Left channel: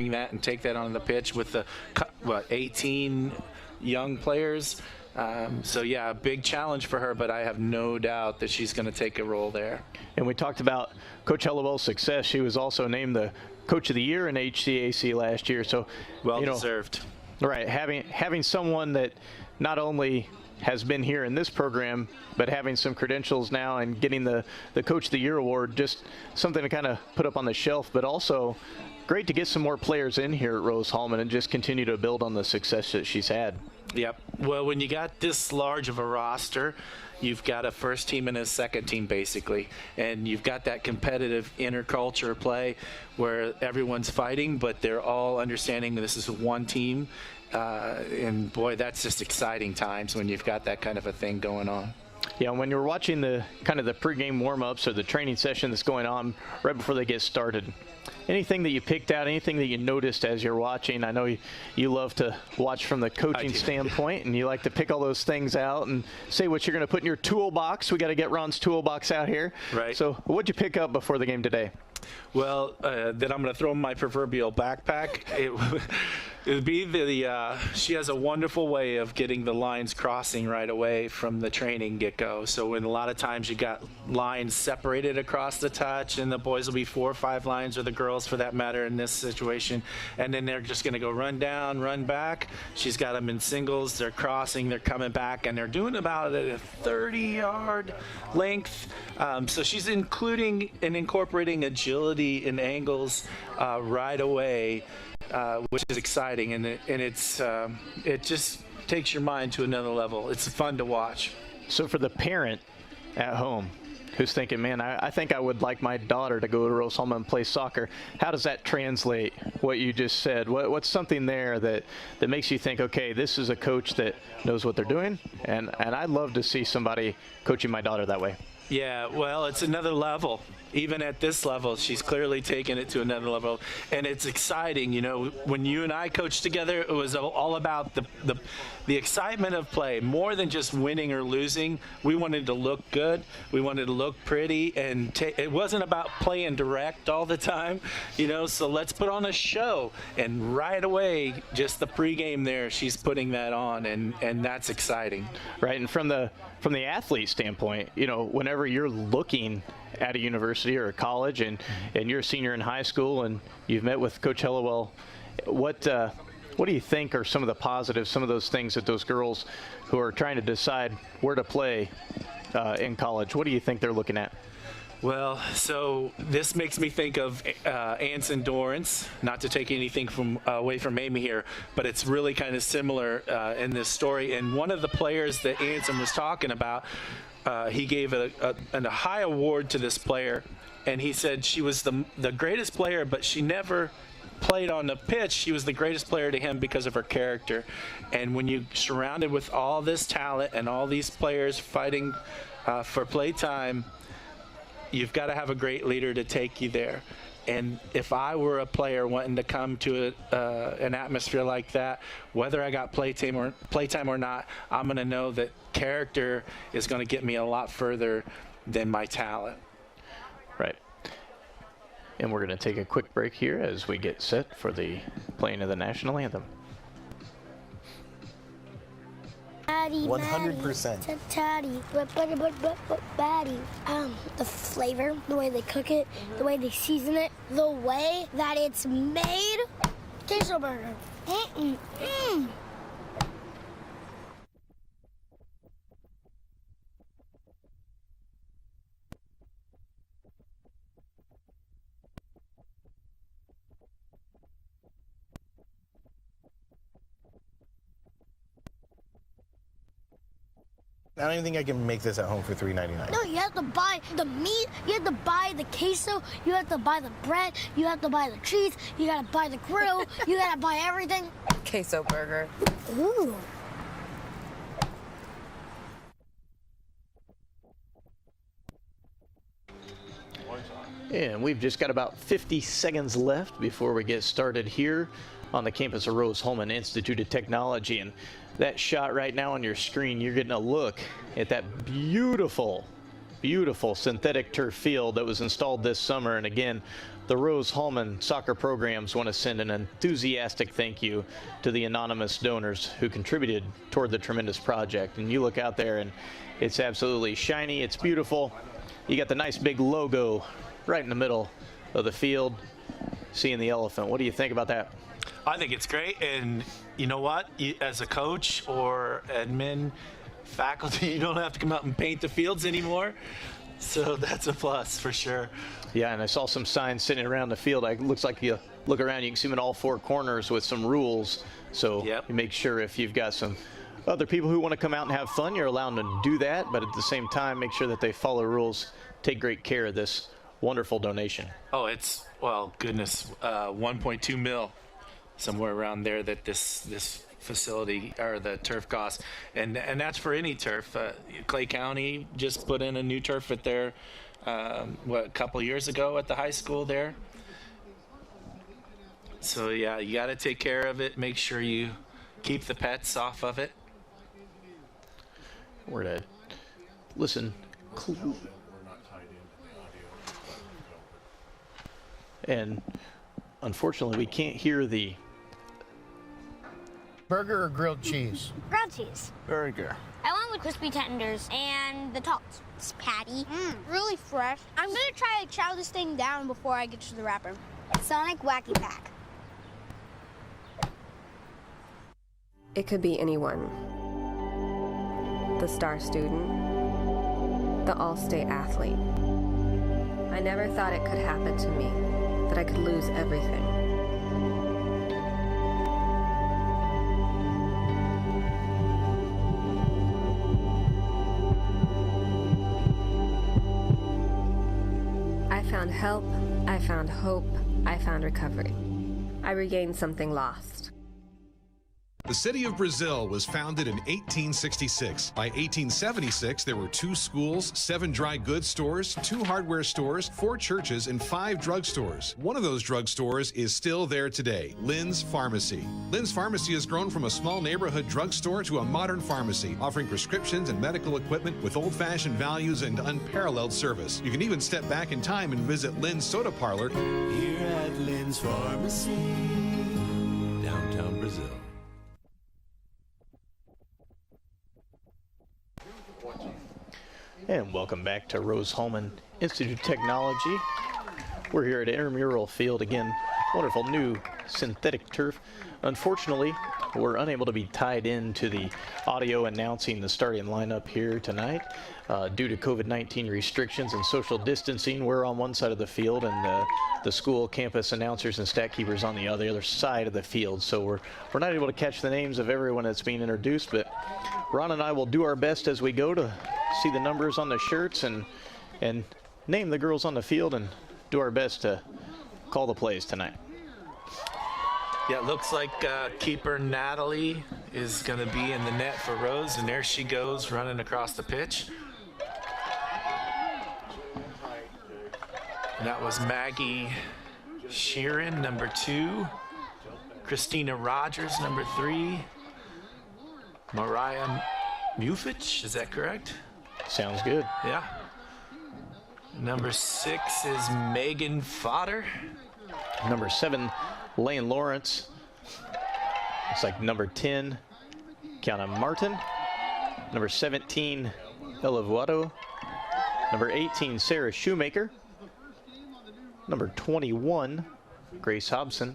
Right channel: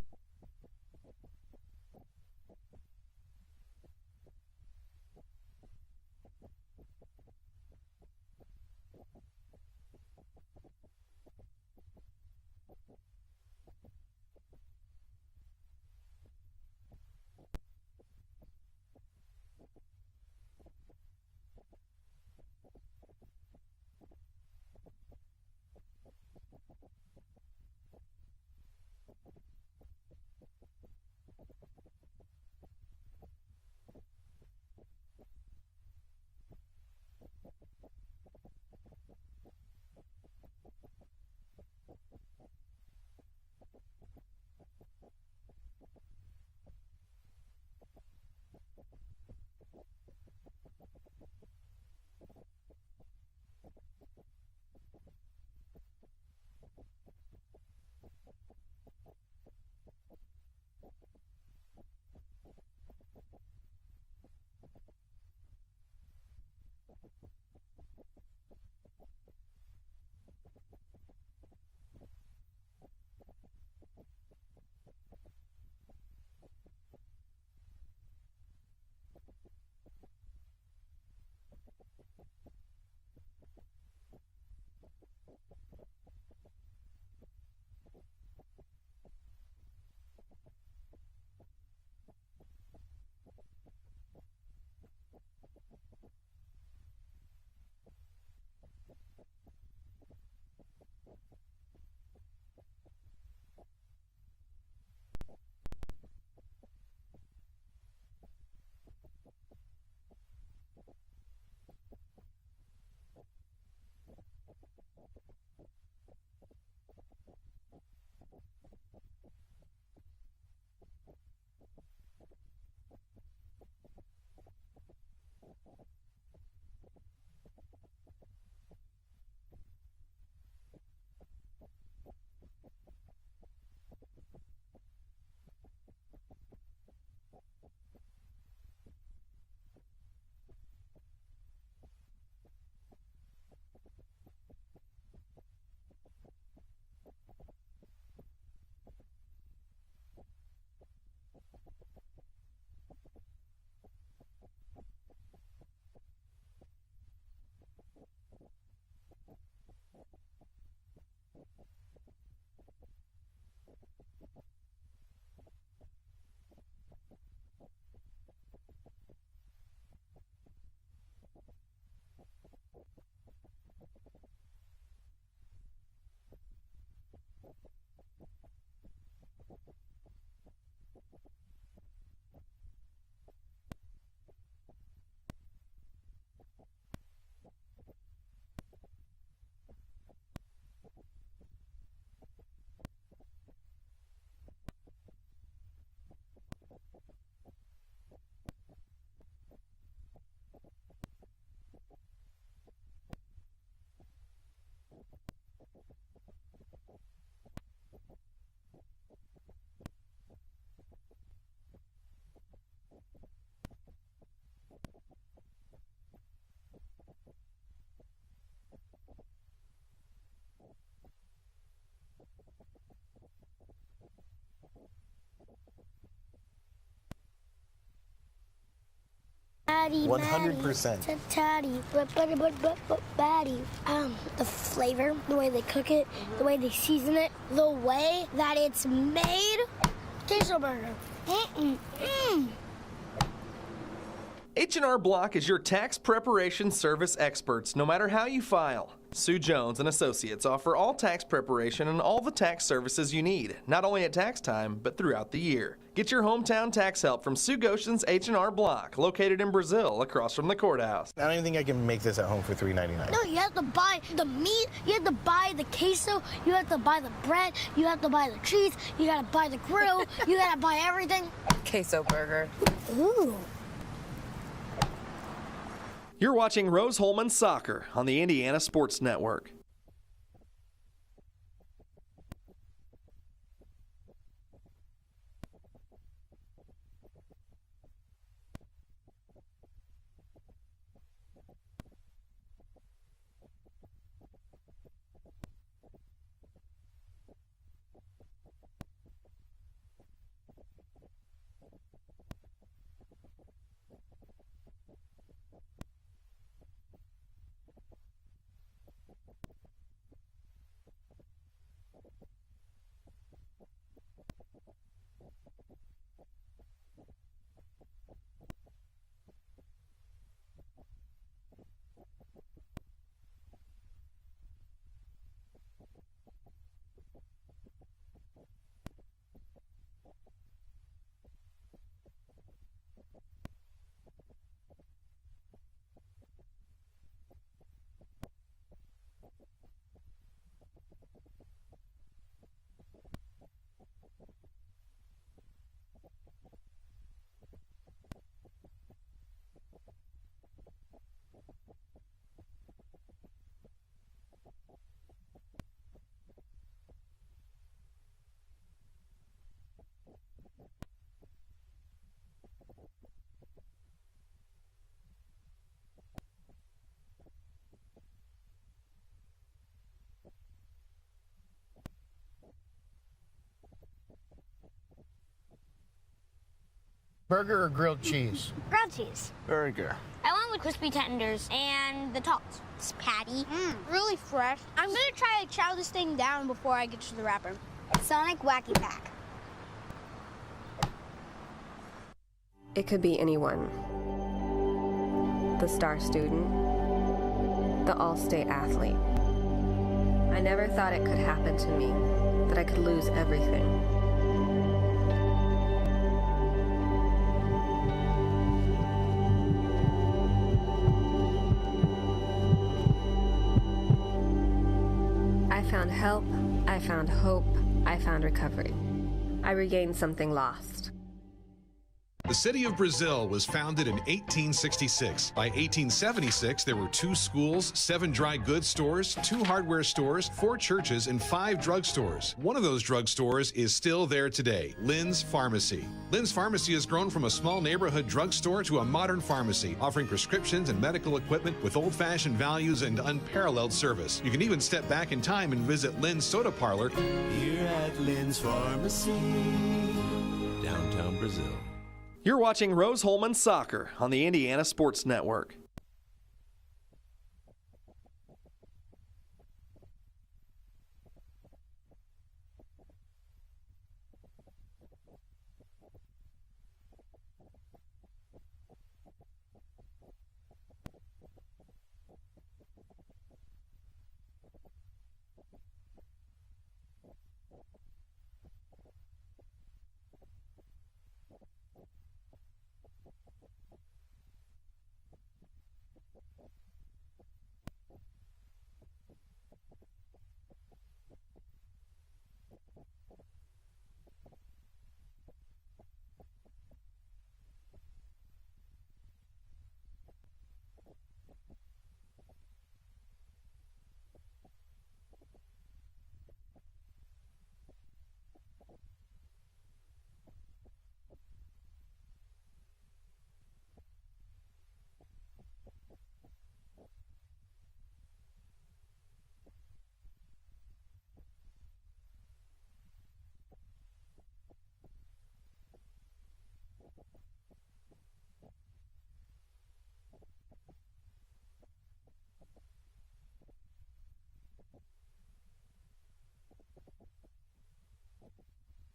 bring that and take that on the pitch with the 18 young players. So yeah, a big challenge for her, but I have no doubt that she's going to take a role there. And we talked about Coach Hellewell's success. She was also named the Coach of the Year in HCAC last year. So well deserved. Right, having someone that not only has been here in this program, but having some credentials now and getting the Coach of the Year award, just something to kind of put up on the shelf, but also great to get some more players in here at Rose-Hulman and just continue to build on the success that she's had. Yep. Well, when you got this large of a roster, you've got a first team and a second team basically, and you've got that competitive interculture play where everyone's fighting, but they're all understanding this is one team. And boy, that's just exciting times when you've got that kind of a thing going on. Yeah, when you're watching the kind of the pregame warm-ups or the training session that's going on right before they get started, anything that you picked out, anything that you noticed as you're watching? I know you love to watch from the coaching standpoint, and you like to pick all those things out and say what you're going to put in your toolbox. We got to get Ron's toolbox out here. Right. So what'd you pick up before the game today? Well, that I'm going to throw in my proverbial backpack. It would be she has a wonderful way of getting the lines crossing right away from the training get-go. So when a lot of times you got lines separated across the touch, and the boys will be 4 or 5 lines, or the girls for that matter in this situation, and then they're just going to go run down, run back. She's got them in singles. They're crossing, they're coming back, and they're doing about a 30-yard length. So she's including and incorporating agility and angles right away. Which is exciting, and it just takes your mind to another level. It's fun to watch. So for the parent at home who's thinking, man, I think I would like my daughter to go to Rose-Hulman and play soccer, how does that translate what you just said? What's something there that makes you think, okay, this is a coach that knows what they're doing, and I'd love to see somebody coaching my daughter that way? Yeah, well, it's another level. Even at this level, she's clearly taken it to another level, and it's exciting. You know, when you and I coached together, it was all about the excitement of play, more than just winning or losing. We wanted to look good, we wanted to look pretty, and it wasn't about playing direct all the time, you know. So let's put on a show, and right away, just the pregame there, she's putting that on, and that's exciting. Right, and from the athlete standpoint, you know, whenever you're looking at a university or a college, and you're a senior in high school, and you've met with Coach Hellewell, what do you think are some of the positives, some of those things that those girls who are trying to decide where to play in college, what do you think they're looking at? Well, so this makes me think of Anson Dorrance, not to take anything away from Amy here, but it's really kind of similar in this story. And one of the players that Anson was talking about, he gave a high award to this player, and he said she was the greatest player, but she never played on the pitch. She was the greatest player to him because of her character. And when you're surrounded with all this talent and all these players fighting for play time, you've got to have a great leader to take you there. And if I were a player wanting to come to an atmosphere like that, whether I got playtime or not, I'm going to know that character is going to get me a lot further than my talent. Right. And we're going to take a quick break here as we get set for the playing of the national anthem. 100%. The flavor, the way they cook it, the way they season it, the way that it's made. Queso burger. H&R Block is your tax preparation service experts, no matter how you file. Sue Jones and Associates offer all tax preparation and all the tax services you need, not only at tax time, but throughout the year. Get your hometown tax help from Sue Goshen's H&R Block, located in Brazil, across from the courthouse. I don't even think I can make this at home for $3.99. No, you have to buy the meat, you have to buy the queso, you have to buy the bread, you have to buy the cheese, you gotta buy the grill, you gotta buy everything. Queso burger. Ooh. You're watching Rose-Hulman Soccer on the Indiana Sports Network. And we've just got about 50 seconds left before we get started here on the campus of Rose-Hulman Institute of Technology. And that shot right now on your screen, you're getting a look at that beautiful synthetic turf field that was installed this summer. And again, the Rose-Hulman soccer programs want to send an enthusiastic thank you to the anonymous donors who contributed toward the tremendous project. And you look out there and it's absolutely shiny, it's beautiful. You got the nice big logo right in the middle of the field, seeing the elephant. What do you think about that? I think it's great, and you know what? As a coach or admin, faculty, you don't have to come out and paint the fields anymore, so that's a plus for sure. Yeah, and I saw some signs sitting around the field. It looks like you look around, you can see them in all four corners with some rules. So Yep. you make sure if you've got some other people who want to come out and have fun, you're allowed to do that. But at the same time, make sure that they follow rules. Take great care of this wonderful donation. Oh, it's, well, goodness, 1.2 mil, somewhere around there that this facility or the turf costs, and that's for any turf. Clay County just put in a new turf at their a couple years ago at the high school there. So yeah, you got to take care of it. Make sure you keep the pets off of it. We're to listen. And unfortunately, we can't hear the Burger or grilled cheese? Grilled cheese. Burger. I went with crispy tenders and the tots. It's patty. Really fresh. I'm gonna try to chow this thing down before I get to the wrapper. Sonic Wacky Pack. It could be anyone. The star student, the all-state athlete. I never thought it could happen to me, that I could lose everything. I found help, I found hope, I found recovery. I regained something lost. The city of Brazil was founded in 1866. By 1876, there were 2 schools, 7 dry goods stores, 2 hardware stores, 4 churches, and 5 drugstores. One of those drugstores is still there today, Lynn's Pharmacy. Lynn's Pharmacy has grown from a small neighborhood drugstore to a modern pharmacy, offering prescriptions and medical equipment with old-fashioned values and unparalleled service. You can even step back in time and visit Lynn's Soda Parlor here at Lynn's Pharmacy, downtown Brazil. You're watching Rose-Hulman Soccer on the Indiana Sports Network. And welcome back to Rose-Hulman Institute of Technology. We're here at Intramural Field again. Wonderful new synthetic turf. Unfortunately, we're unable to be tied into the audio announcing the starting lineup here tonight. Due to COVID-19 restrictions and social distancing, we're on one side of the field and the school campus announcers and stat keepers on the other side of the field. So we're not able to catch the names of everyone that's being introduced, but Ron and I will do our best as we go to see the numbers on the shirts and name the girls on the field and do our best to call the plays tonight. Yeah, it looks like keeper Natalie is going to be in the net for Rose, and there she goes running across the pitch. And that was Maggie Sheeran, number 2. Christina Rogers, number 3. Mariah Mufich, is that correct? Sounds good. Yeah. Number 6 is Megan Fodder. Number 7, Lane Lawrence. Looks like number 10, Kiana Martin. Number 17, Ella Vuado. Number 18, Sarah Shoemaker. Number 21, Grace Hobson.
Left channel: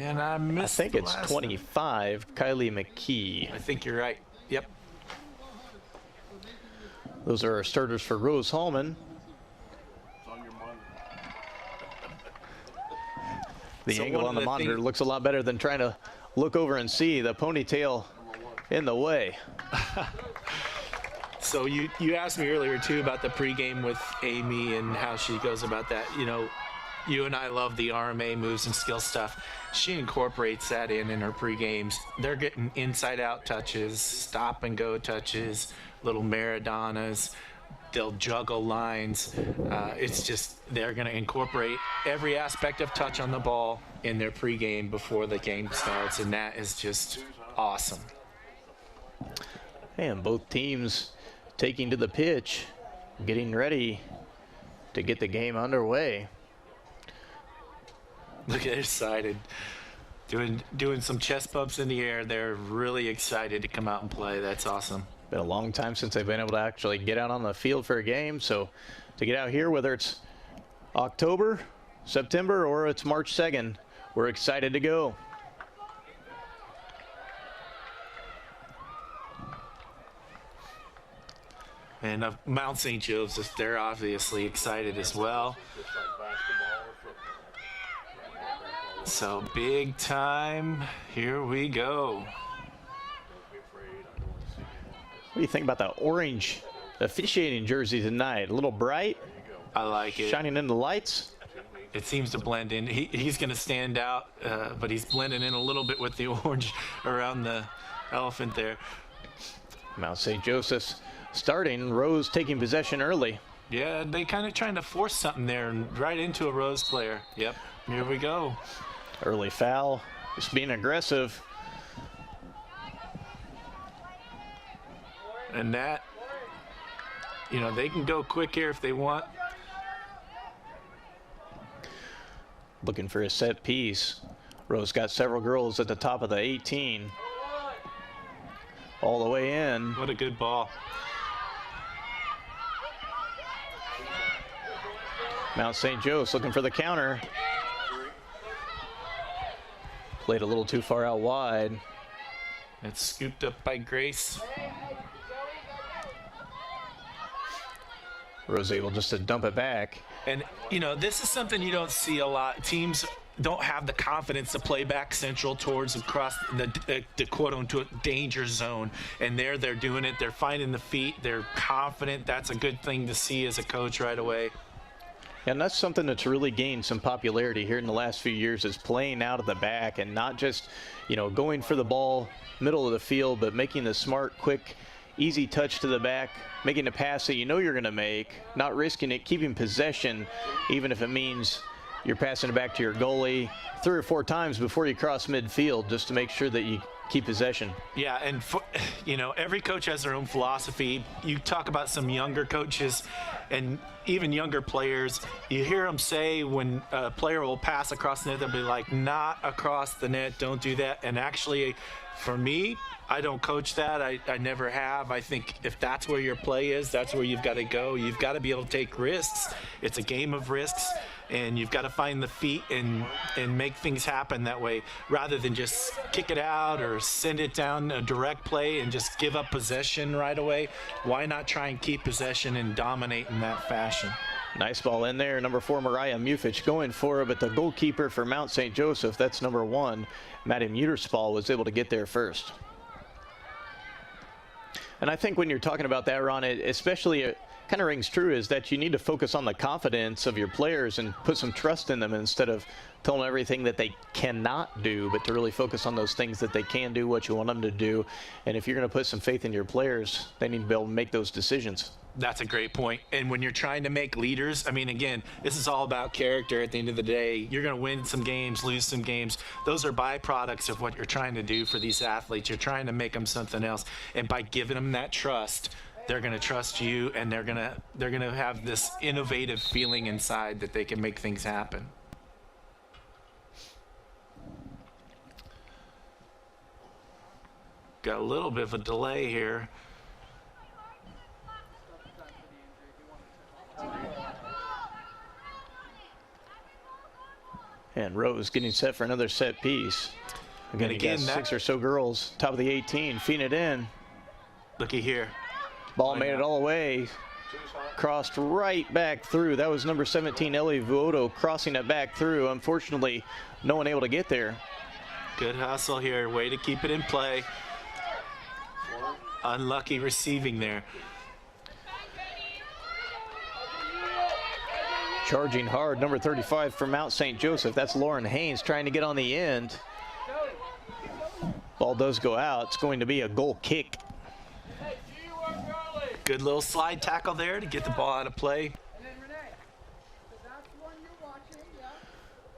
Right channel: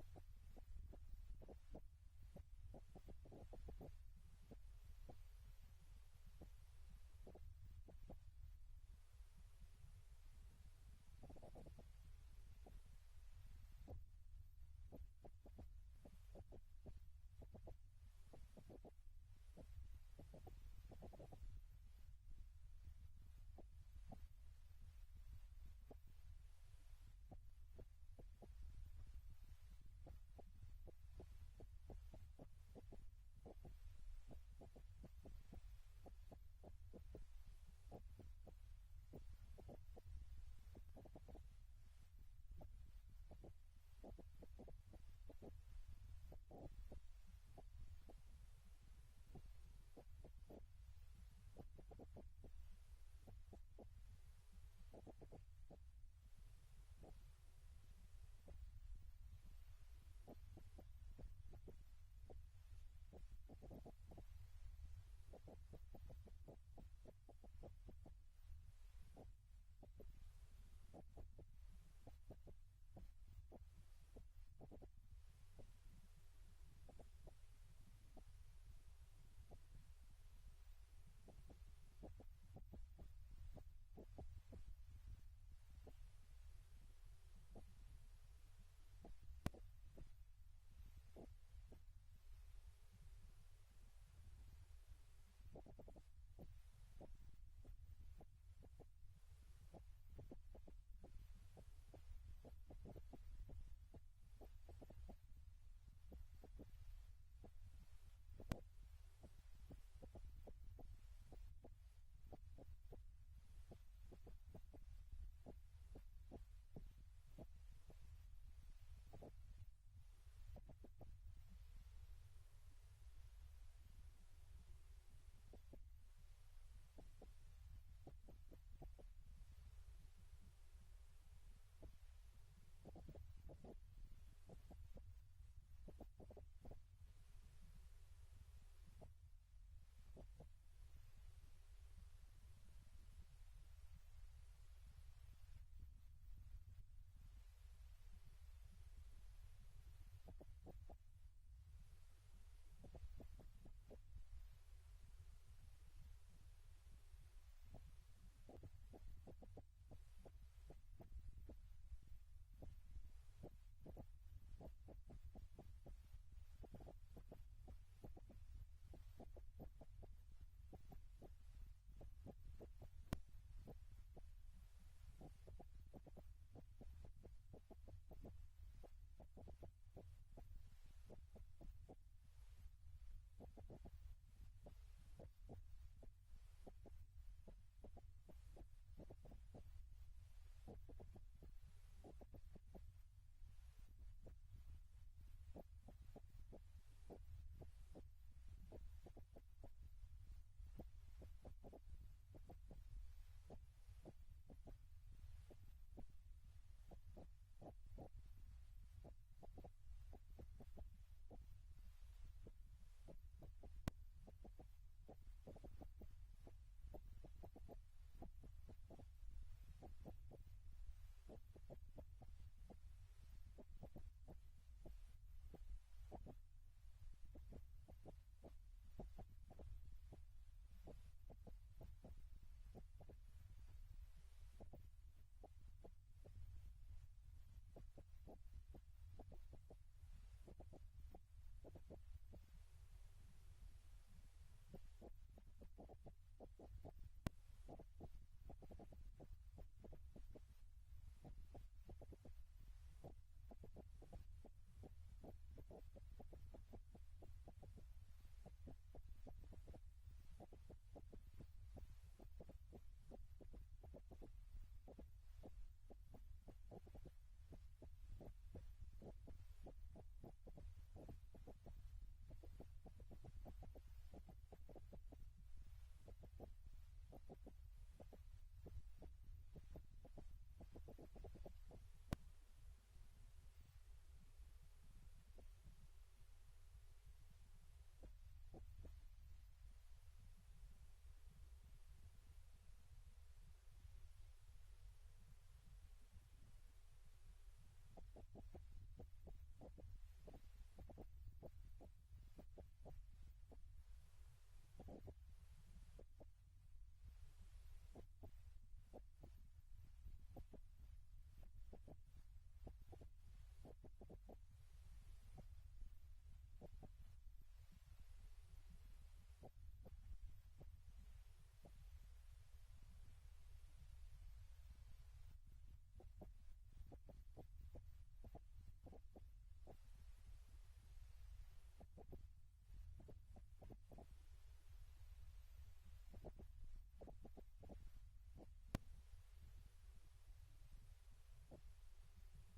And I missed I think the it's last 25, Kylie McKee. one. I think you're right. Yep. Those are our starters for Rose-Hulman. The So angle one on of the the monitor things- looks a lot better than trying to look over and see the ponytail in the way. So you asked me earlier too about the pregame with Amy and how she goes about that. You know, you and I love the RMA moves and skill stuff. She incorporates that in her pregames. They're getting inside out touches, stop and go touches, little Maradonas. They'll juggle lines. It's just they're going to incorporate every aspect of touch on the ball in their pregame before the game starts, and that is just awesome. And both teams taking to the pitch, getting ready to get the game underway. Look at excited. Doing some chest bumps in the air. They're really excited to come out and play. That's awesome. Been a long time since they've been able to actually get out on the field for a game. So to get out here, whether it's October, September, or it's March 2nd, we're excited to go. And Mount St. Joseph, they're obviously excited as well. So big time, here we go. What do you think about the orange officiating jersey tonight? A little bright? I like it. Shining in the lights? It seems to blend in. He's going to stand out, but he's blending in a little bit with the orange around the elephant there. Mount St. Joseph's starting. Rose taking possession early. Yeah, they kind of trying to force something there and right into a Rose player. Yep, here we go. Early foul, just being aggressive. And that, you know, they can go quick here if they want. Looking for a set piece. Rose got several girls at the top of the 18. All the way in. What a good ball. Mount St. Joe's looking for the counter. Played a little too far out wide. It's scooped up by Grace. Rose able just to dump it back. And, you know, this is something you don't see a lot. Teams don't have the confidence to play back central towards across the quote-unquote danger zone. And they're doing it. They're finding the feet. They're confident. That's a good thing to see as a coach right away. And that's something that's really gained some popularity here in the last few years, is playing out of the back and not just, you know, going for the ball middle of the field, but making the smart, quick, easy touch to the back, making a pass that you know you're going to make, not risking it, keeping possession, even if it means you're passing it back to your goalie 3 or 4 times before you cross midfield, just to make sure that you keep possession. Yeah, and you know, every coach has their own philosophy. You talk about some younger coaches and even younger players, you hear them say when a player will pass across the net, they'll be like, not across the net, don't do that. And actually, for me, I don't coach that. I never have. I think if that's where your play is, that's where you've got to go. You've got to be able to take risks. It's a game of risks, and you've got to find the feet and make things happen that way, rather than just kick it out or send it down a direct play and just give up possession right away. Why not try and keep possession and dominate in that fashion? Nice ball in there. Number 4, Mariah Mufich going for it, but the goalkeeper for Mount St. Joseph, that's number 1, Maddie Muterspahl, was able to get there first. And I think when you're talking about that, Ron, it especially kind of rings true, is that you need to focus on the confidence of your players and put some trust in them instead of telling them everything that they cannot do, but to really focus on those things that they can do, what you want them to do. And if you're going to put some faith in your players, they need to be able to make those decisions. That's a great point. And when you're trying to make leaders, I mean, again, this is all about character at the end of the day. You're going to win some games, lose some games. Those are byproducts of what you're trying to do for these athletes. You're trying to make them something else. And by giving them that trust, they're going to trust you, and they're going to have this innovative feeling inside that they can make things happen. Got a little bit of a delay here. And Rose getting set for another set piece. Again, you got 6 or so girls, top of the 18, feeding it in. Looky here. Ball made it all the way. Crossed right back through. That was number 17, Ellie Vuoto, crossing it back through. Unfortunately, no one able to get there. Good hustle here. Way to keep it in play. Unlucky receiving there. Charging hard, number 35 for Mount St. Joseph. That's Lauren Haynes trying to get on the end. Ball does go out. It's going to be a goal kick. Good little slide tackle there to get the ball out of play. That's the one you're watching, yeah.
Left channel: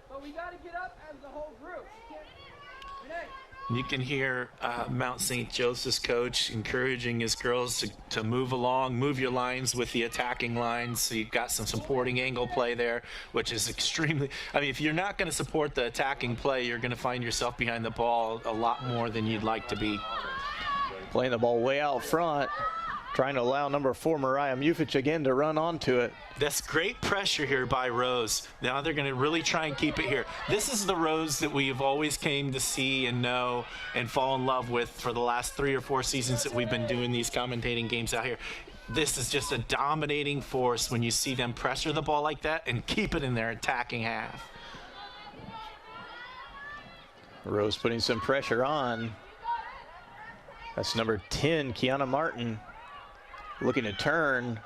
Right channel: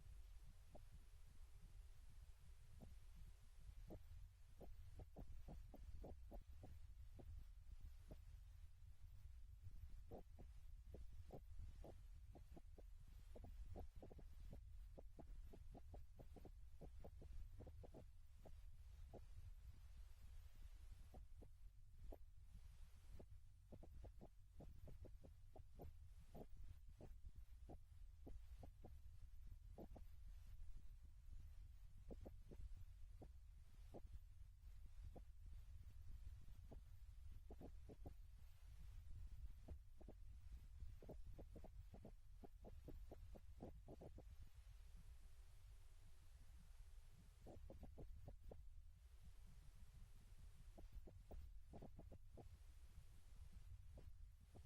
But we got to get up as the whole group. Renee, You can hear Mount St. Joseph's coach encouraging his girls to move along, move your lines with the attacking lines. So you've got some supporting angle play there, which is extremely, I mean, if you're not going to support the attacking play, you're going to find yourself behind the ball a lot more than you'd like to be. Playing the ball way out front, trying to allow number 4, Mariah Mufich, again to run onto it. That's great pressure here by Rose. Now they're going to really try and keep it here. This is the Rose that we've always came to see and know and fall in love with for the last 3 or 4 seasons that we've been doing these commentating games out here. This is just a dominating force when you see them pressure the ball like that and keep it in their attacking half. Rose putting some pressure on. That's number 10, Kiana Martin, looking to turn.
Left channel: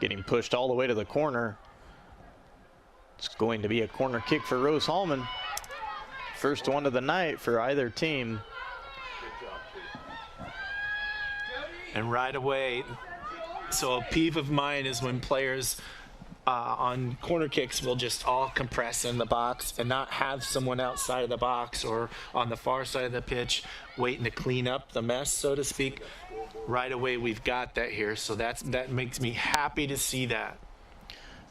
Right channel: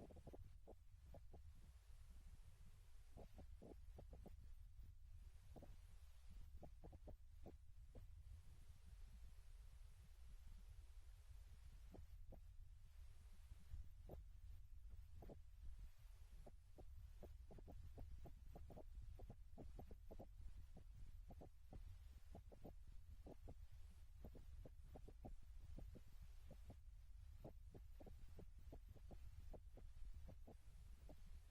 Getting pushed all the way to the corner. It's going to be a corner kick for Rose-Hulman. First one of the night for either team. And right away, so a peeve of mine is when players on corner kicks will just all compress in the box and not have someone outside of the box or on the far side of the pitch waiting to clean up the mess, so to speak. Right away, we've got that here, so that makes me happy to see that.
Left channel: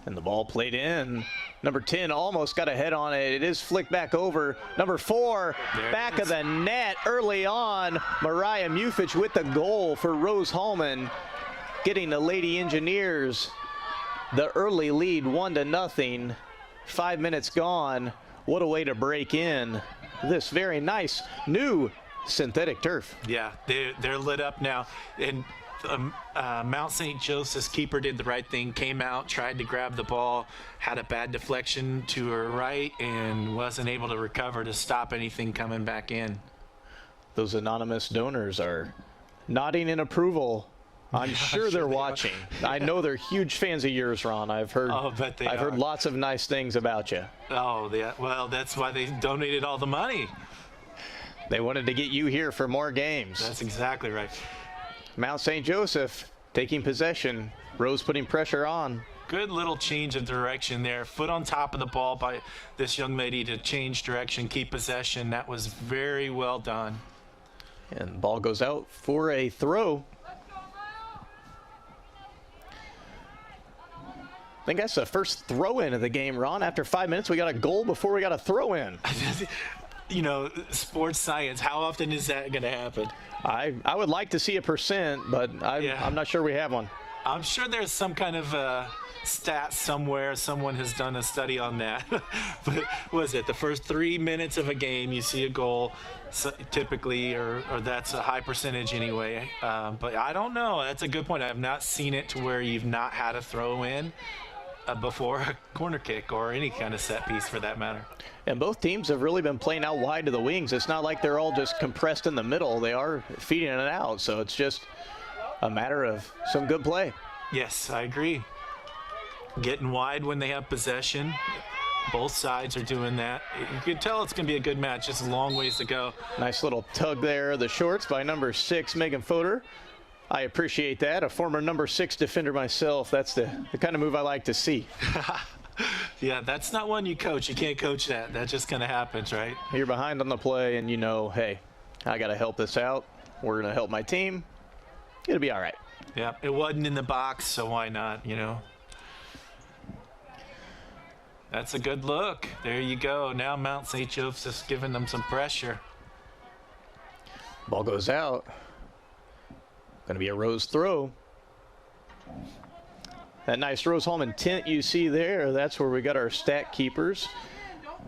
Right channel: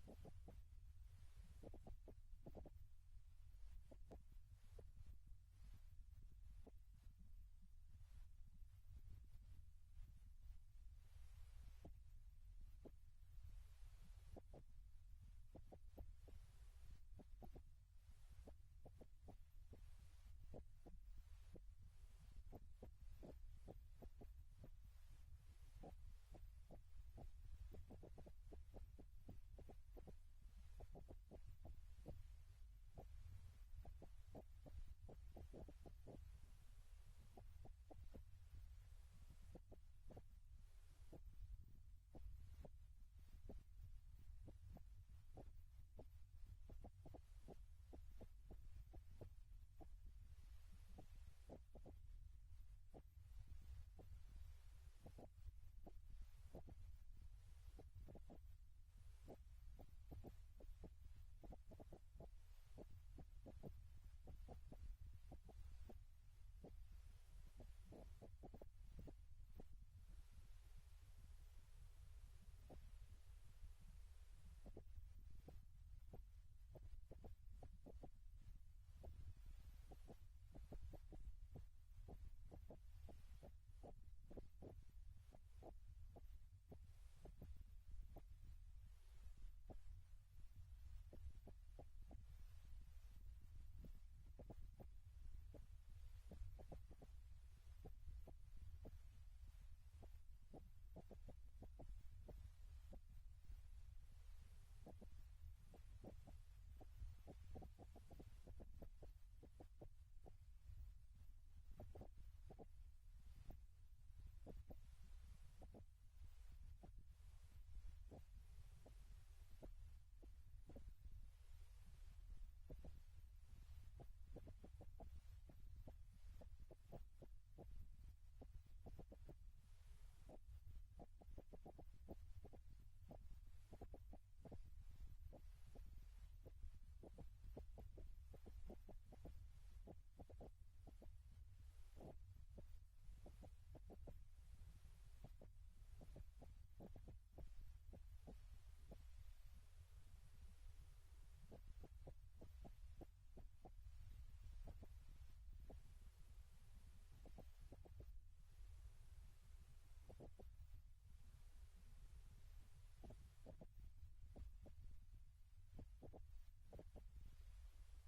And the ball played in. Number 10 almost got a head on it. It is flicked back over. Number 4, back of the net early on. Mariah Mufich with the goal for Rose-Hulman, getting the Lady Engineers the early lead, 1-0. 5 minutes gone. What a way to break in this very nice new synthetic turf. Yeah, they're lit up now. And Mount St. Joseph's keeper did the right thing, came out, tried to grab the ball, had a bad deflection to her right, and wasn't able to recover to stop anything coming back in. Those anonymous donors are nodding in approval. I'm sure they're watching. I know they're huge fans of yours, Ron. I've heard heard lots of nice things about you. Oh, yeah. Well, that's why they donated all the money. They wanted to get you here for more games. That's exactly right. Mount St. Joseph taking possession. Rose putting pressure on. Good little change of direction there. Foot on top of the ball by this young lady to change direction, keep possession. That was very well done. And the ball goes out for a throw. I think that's the first throw-in of the game, Ron. After 5 minutes, we got a goal before we got a throw-in. You know, sports science, how often is that going to happen? I would like to see a percent, but I'm not sure we have one. I'm sure there's some kind of stat somewhere. Someone has done a study on that. But what is it? The first 3 minutes of a game, you see a goal, typically, or that's a high percentage anyway. But I don't know. That's a good point. I have not seen it to where you've not had a throw in before a corner kick or any kind of set piece for that matter. And both teams have really been playing out wide to the wings. It's not like they're all just compressed in the middle. They are feeding it out. So it's just a matter of some good play. Yes, I agree. Getting wide when they have possession. Both sides are doing that. You can tell it's going to be a good match. Just a long ways to go. Nice little tug there. The shorts by number 6, Megan Fodor. I appreciate that. A former number 6 defender myself. That's the kind of move I like to see. Yeah, that's not one you coach. You can't coach that. That just kind of happens, right? You're behind on the play and you know, hey, I got to help this out. We're going to help my team. It'll be all right. Yeah, it wasn't in the box, so why not, you know? That's a good look. There you go. Now Mount St. Joseph's giving them some pressure. Ball goes out. Going to be a Rose throw. That nice Rose-Hulman tent you see there, that's where we got our stat keepers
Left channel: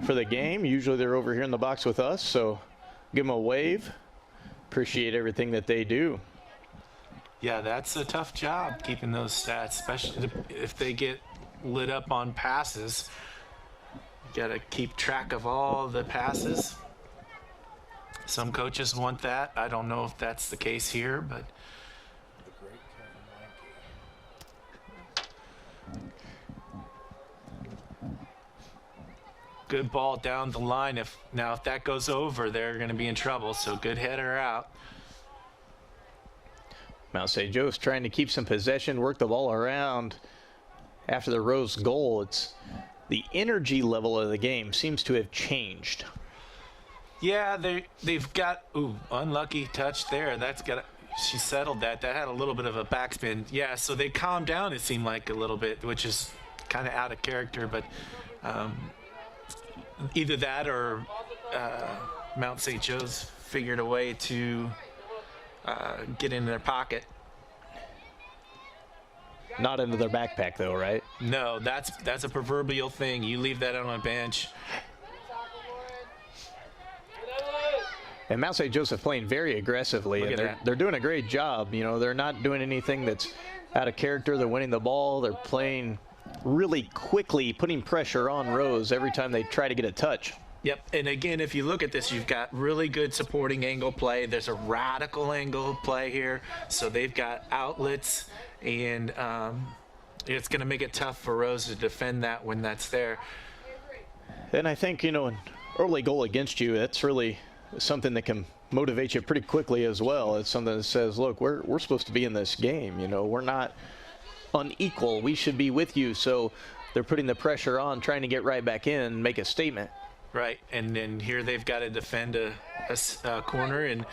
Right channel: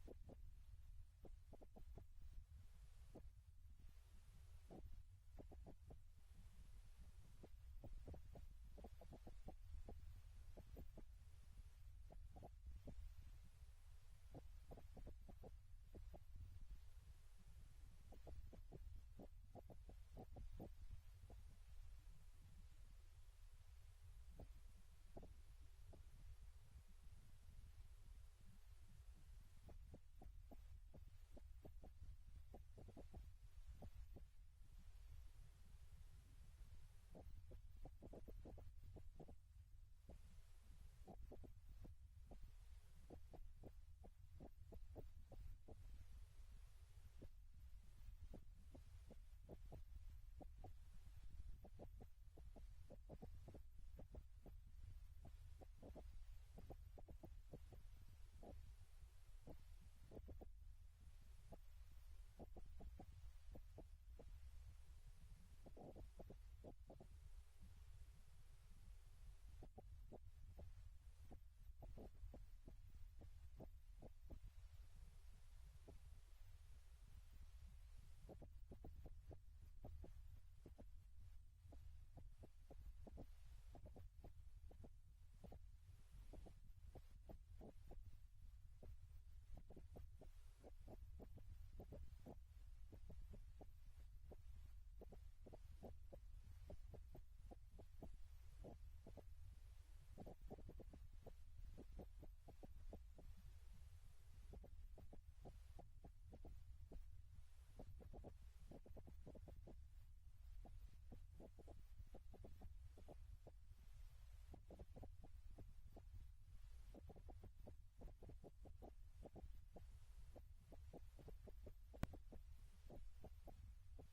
for the game. Usually they're over here in the box with us, so give them a wave. Appreciate everything that they do. Yeah, that's a tough job keeping those stats, especially if they get lit up on passes. You got to keep track of all the passes. Some coaches want that. I don't know if that's the case here, but good ball down the line. If that goes over, they're going to be in trouble. So good header out. Mount St. Joe's trying to keep some possession, work the ball around. After the Rose goal, it's the energy level of the game seems to have changed. Yeah, they've got unlucky touch there. She settled that. That had a little bit of a backspin. Yeah, so they calmed down. It seemed like a little bit, which is kind of out of character. But either that or Mount St. Joe's figured a way to get in their pocket. Not into their backpack though, right? No, that's a proverbial thing. You leave that on a bench. And Mount St. Joseph playing very aggressively, and they're doing a great job. You know, they're not doing anything that's out of character. They're winning the ball. They're playing really quickly, putting pressure on Rose every time they try to get a touch. Yep, and again, if you look at this, you've got really good supporting angle play. There's a radical angle play here, so they've got outlets, and it's going to make it tough for Rose to defend that when that's there. And I think, you know, an early goal against you, that's really something that can motivate you pretty quickly as well. It's something that says, look, we're supposed to be in this game. You know, we're not unequal. We should be with you. So they're putting the pressure on, trying to get right back in, make a statement. Right, and then here they've got to defend a corner, and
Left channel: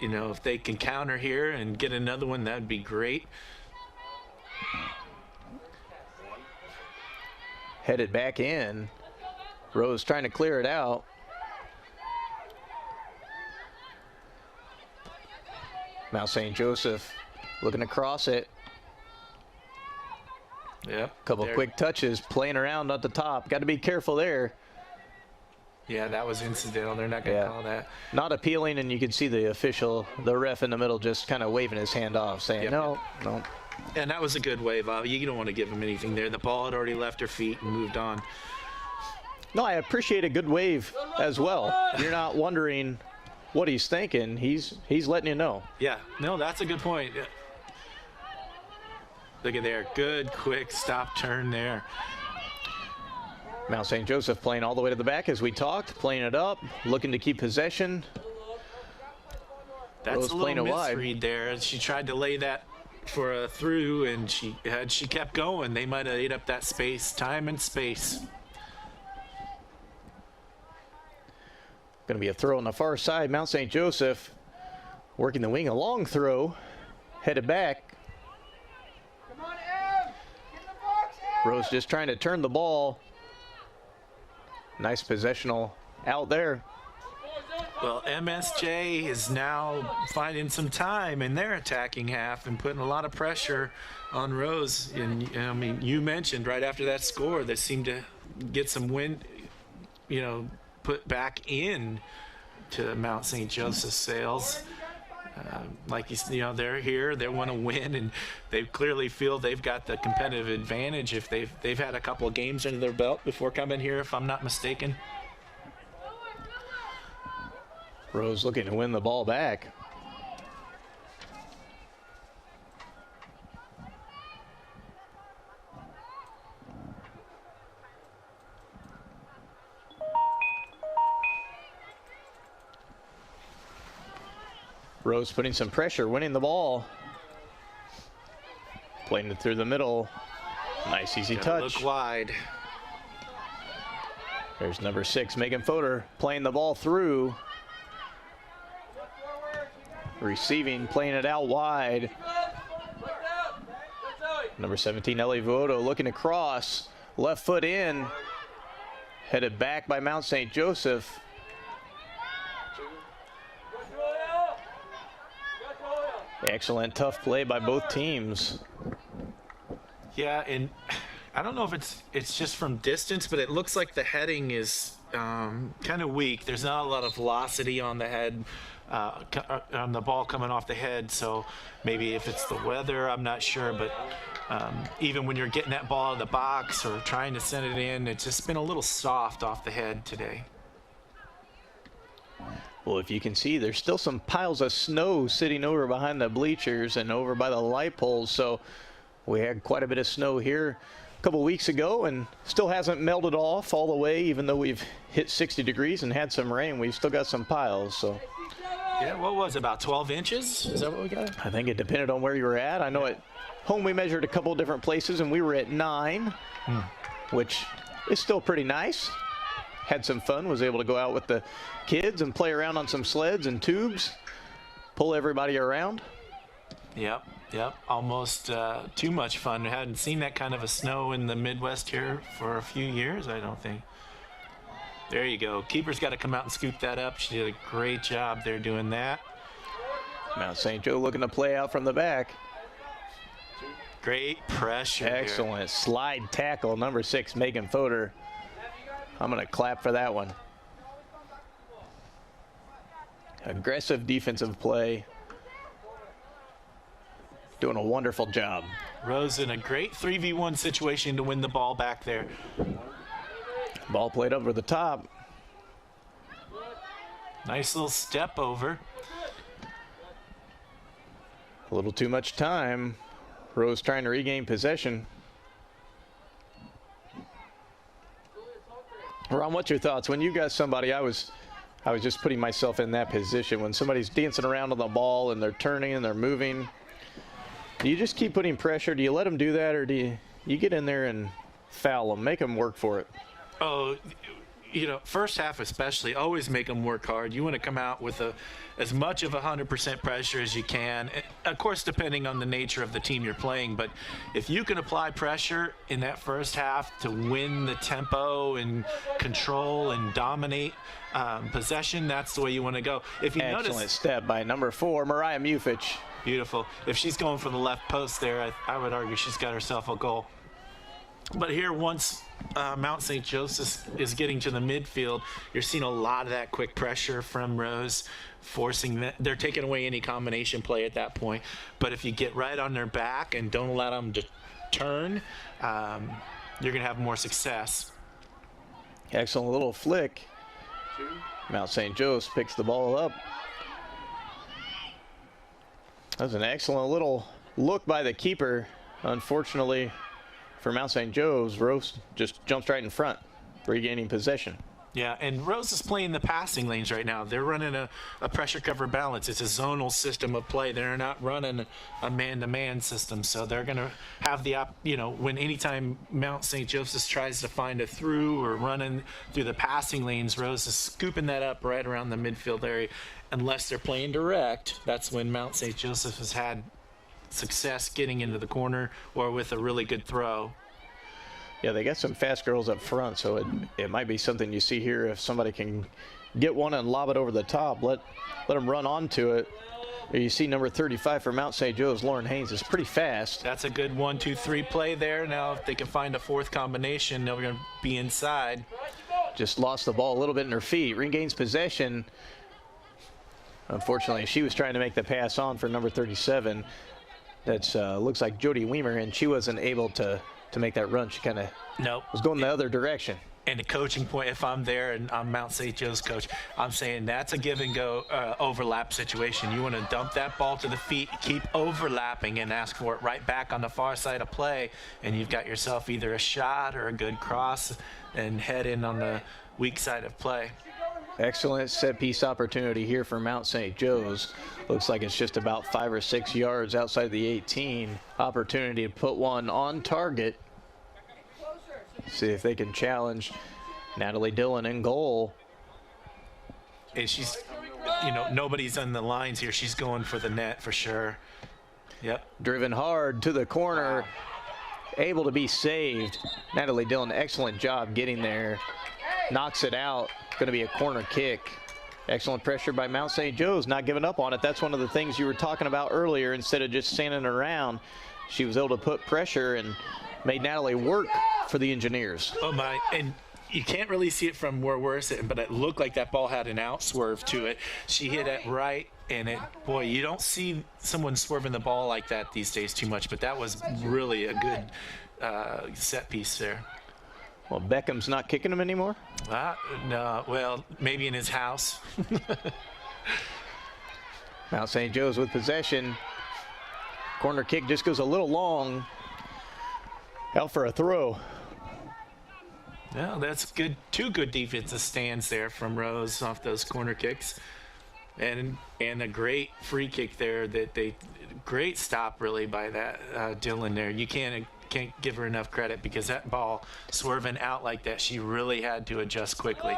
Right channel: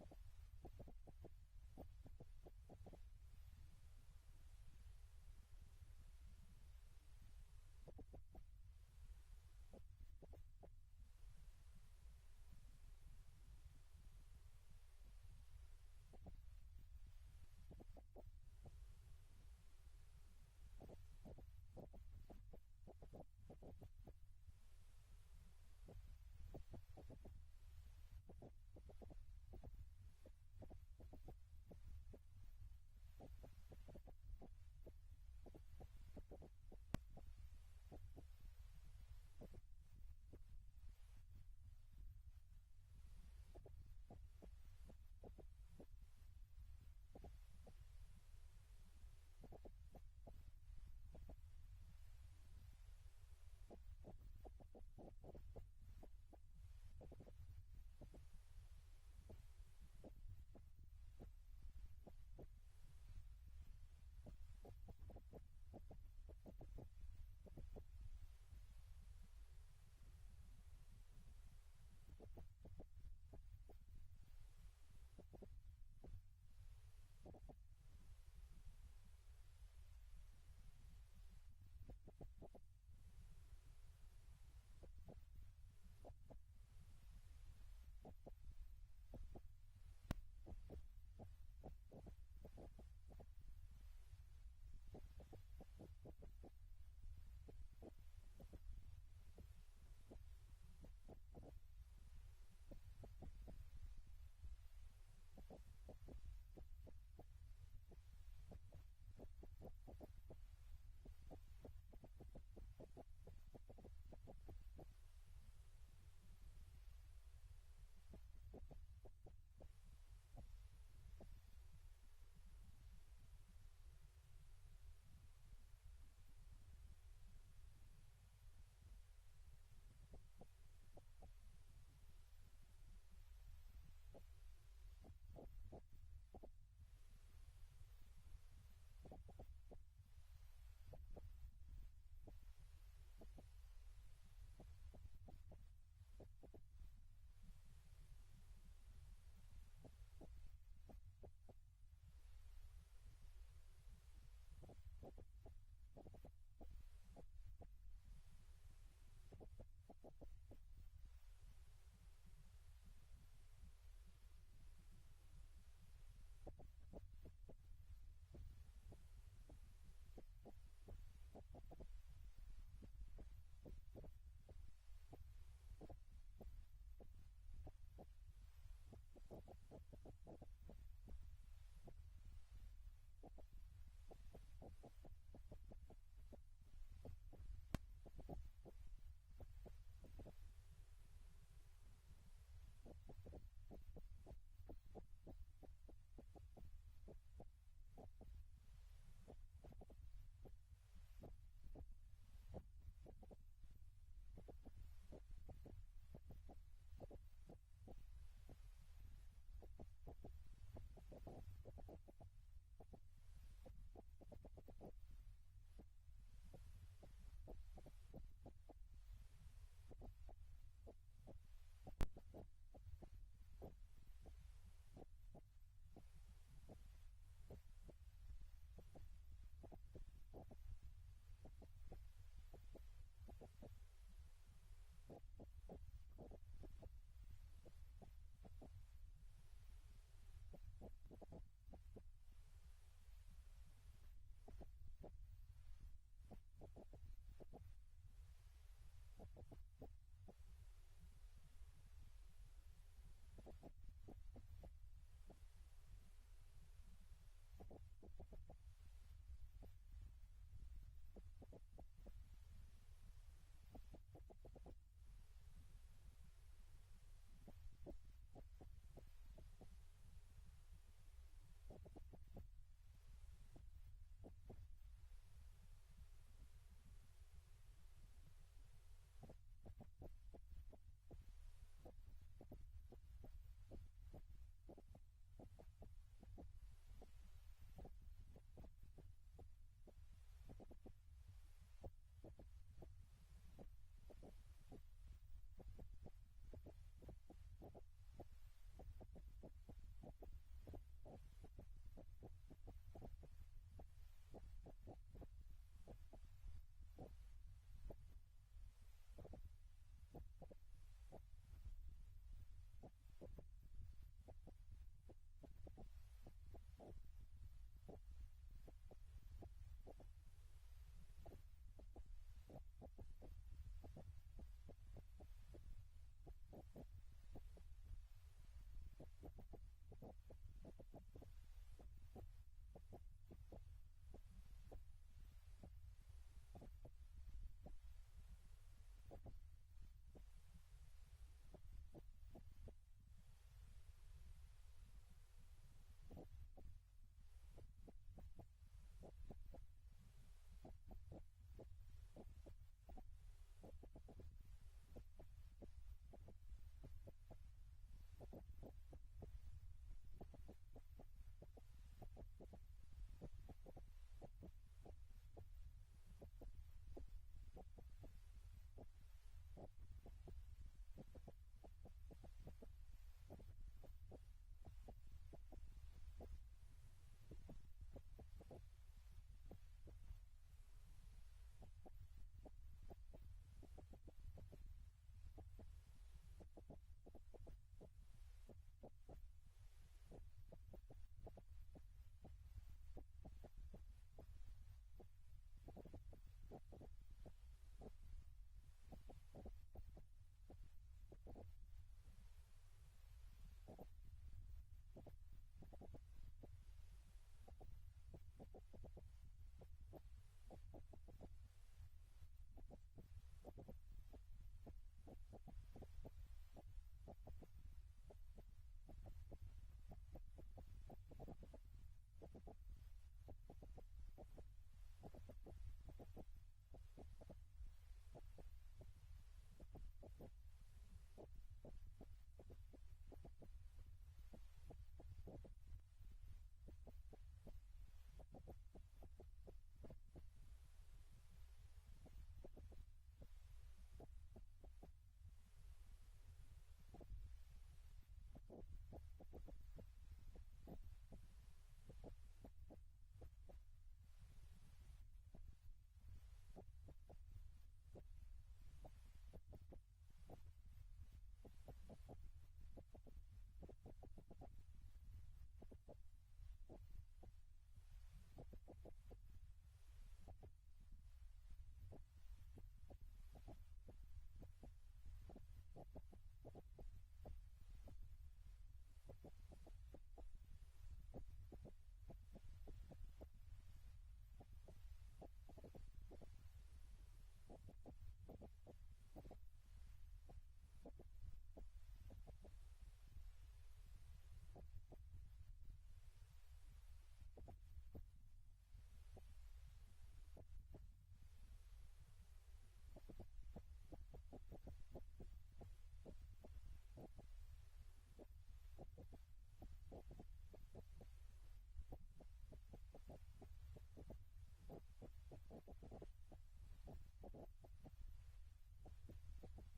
you know, if they can counter here and get another one, that'd be great. Headed back in. Rose trying to clear it out. Mount St. Joseph looking to cross it. Yep. Couple quick touches, playing around at the top. Got to be careful there. Yeah, that was incidental. They're not going to call that. Not appealing, and you can see the official, the ref in the middle, just kind of waving his hand off, saying, no. And that was a good wave. You don't want to give him anything there. The ball had already left her feet and moved on. No, I appreciate a good wave as well. You're not wondering what he's thinking. He's letting you know. Yeah, no, that's a good point. Look at there. Good, quick stop turn there. Mount St. Joseph playing all the way to the back as we talked, playing it up, looking to keep possession. That's Rose a little misread there. She tried to lay that for a through, and she kept going. They might have ate up that space, time and space. Going to be a throw on the far side. Mount St. Joseph working the wing, a long throw, headed back. Come on, Em! Get in the box, Em! Rose just trying to turn the ball. Nice possessional out there. Well, MSJ is now finding some time in their attacking half and putting a lot of pressure on Rose. And I mean, you mentioned right after that score, they seemed to get some wind, you know, put back in to Mount St. Joseph's sails. Like you know, they're here, they want to win, and they clearly feel they've got the competitive advantage. If they've had a couple of games under their belt before coming here, if I'm not mistaken. Rose looking to win the ball back. Rose putting some pressure, winning the ball. Playing it through the middle. Nice easy touch. Look wide. There's number 6, Megan Fodor, playing the ball through. Receiving, playing it out wide. Number 17, Ellie Vuoto looking to cross. Left foot in. Headed back by Mount St. Joseph. Excellent, tough play by both teams. Yeah, and I don't know if it's just from distance, but it looks like the heading is kind of weak. There's not a lot of velocity on the head, on the ball coming off the head. So maybe if it's the weather, I'm not sure. But even when you're getting that ball out of the box or trying to send it in, it's just been a little soft off the head today. Well, if you can see, there's still some piles of snow sitting over behind the bleachers and over by the light poles. So we had quite a bit of snow here a couple weeks ago and still hasn't melted off all the way, even though we've hit 60 degrees and had some rain. We've still got some piles. So yeah, what was it, about 12 inches? Is that what we got? I think it depended on where you were at. I know at home we measured a couple different places and we were at 9, which is still pretty nice. had some fun, was able to go out with the kids and play around on some sleds and tubes, pull everybody around. Yep. Almost too much fun. I hadn't seen that kind of a snow in the Midwest here for a few years, I don't think. There you go. Keeper's got to come out and scoop that up. She did a great job there doing that. Mount St. Joe looking to play out from the back. Great pressure. Excellent there. slide tackle, number 6, Megan Fodor. I'm going to clap for that one. Aggressive defensive play. Doing a wonderful job. Rose in a great 3v1 situation to win the ball back there. Ball played over the top. Nice little step over. A little too much time. Rose trying to regain possession. Ron, what's your thoughts? When you got somebody, I was just putting myself in that position. When somebody's dancing around on the ball and they're turning and they're moving, do you just keep putting pressure? Do you let them do that, or do you get in there and foul them, make them work for it? Oh, first half especially, always make them work hard. You want to come out with as much of 100% pressure as you can. Of course, depending on the nature of the team you're playing, but if you can apply pressure in that first half to win the tempo and control and dominate possession, that's the way you want to go. If you Excellent step by number 4, Mariah Mufich. Beautiful. If she's going for the left post there, I would argue she's got herself a goal. But here, once Mount St. Joseph is getting to the midfield, you're seeing a lot of that quick pressure from Rose, forcing that. They're taking away any combination play at that point. But if you get right on their back and don't allow them to turn, you're going to have more success. Excellent little flick. Mount St. Joseph picks the ball up. That was an excellent little look by the keeper. Unfortunately for Mount St. Joe's, Rose just jumps right in front, regaining possession. Yeah, and Rose is playing the passing lanes right now. They're running a pressure cover balance. It's a zonal system of play. They're not running a man-to-man system, so they're going to have the when anytime Mount St. Joseph's tries to find a through or running through the passing lanes, Rose is scooping that up right around the midfield area. Unless they're playing direct, that's when Mount St. Joseph has had success getting into the corner or with a really good throw. Yeah, they got some fast girls up front, so it might be something you see here. If somebody can get one and lob it over the top, let them run onto it. You see number 35 for Mount St. Joe's, Lauren Haynes, is pretty fast. That's a good 1-2-3 play there. Now if they can find a fourth combination, they're going to be inside. Just lost the ball a little bit in her feet, regains possession. Unfortunately, she was trying to make the pass on for number 37. That's looks like Jody Weimer, and she wasn't able to make that run. She kind of was going the other direction. And the coaching point, if I'm there and I'm Mount St. Joe's coach, I'm saying that's a give and go overlap situation. You want to dump that ball to the feet, keep overlapping, and ask for it right back on the far side of play, and you've got yourself either a shot or a good cross and head in on the weak side of play. Excellent set-piece opportunity here for Mount St. Joe's. Looks like it's just about 5 or 6 yards outside the 18. Opportunity to put one on target. See if they can challenge Natalie Dillon in goal. And she's, nobody's on the lines here. She's going for the net for sure. Yep. Driven hard to the corner. Able to be saved. Natalie Dillon, excellent job getting there. Knocks it out. Going to be a corner kick. Excellent pressure by Mount St. Joe's, not giving up on it. That's one of the things you were talking about earlier. Instead of just standing around, she was able to put pressure and made Natalie work for the Engineers. Oh my, and you can't really see it from where we're sitting, but it looked like that ball had an out swerve to it. She hit it right, and boy, you don't see someone swerving the ball like that these days too much, but that was really a good set piece there. Well, Beckham's not kicking him anymore? No, well, maybe in his house. Mount St. Joe's with possession. Corner kick just goes a little long. Out for a throw. Well, that's good. 2 good defensive stands there from Rose off those corner kicks. And a great free kick there great stop really by that Dillon there. You can't can't give her enough credit because that ball swerving out like that, she really had to adjust quickly.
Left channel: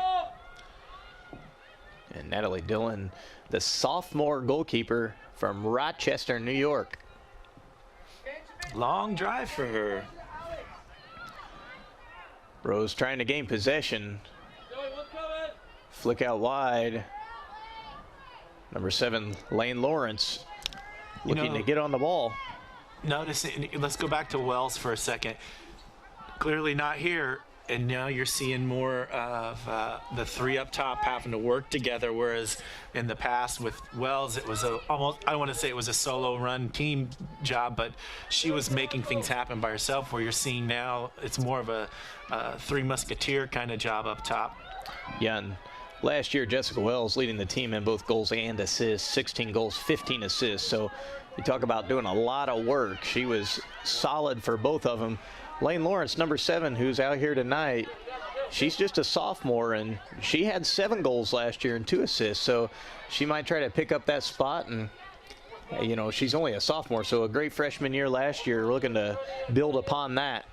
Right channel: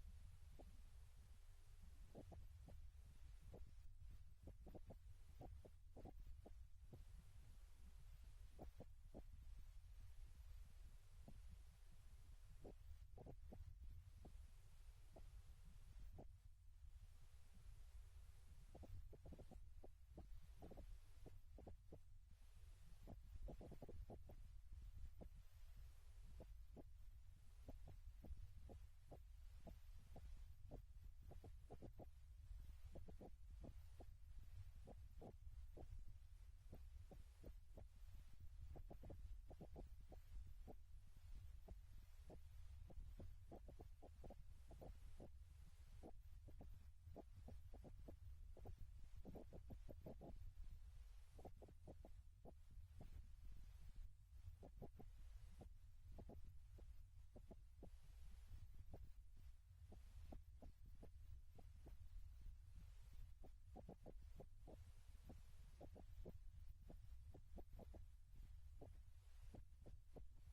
And Natalie Dillon, the sophomore goalkeeper from Rochester, New York. Long drive for her. Rose trying to gain possession. Flick out wide. Number 7, Lane Lawrence, looking to get on the ball. Notice it, let's go back to Wells for a second. Clearly not here, and now you're seeing more of the 3 up top having to work together, whereas in the past with Wells it was almost, I don't want to say it was a solo run team job, but she was making things happen by herself, where you're seeing now it's more of a 3 musketeer kind of job up top. Yeah, and last year Jessica Wells leading the team in both goals and assists, 16 goals, 15 assists. So you talk about doing a lot of work. She was solid for both of them. Lane Lawrence, number 7, who's out here tonight, she's just a sophomore, and she had 7 goals last year and 2 assists. So she might try to pick up that spot, and you know, she's only a sophomore, so a great freshman year last year, looking to build upon that.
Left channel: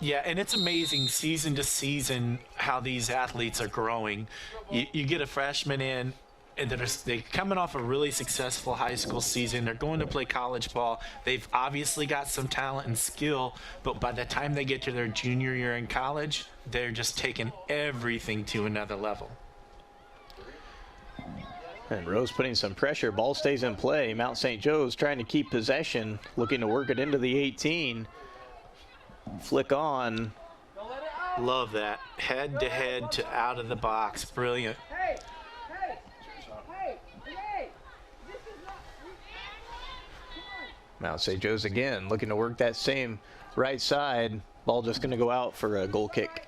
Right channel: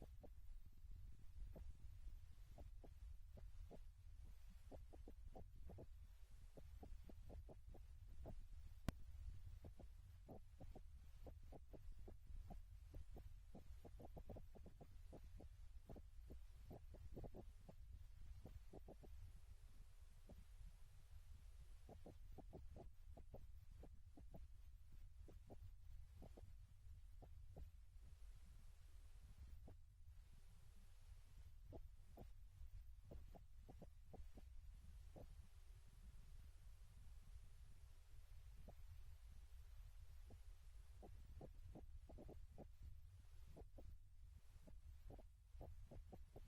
Yeah, and it's amazing season to season how these athletes are growing. You get a freshman in, and they're coming off a really successful high school season. They're going to play college ball. They've obviously got some talent and skill, but by the time they get to their junior year in college, they're just taking everything to another level. And Rose putting some pressure. Ball stays in play. Mount St. Joe's trying to keep possession, looking to work it into the 18. Flick on. Love that. Head to head to out of the box. Brilliant. Mount St. Joe's again looking to work that same right side. Ball just going to go out for a goal kick.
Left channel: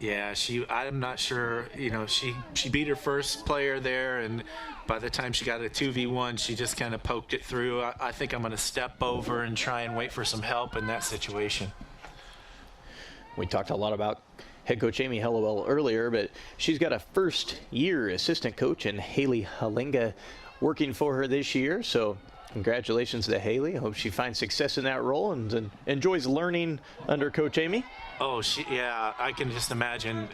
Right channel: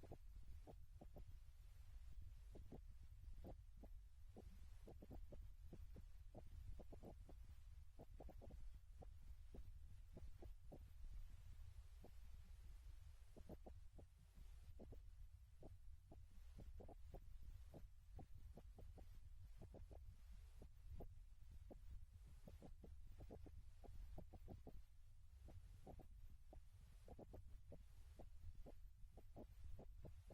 Yeah, I'm not sure, you know, she beat her first player there, and by the time she got a 2v1, she just kind of poked it through. I think I'm going to step over and try and wait for some help in that situation. We talked a lot about head coach Amy Hellowell earlier, but she's got a first-year assistant coach in Haley Halinga working for her this year. So congratulations to Haley. I hope she finds success in that role and enjoys learning under Coach Amy. Oh, yeah, I can just imagine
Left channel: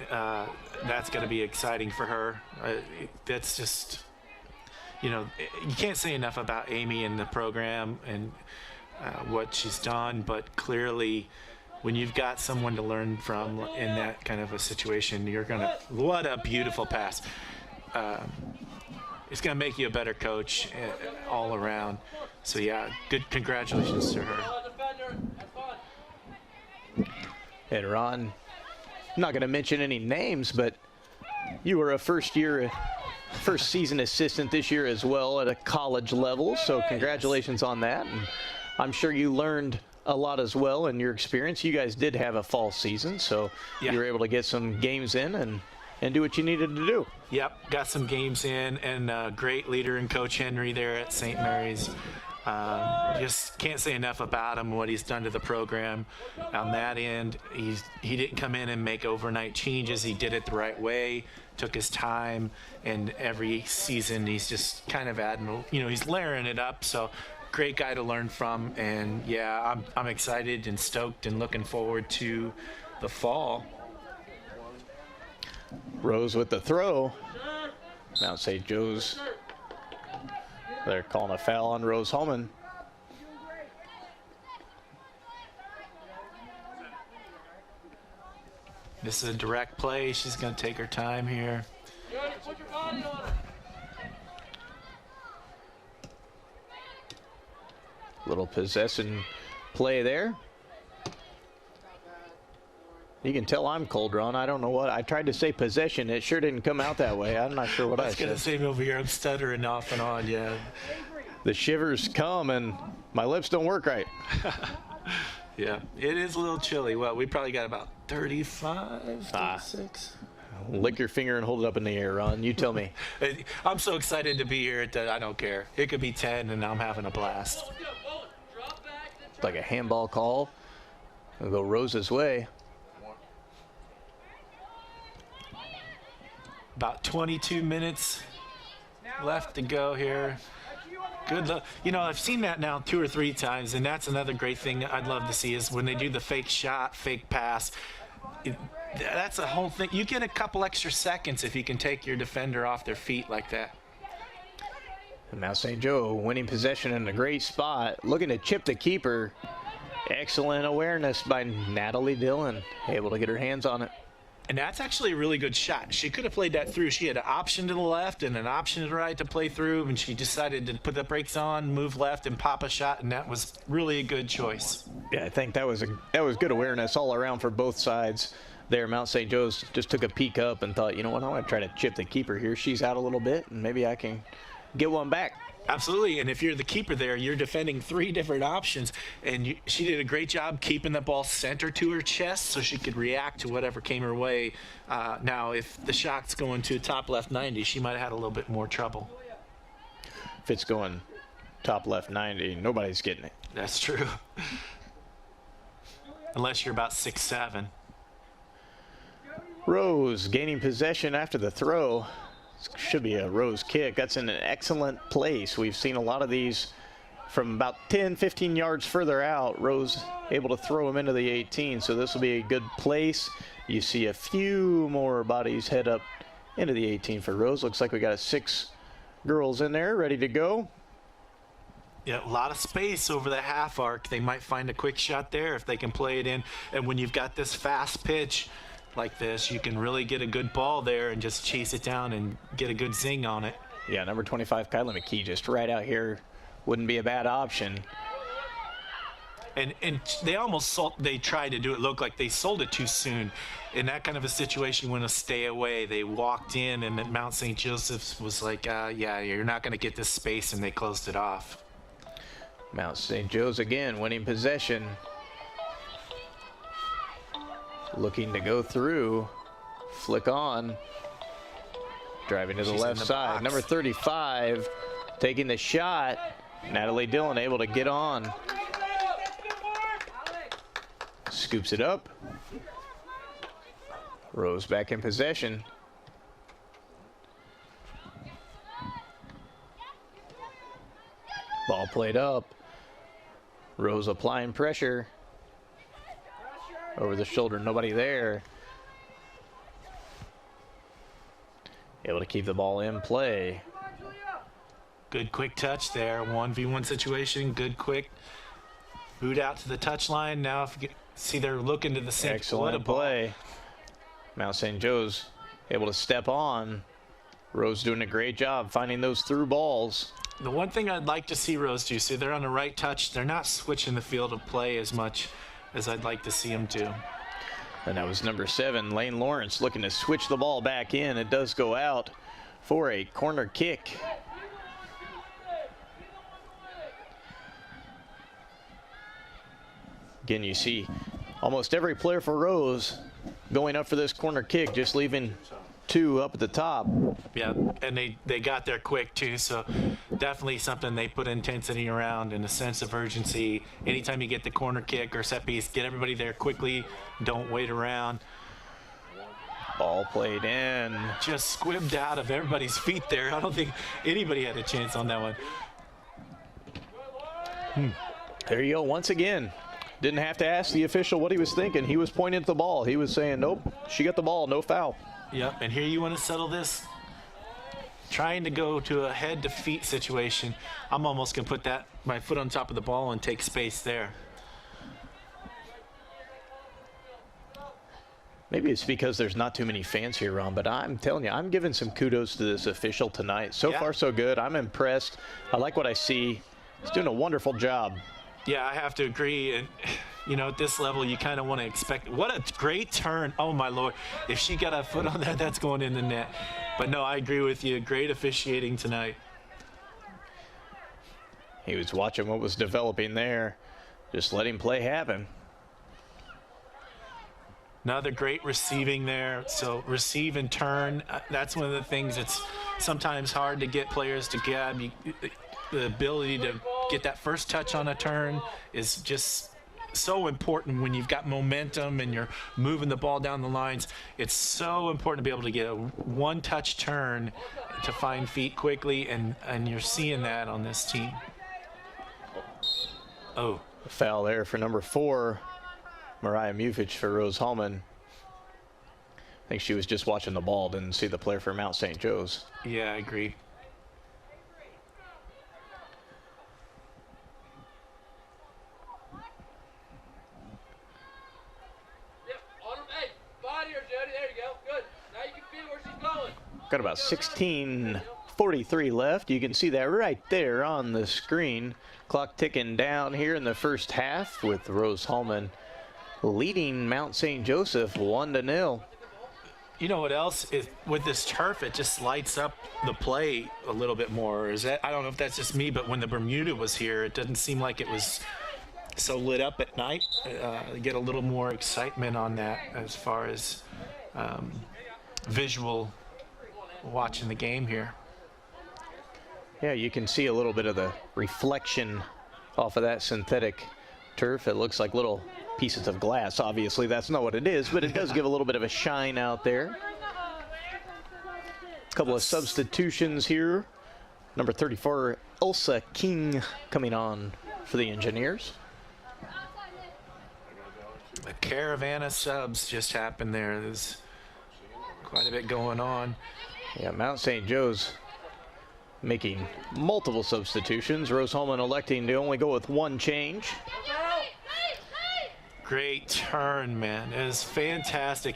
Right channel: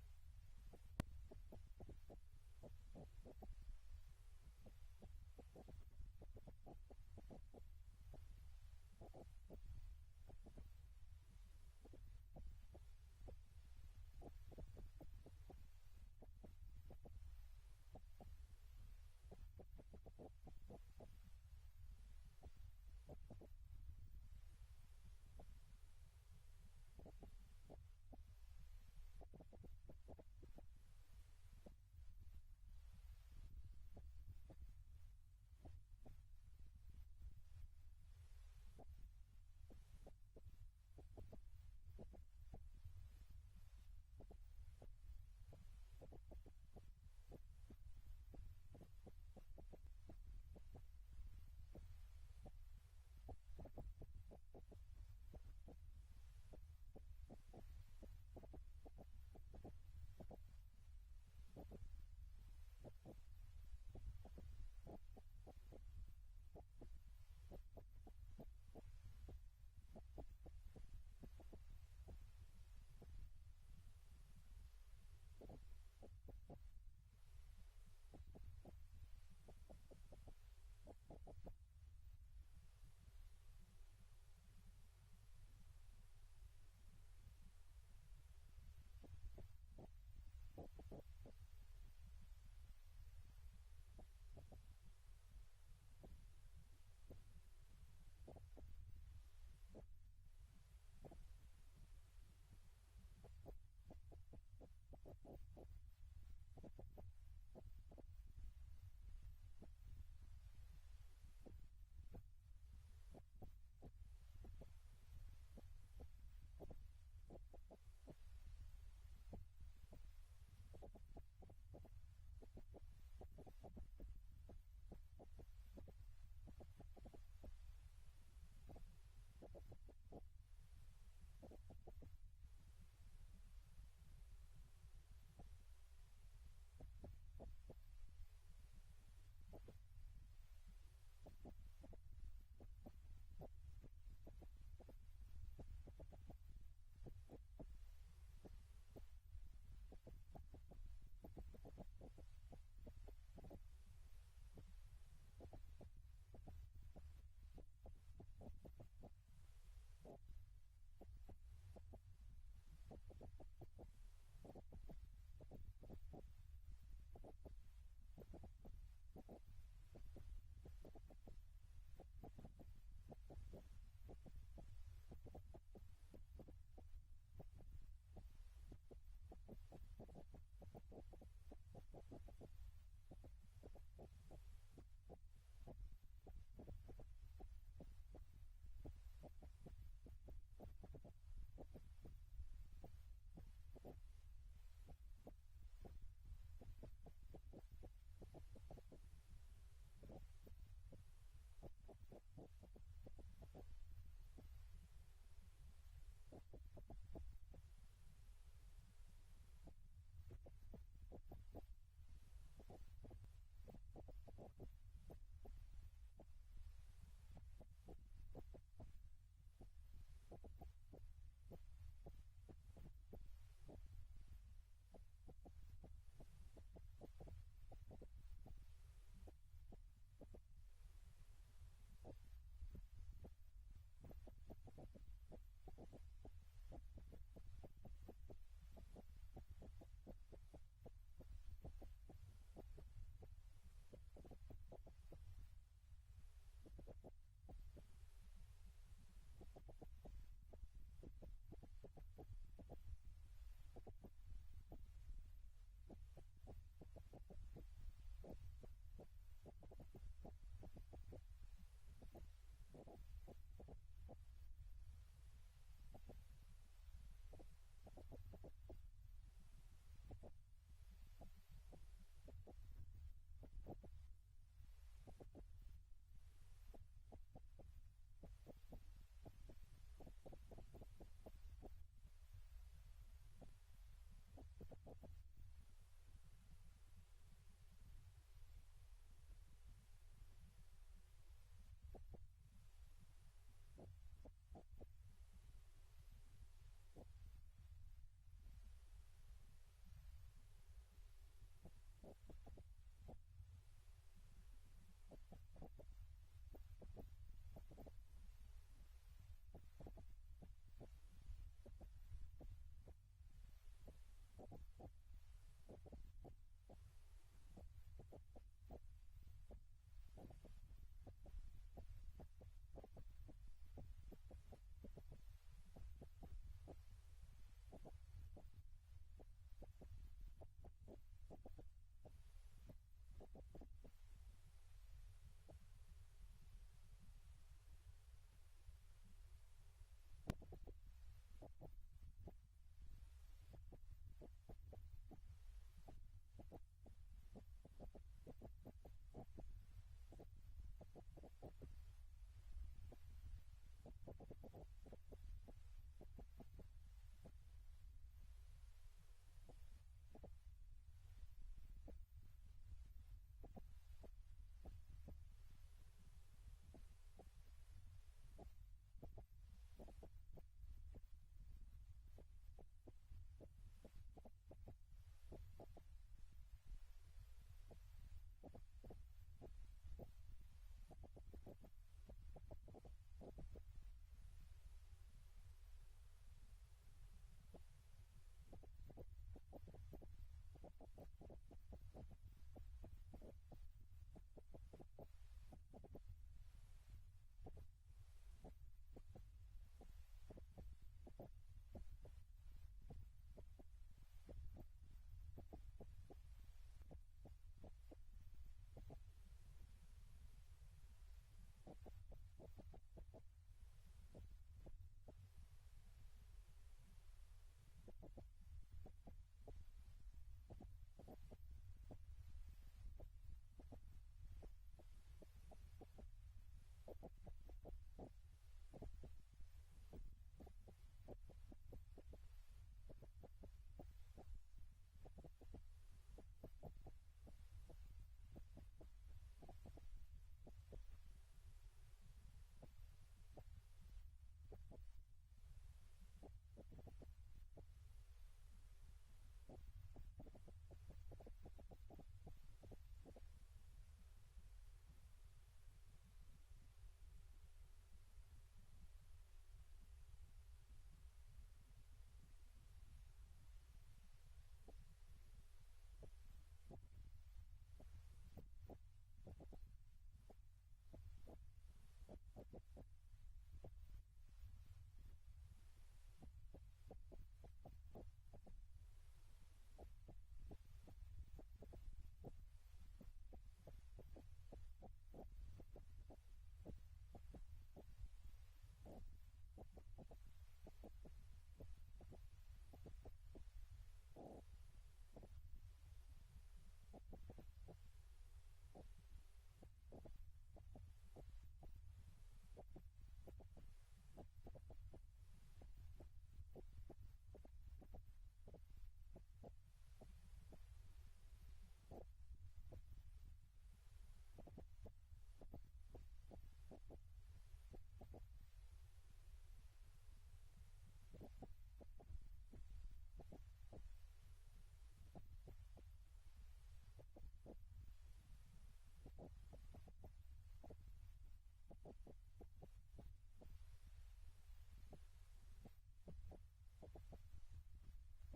that's going to be exciting for her. That's just, you know, you can't say enough about Amy and the program and what she's done, but clearly when you've got someone to learn from in that kind of a situation, you're going to, what a beautiful pass. It's going to make you a better coach all around. So, yeah, good congratulations to her. And Ron, I'm not going to mention any names, but you were a first season assistant this year as well at a college level. So congratulations on that. And I'm sure you learned a lot as well in your experience. You guys did have a fall season, so you were able to get some games in and do what you needed to do. Yep, got some games in, and great leader in Coach Henry there at St. Mary's. Just can't say enough about him, what he's done to the program on that end. He didn't come in and make overnight changes. He did it the right way, took his time, and every season he's just kind of adding, you know, he's layering it up. So great guy to learn from, and yeah, I'm excited and stoked and looking forward to the fall. Rose with the throw. Mount St. Joe's. They're calling a foul on Rose-Hulman. This is a direct play. She's going to take her time here. Little possession play there. You can tell I'm cold, Ron. I don't know what. I tried to say possession. It sure didn't come out that way. I'm not sure what I said. I was going to say over here, I'm stuttering off and on, yeah. The shivers come and my lips don't work right. Yeah, it is a little chilly. Well, we probably got about 35, 36. Lick your finger and hold it up in the air, Ron. You tell me. I'm so excited to be here that I don't care. It could be 10 and I'm having a blast. Like a handball call. It'll go Rose's way. About 22 minutes left to go here. Good luck. You know, I've seen that now 2 or 3 times, and that's another great thing I'd love to see is when they do the fake shot, fake pass. That's a whole thing. You get a couple extra seconds if you can take your defender off their feet like that. And Mount St. Joe winning possession in a great spot, looking to chip the keeper. Excellent awareness by Natalie Dillon, able to get her hands on it. And that's actually a really good shot. She could have played that through. She had an option to the left and an option to the right to play through, and she decided to put the brakes on, move left, and pop a shot, and that was really a good choice. Yeah, I think that was good awareness all around for both sides there. Mount St. Joe's just took a peek up and thought, you know what, I want to try to chip the keeper here. She's out a little bit, and maybe I can get one back. Absolutely, and if you're the keeper there, you're defending 3 different options, and she did a great job keeping the ball center to her chest so she could react to whatever came her way. Now, if the shot's going to top left 90, she might have had a little bit more trouble. If it's going top left 90, nobody's getting it. That's true. Unless you're about 6'7". Rose gaining possession after the throw. Should be a Rose kick. That's in an excellent place. We've seen a lot of these from about 10, 15 yards further out. Rose able to throw them into the 18, so this will be a good place. You see a few more bodies head up into the 18 for Rose. Looks like we got 6 girls in there ready to go. Yeah, a lot of space over the half arc. They might find a quick shot there if they can play it in. And when you've got this fast pitch like this, you can really get a good ball there and just chase it down and get a good zing on it. Yeah, number 25, Kyla McKee, just right out here. Wouldn't be a bad option. And they tried to do it look like they sold it too soon. In that kind of a situation, you want to stay away. They walked in, and Mount St. Joseph's was like, yeah, you're not going to get this space, and they closed it off. Mount St. Joe's again winning possession. Looking to go through, flick on, driving to the left side. Number 35 taking the shot. Natalie Dillon able to get on. Scoops it up. Rose back in possession. Ball played up. Rose applying pressure. Over the shoulder, nobody there. Able to keep the ball in play. Good quick touch there. 1v1 situation, good quick. Boot out to the touch line. Now if you see they're looking to the sink. Excellent play. Mount St. Joe's able to step on. Rose doing a great job finding those through balls. The one thing I'd like to see Rose do, see they're on the right touch. They're not switching the field of play as much as I'd like to see them do. And that was number 7, Lane Lawrence, looking to switch the ball back in. It does go out for a corner kick. Again, you see almost every player for Rose going up for this corner kick, just leaving 2 up at the top. Yeah, and they got there quick too, so definitely something they put intensity around and a sense of urgency. Anytime you get the corner kick or set piece, get everybody there quickly. Don't wait around. Ball played in. Just squibbed out of everybody's feet there. I don't think anybody had a chance on that one. There you go, once again. Didn't have to ask the official what he was thinking. He was pointing at the ball. He was saying, nope, she got the ball, no foul. Yep, and here you want to settle this. Trying to go to a head to feet situation. I'm almost going to put my foot on top of the ball and take space there. Maybe it's because there's not too many fans here, Ron, but I'm telling you, I'm giving some kudos to this official tonight. So far, so good. I'm impressed. I like what I see. He's doing a wonderful job. Yeah, I have to agree. And, you know, at this level, you kind of want to expect. What a great turn. Oh, my Lord. If she got a foot on that, that's going in the net. But, no, I agree with you. Great officiating tonight. He was watching what was developing there. Just letting play happen. Another great receiving there. So receive and turn. That's one of the things that's sometimes hard to get players to grab. The ability to get that first touch on a turn is just so important when you've got momentum and you're moving the ball down the lines. It's so important to be able to get a one-touch turn to find feet quickly, and you're seeing that on this team. Oh. A foul there for number 4, Mariah Mufich for Rose-Hulman. I think she was just watching the ball, didn't see the player for Mount St. Joe's. Yeah, I agree. Got about 16:43 left. You can see that right there on the screen. Clock ticking down here in the first half with Rose-Hulman leading Mount St. Joseph 1-0. You know what else is with this turf? It just lights up the play a little bit more. Is that, I don't know if that's just me, but when the Bermuda was here, it doesn't seem like it was so lit up at night. Get a little more excitement on that as far as visual watching the game here. Yeah, you can see a little bit of the reflection off of that synthetic turf. It looks like little pieces of glass. Obviously, that's not what it is, but it does give a little bit of a shine out there. A couple of substitutions here. Number 34, Elsa King, coming on for the Engineers. A caravan of subs just happened there. There's quite a bit going on. Yeah, Mount St. Joe's making multiple substitutions. Rose-Hulman electing to only go with one change. Great turn, man. It is fantastic.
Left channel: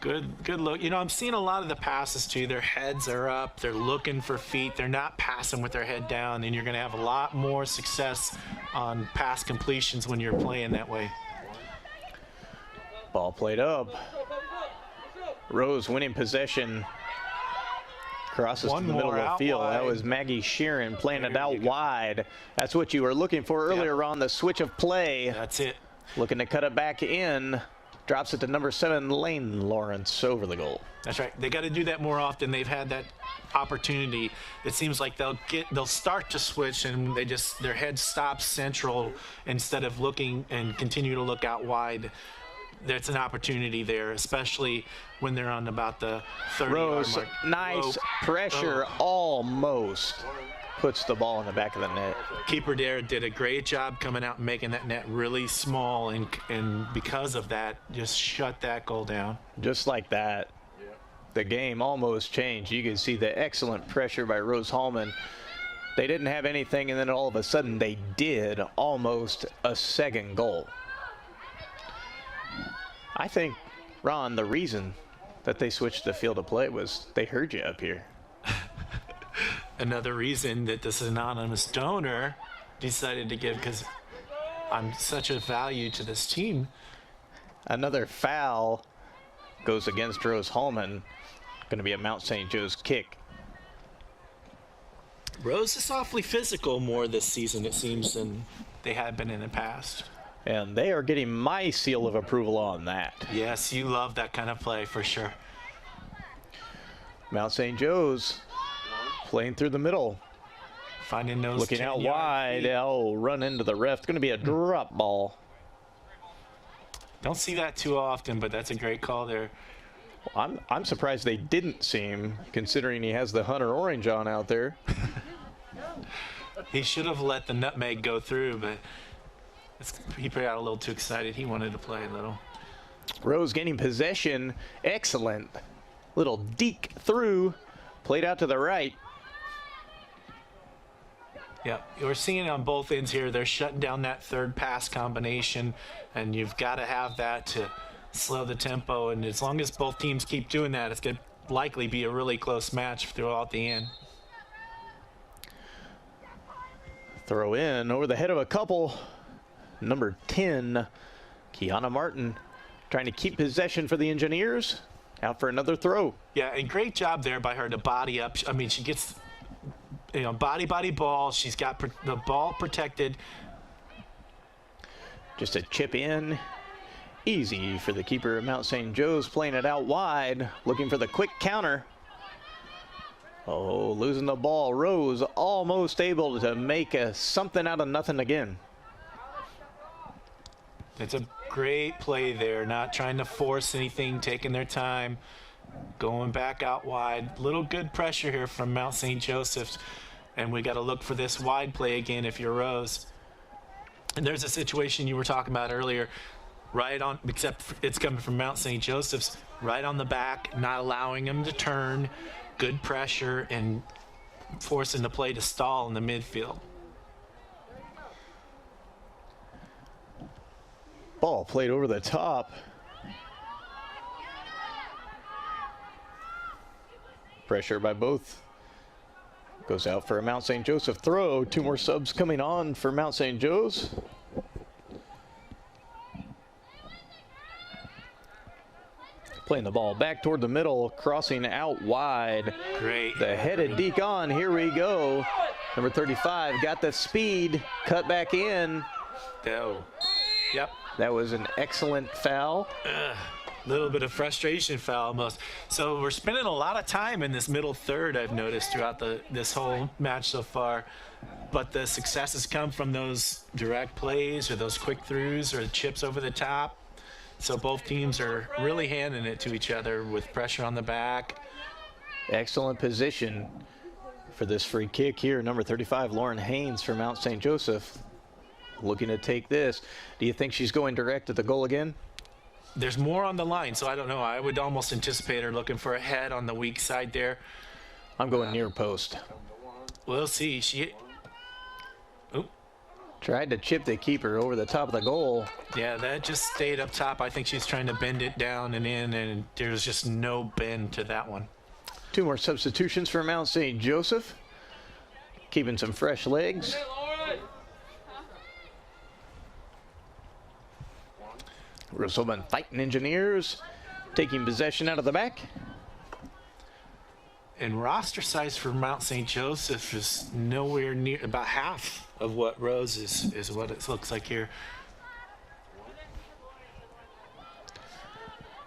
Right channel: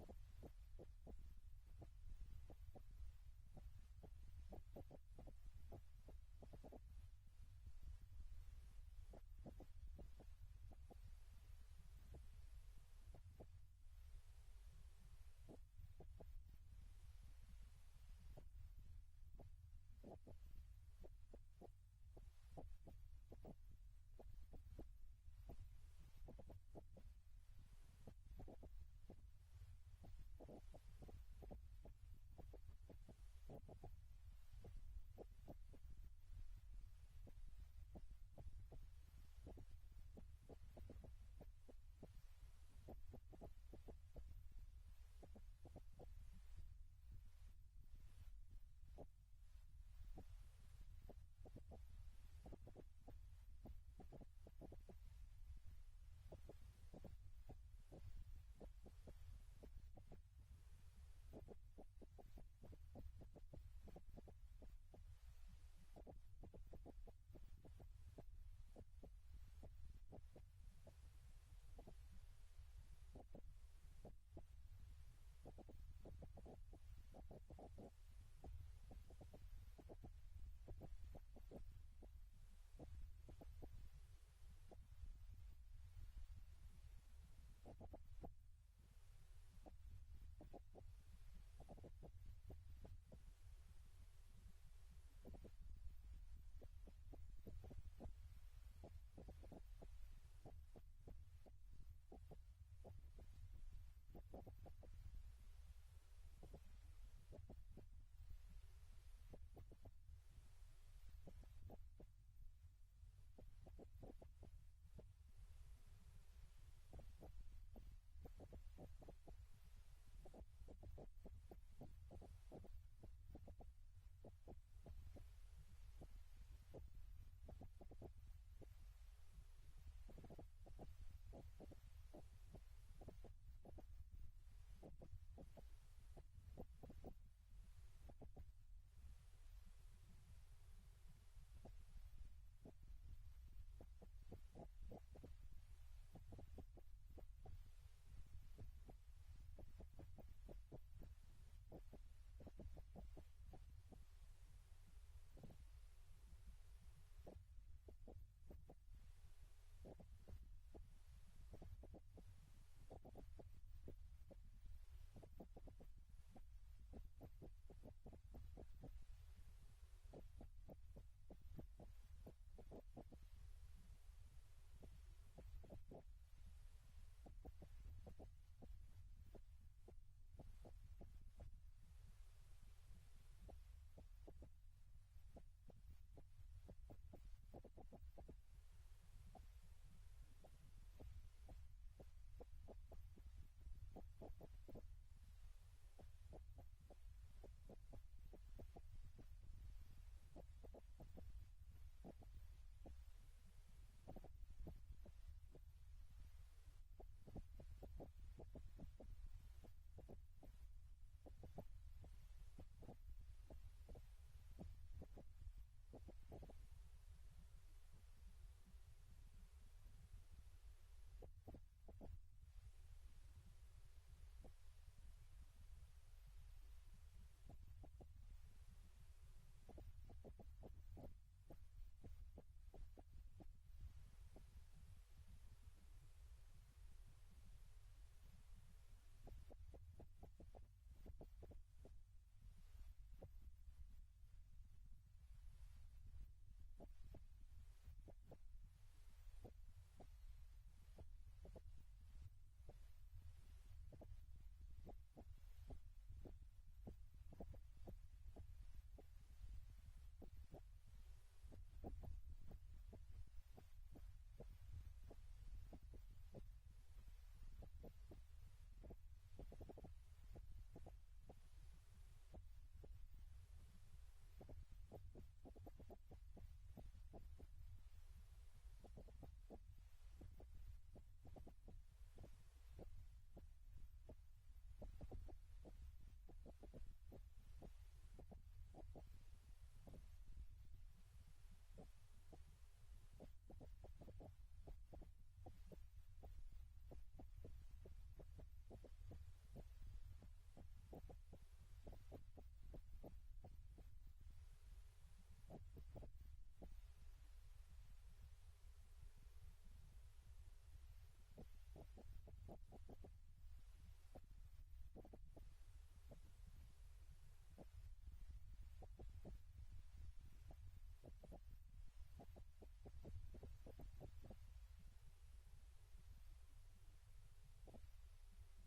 Good look. You know, I'm seeing a lot of the passes too. Their heads are up. They're looking for feet. They're not passing with their head down, and you're going to have a lot more success on pass completions when you're playing that way. Ball played up. Rose winning possession. Crosses to the middle of the field. Wide. That was Maggie Sheeran playing it out wide. That's what you were looking for earlier on the switch of play. That's it. Looking to cut it back in. Drops it to number 7, Lane Lawrence, over the goal. That's right. They got to do that more often. They've had that opportunity. It seems like they'll start to switch and their head stops central instead of looking and continue to look out wide. There's an opportunity there, especially when they're on about the 30-yard Rose, mark. nice pressure, almost puts the ball in the back of the net. Keeper there did a great job coming out and making that net really small, and because of that, just shut that goal down. Just like that, the game almost changed. You can see the excellent pressure by Rose-Hulman. They didn't have anything, and then all of a sudden they did, almost a second goal. I think, Ron, the reason that they switched the field of play was they heard you up here. Another reason that this anonymous donor decided to give, because I'm such a value to this team. Another foul goes against Rose-Hulman. Going to be a Mount St. Joe's kick. Rose is awfully physical more this season, it seems, than they had been in the past. And they are getting my seal of approval on that. Yes, you love that kind of play for sure. Mount St. Joe's playing through the middle. Finding those looking out 10-yard wide. feet. Oh, run into the ref. It's going to be a drop ball. Don't see that too often, but that's a great call there. I'm surprised they didn't see him, considering he has the Hunter orange on out there. He should have let the nutmeg go through, but he got a little too excited. He wanted to play a little. Rose gaining possession. Excellent. Little deke through. Played out to the right. Yeah, we're seeing it on both ends here. They're shutting down that third pass combination, and you've got to have that to slow the tempo. And as long as both teams keep doing that, it's going to likely be a really close match throughout the end. Throw in over the head of a couple. Number 10, Kiana Martin, trying to keep possession for the Engineers. Out for another throw. Yeah, and great job there by her to body up. I mean, she gets, body ball. She's got the ball protected. Just a chip in. Easy for the keeper of Mount St. Joe's, playing it out wide, looking for the quick counter. Oh, losing the ball. Rose almost able to make something out of nothing again. It's a great play there, not trying to force anything, taking their time, going back out wide. Little good pressure here from Mount St. Joseph's, and we got to look for this wide play again if you're Rose. And there's a situation you were talking about earlier, right on, except it's coming from Mount St. Joseph's, right on the back, not allowing them to turn, good pressure, and forcing the play to stall in the midfield. Ball played over the top. Pressure by both. Goes out for a Mount St. Joseph throw. 2 more subs coming on for Mount St. Joe's. Playing the ball back toward the middle, crossing out wide. Great. The headed deke on. Here we go. Number 35 got the speed, cut back in. Oh. Yep. That was an excellent foul. Little bit of frustration foul almost. So we're spending a lot of time in this middle third, I've noticed throughout this whole match so far. But the successes come from those direct plays or those quick throughs or chips over the top. So both teams are really handing it to each other with pressure on the back. Excellent position for this free kick here. Number 35, Lauren Haynes for Mount St. Joseph. Looking to take this. Do you think she's going direct at the goal again? There's more on the line, so I don't know. I would almost anticipate her looking for a head on the weak side there. I'm going near post. We'll see. Oop. Tried to chip the keeper over the top of the goal. Yeah, that just stayed up top. I think she's trying to bend it down and in, and there's just no bend to that one. 2 more substitutions for Mount St. Joseph. Keeping some fresh legs. Rose-Hulman Fighting Engineers taking possession out of the back. And roster size for Mount St. Joseph is nowhere near, about half of what Rose is what it looks like here.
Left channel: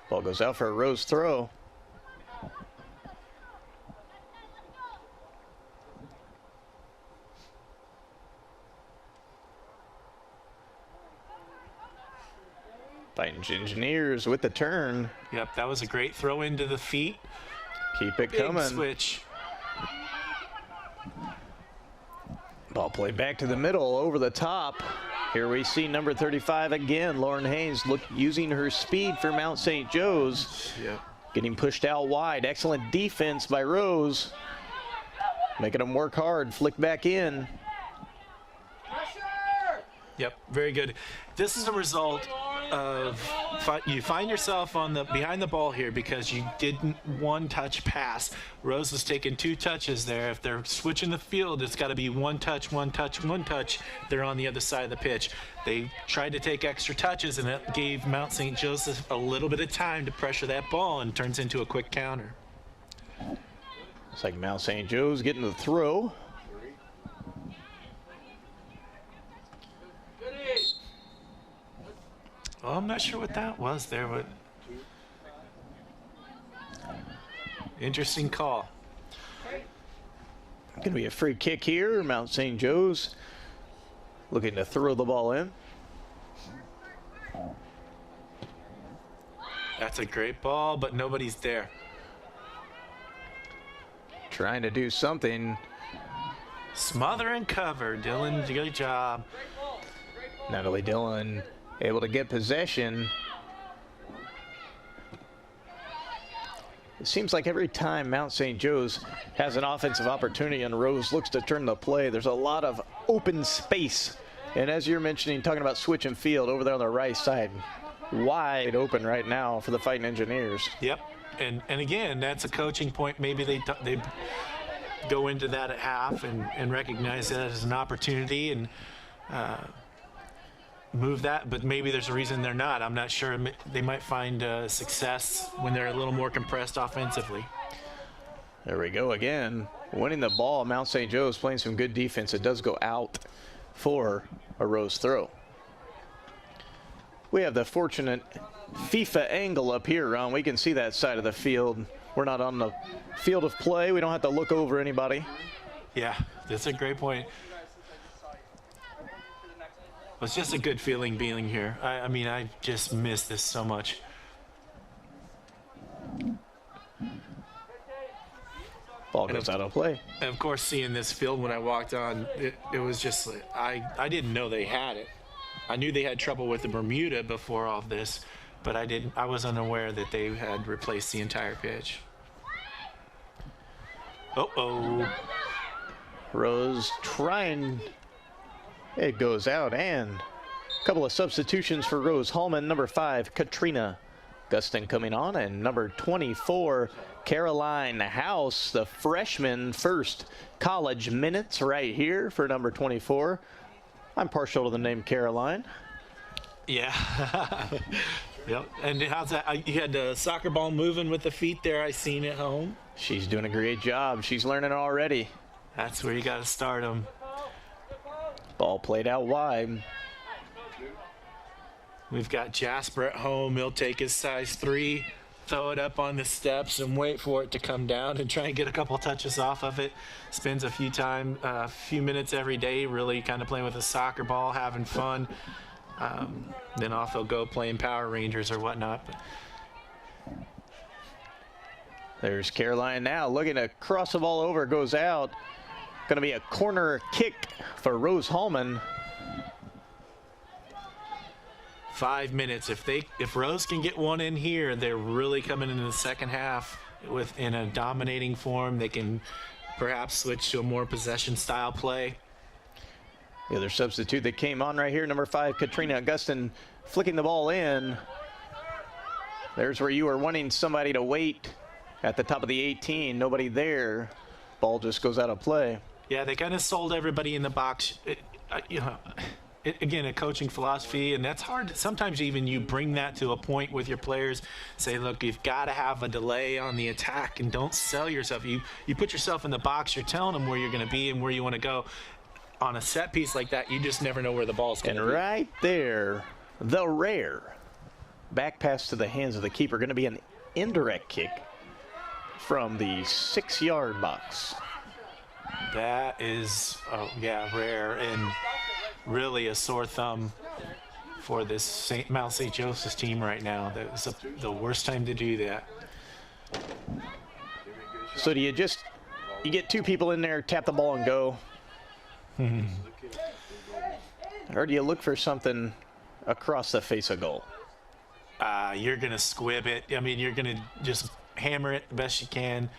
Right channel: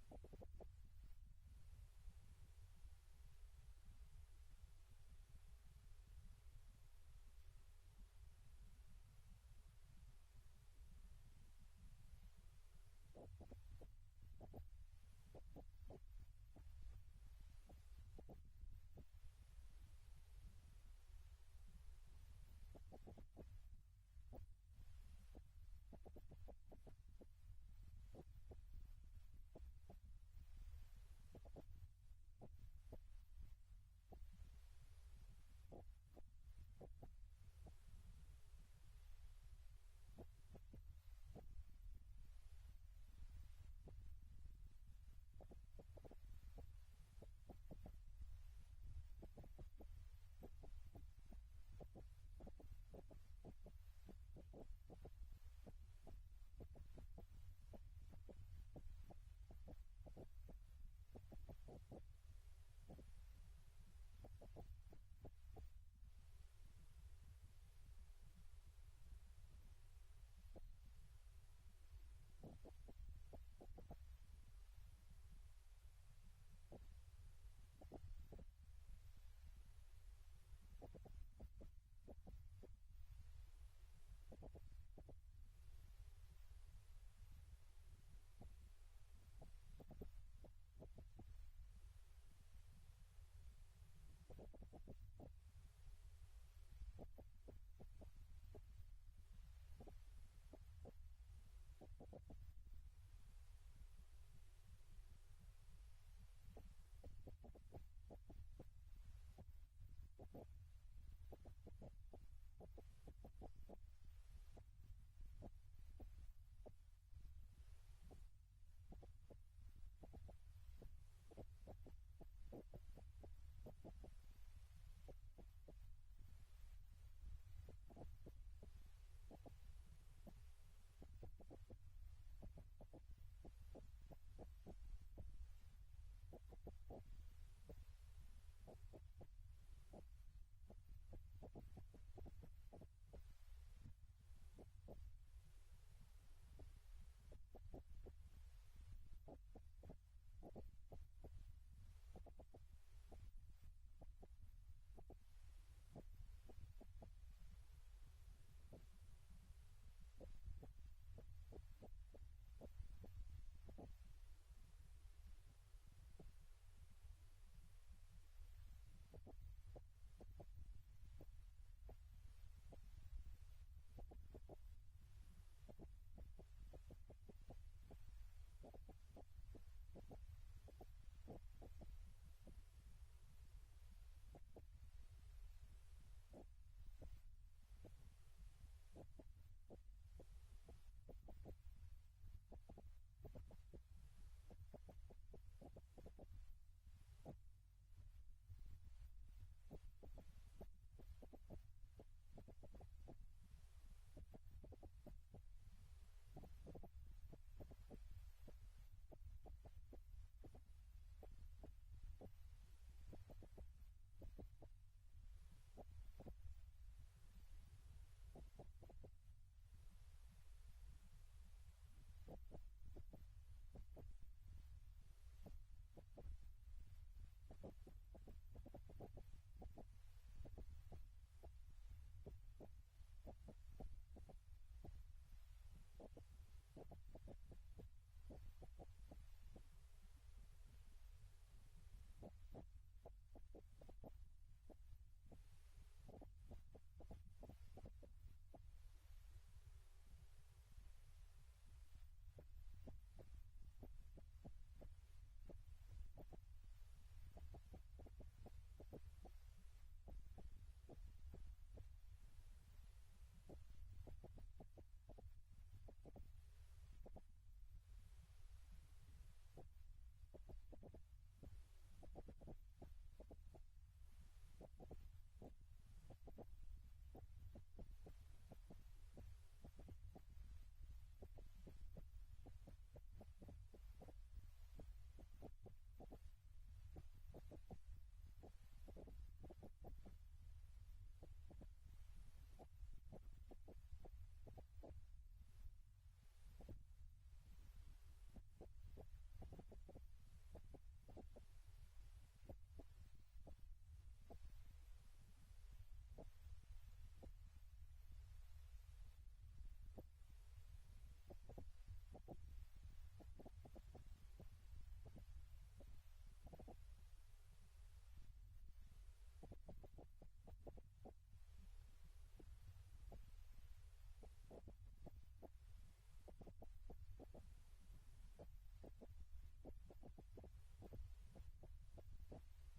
Ball goes out for a Rose throw. Fighting Engineers with the turn. Yep, that was a great throw into the feet. Keep it Big coming. Switch. Ball played back to the middle, over the top. Here we see number 35 again, Lauren Haynes, using her speed for Mount St. Joe's. Yep. Getting pushed out wide. Excellent defense by Rose. Making them work hard. Flick back in. Yep, very good. This is a result of you find yourself on the behind the ball here because you didn't one touch pass. Rose was taking 2 touches there. If they're switching the field, it's got to be one touch, one touch, one touch. They're on the other side of the pitch. They tried to take extra touches, and it gave Mount St. Joseph a little bit of time to pressure that ball, and turns into a quick counter. It's like Mount St. Joe's getting the throw. Well, I'm not sure what that was there, but interesting call. Going to be a free kick here. Mount St. Joe's looking to throw the ball in. That's a great ball, but nobody's there. Trying to do something. Smother and cover. Dylan, good job. Natalie Dillon able to get possession. It seems like every time Mount St. Joe's has an offensive opportunity and Rose looks to turn the play, there's a lot of open space. And as you're mentioning, talking about switch and field over there on the right side, wide open right now for the Fighting Engineers. Yep. And again, that's a coaching point. Maybe they go into that at half and recognize that as an opportunity and move that, but maybe there's a reason they're not. I'm not sure. They might find success when they're a little more compressed offensively. There we go again. Winning the ball, Mount St. Joe's playing some good defense. It does go out for a Rose throw. We have the fortunate FIFA angle up here, Ron. We can see that side of the field. We're not on the field of play. We don't have to look over anybody. Yeah, that's a great point. was just a good feeling being here. I mean, I just miss this so much. Ball goes out of play. And of course, seeing this field when I walked on, it was just, I didn't know they had it. I knew they had trouble with the Bermuda before all of this, but I was unaware that they had replaced the entire pitch. Uh-oh. Rose trying. It goes out, and a couple of substitutions for Rose-Hulman. Number 5, Katrina Gustin coming on, and number 24, Caroline House, the freshman, first college minutes right here for number 24. I'm partial to the name Caroline. Yeah. Yep. And how's that? You had the soccer ball moving with the feet there. I seen it home. She's doing a great job. She's learning already. That's where you got to start them. Ball played out wide. We've got Jasper at home. He'll take his size 3, throw it up on the steps and wait for it to come down and try and get a couple touches off of it. Spends a few minutes every day really kind of playing with a soccer ball, having fun. Then off he'll go playing Power Rangers or whatnot. There's Caroline now looking to cross the ball over, goes out. Going to be a corner kick for Rose-Hulman. 5 minutes. If Rose can get one in here, they're really coming into the second half in a dominating form. They can perhaps switch to a more possession style play. The other substitute that came on right here, number 5, Katrina Augustin, flicking the ball in. There's where you were wanting somebody to wait at the top of the 18. Nobody there. Ball just goes out of play. Yeah, they kind of sold everybody in the box. Again, a coaching philosophy, and that's hard. Sometimes even you bring that to a point with your players. Say, look, you've got to have a delay on the attack, and don't sell yourself. You put yourself in the box. You're telling them where you're going to be and where you want to go. On a set piece like that, you just never know where the ball's going to be. And right there, the rare back pass to the hands of the keeper, going to be an indirect kick from the 6-yard box. That is, rare and really a sore thumb for this Mount St. Joseph's team right now. That was the worst time to do that. So do you get 2 people in there, tap the ball and go? Or do you look for something across the face of goal? You're going to squib it. I mean, you're going to just hammer it the best you can.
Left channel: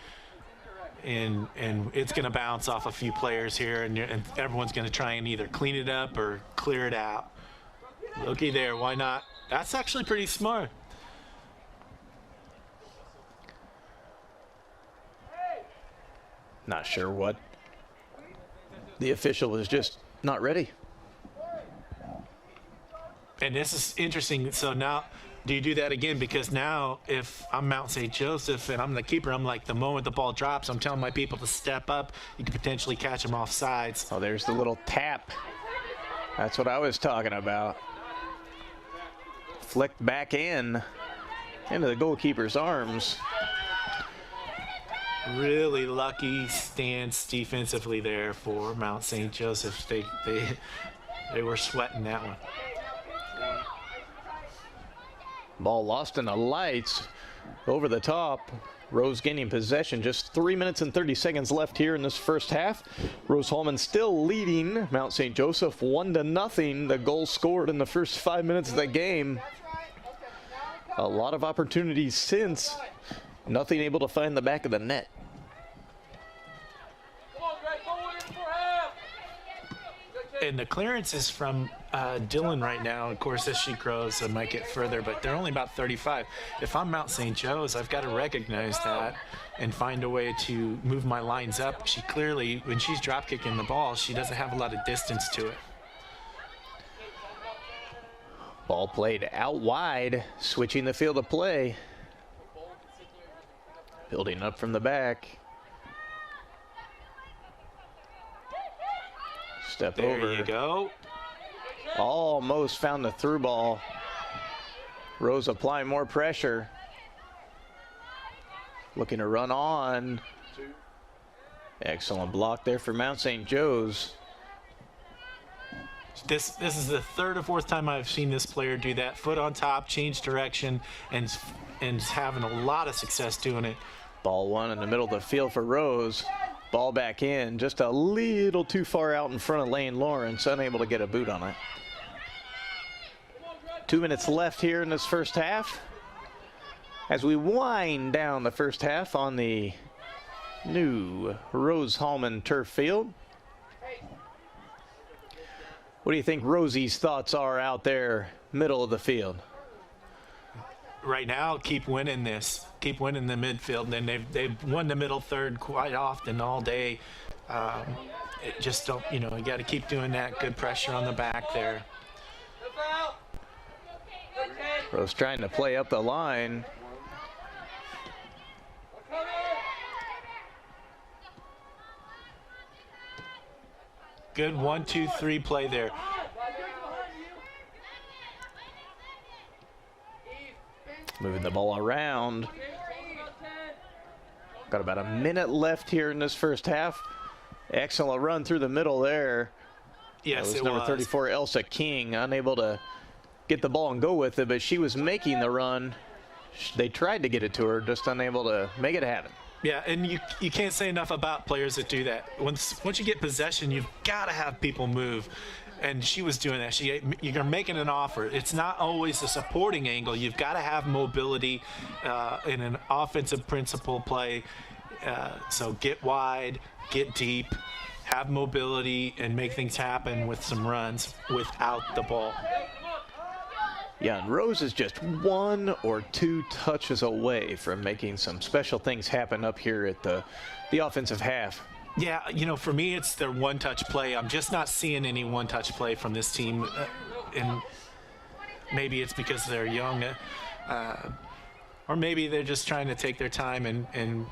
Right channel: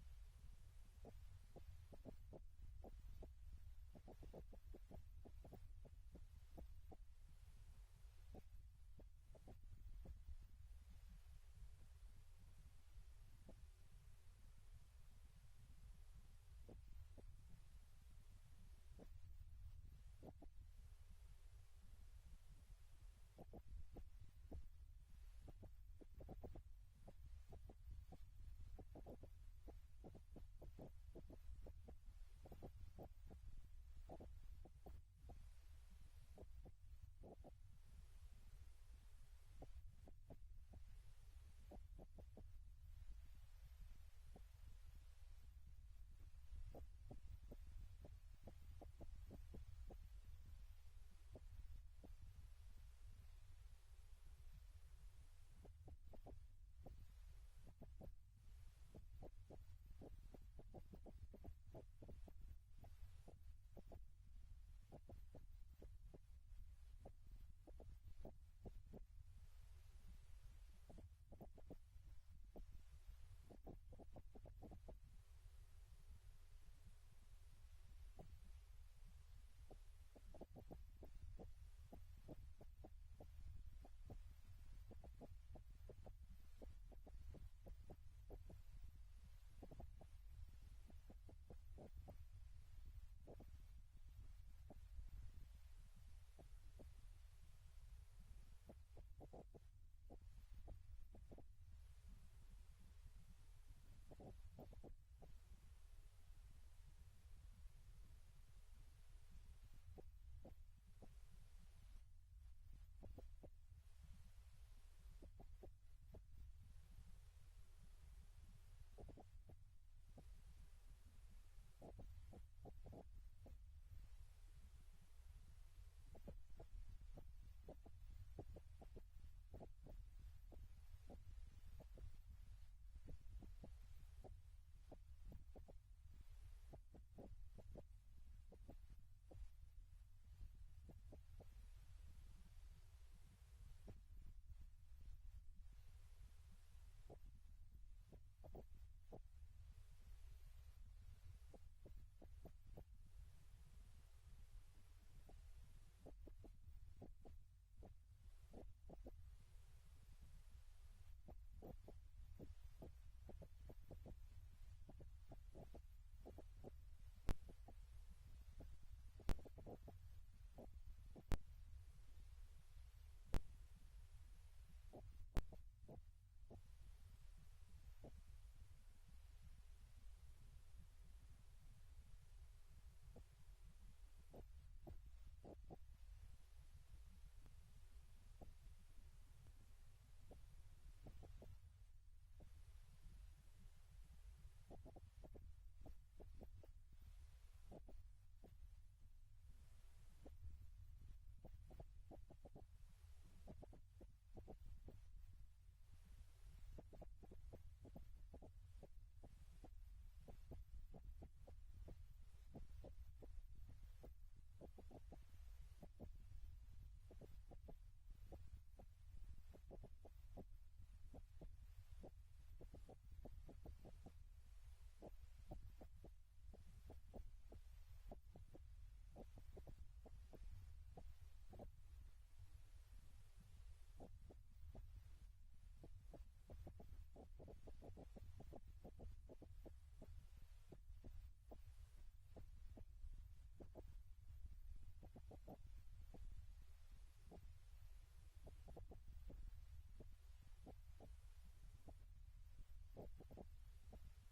And it's going to bounce off a few players here, and everyone's going to try and either clean it up or clear it out. Looky there, why not? That's actually pretty smart. Not sure what. The official is just not ready. And this is interesting. So now, do you do that again? Because now, if I'm Mount St. Joseph and I'm the keeper, I'm like, the moment the ball drops, I'm telling my people to step up. You can potentially catch them off sides. Oh, there's the little tap. That's what I was talking about. Flicked back into the goalkeeper's arms. Really lucky stance defensively there for Mount St. Joseph. They were sweating that one. Ball lost in the lights. Over the top. Rose gaining possession. Just 3 minutes and 30 seconds left here in this first half. Rose-Hulman still leading Mount St. Joseph 1-0. The goal scored in the first 5 minutes of the game. A lot of opportunities since. Nothing able to find the back of the net. And the clearance is from Dylan right now. Of course, as she grows, it might get further, but they're only about 35. If I'm Mount St. Joe's, I've got to recognize that and find a way to move my lines up. She clearly, when she's drop kicking the ball, she doesn't have a lot of distance to it. Ball played out wide, switching the field of play. Building up from the back. Step there over. There you go. Almost found the through ball. Rose applying more pressure. Looking to run on. Excellent block there for Mount St. Joe's. This is the third or fourth time I've seen this player do that. Foot on top, change direction, and having a lot of success doing it. Ball one in the middle of the field for Rose. Ball back in, just a little too far out in front of Lane Lawrence, unable to get a boot on it. 2 minutes left here in this first half. As we wind down the first half on the new Rose-Hulman turf field. What do you think Rosie's thoughts are out there, middle of the field? Right now, keep winning this. Keep winning the midfield. And they've won the middle third quite often all day. It just don't, you got to keep doing that. Good pressure on the back there. Rose trying to play up the line. Good 1-2-3 play there. Moving the ball around. Got about a minute left here in this first half. Excellent run through the middle there. Yes, it was number 34, Elsa King, unable to get the ball and go with it, but she was making the run. They tried to get it to her, just unable to make it happen. Yeah, and you can't say enough about players that do that. Once you get possession, you've got to have people move. And she was doing that. You're making an offer. It's not always a supporting angle. You've got to have mobility in an offensive principle play. So get wide, get deep, have mobility, and make things happen with some runs without the ball. Yeah, and Rose is just 1 or 2 touches away from making some special things happen up here at the offensive half. Yeah, for me, it's their one-touch play. I'm just not seeing any one-touch play from this team. And maybe it's because they're young. Or maybe they're just trying to take their time and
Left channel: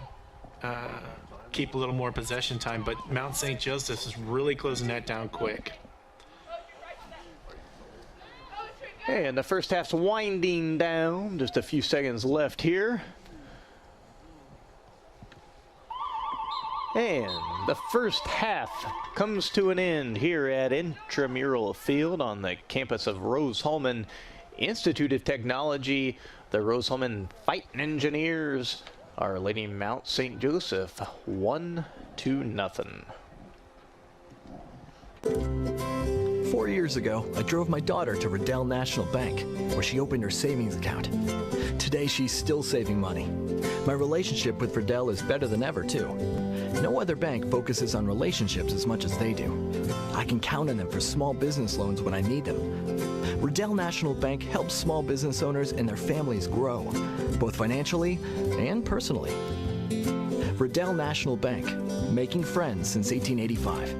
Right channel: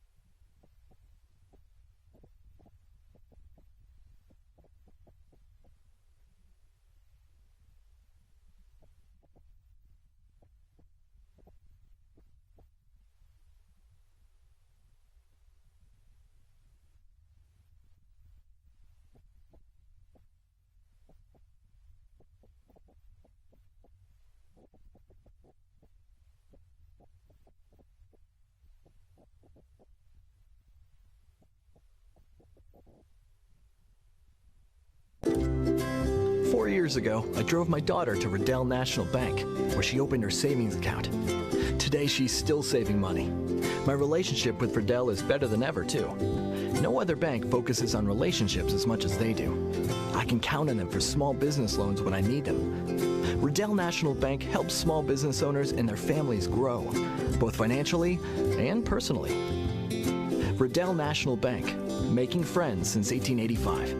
keep a little more possession time. But Mount St. Joseph is really closing that down quick. Hey, and the first half's winding down. Just a few seconds left here. And the first half comes to an end here at Intramural Field on the campus of Rose-Hulman Institute of Technology. The Rose-Hulman Fighting Engineers, Our Lady Mount St. Joseph, 1-0. 4 years ago, I drove my daughter to Riddell National Bank, where she opened her savings account. Today, she's still saving money. My relationship with Riddell is better than ever, too. No other bank focuses on relationships as much as they do. I can count on them for small business loans when I need them. Riddell National Bank helps small business owners and their families grow, both financially and personally. Riddell National Bank, making friends since 1885.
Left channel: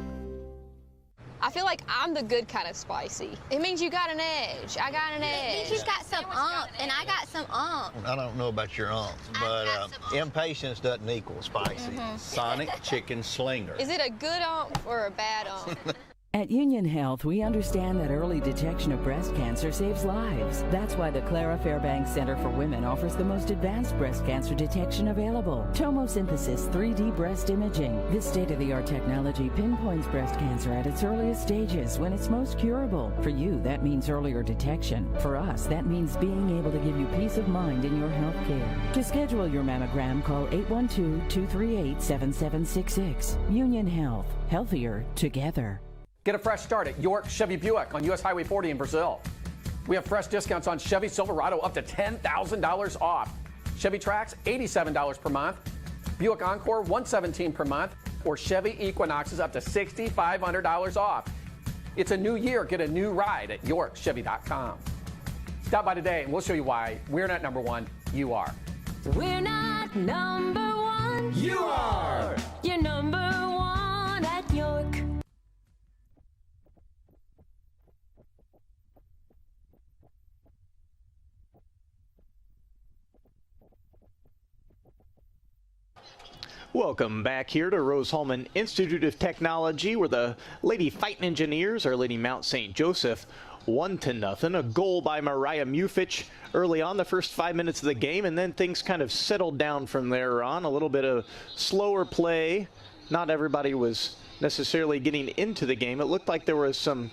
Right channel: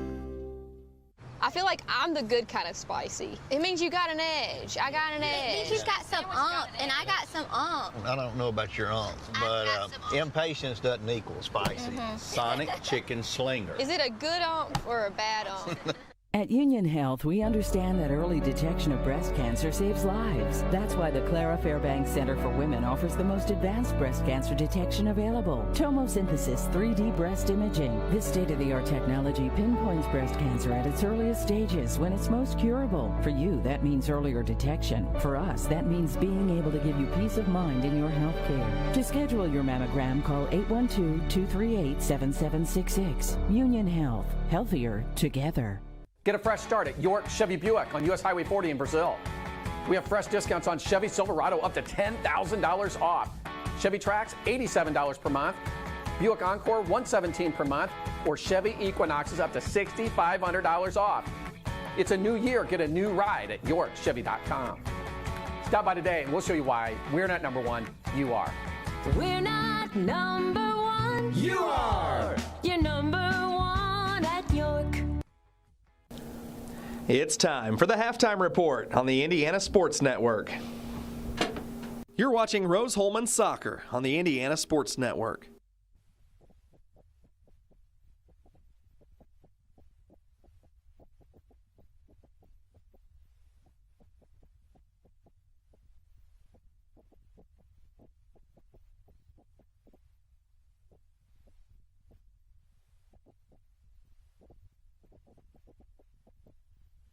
I feel like I'm the good kind of spicy. It means you got an edge. I got an edge. It means she's got some umph, and I got some umph. I don't know about your umph, but impatience doesn't equal spicy. Sonic Chicken Slinger. Is it a good umph or a bad umph? At Union Health, we understand that early detection of breast cancer saves lives. That's why the Clara Fairbanks Center for Women offers the most advanced breast cancer detection available. Tomosynthesis 3D breast imaging. This state-of-the-art technology pinpoints breast cancer at its earliest stages when it's most curable. For you, that means earlier detection. For us, that means being able to give you peace of mind in your health care. To schedule your mammogram, call 812-238-7766. Union Health. Healthier together. Get a fresh start at York Chevy Buick on US Highway 40 in Brazil. We have fresh discounts on Chevy Silverado up to $10,000 off. Chevy Trax, $87 per month. Buick Encore, $117 per month. Or Chevy Equinoxes up to $6,500 off. It's a new year. Get a new ride at YorkChevy.com. Stop by today and we'll show you why we're not number one, you are. We're not number one. You are. You're number one at York. It's time for the halftime report on the Indiana Sports Network. You're watching Rose-Hulman Soccer on the Indiana Sports Network. Welcome back here to Rose-Hulman Institute of Technology, where the Lady Fighting Engineers, Our Lady Mount St. Joseph, 1-0. A goal by Mariah Mufich early on the first 5 minutes of the game, and then things kind of settled down from there on. A little bit of slower play. Not everybody was necessarily getting into the game. It looked like there was some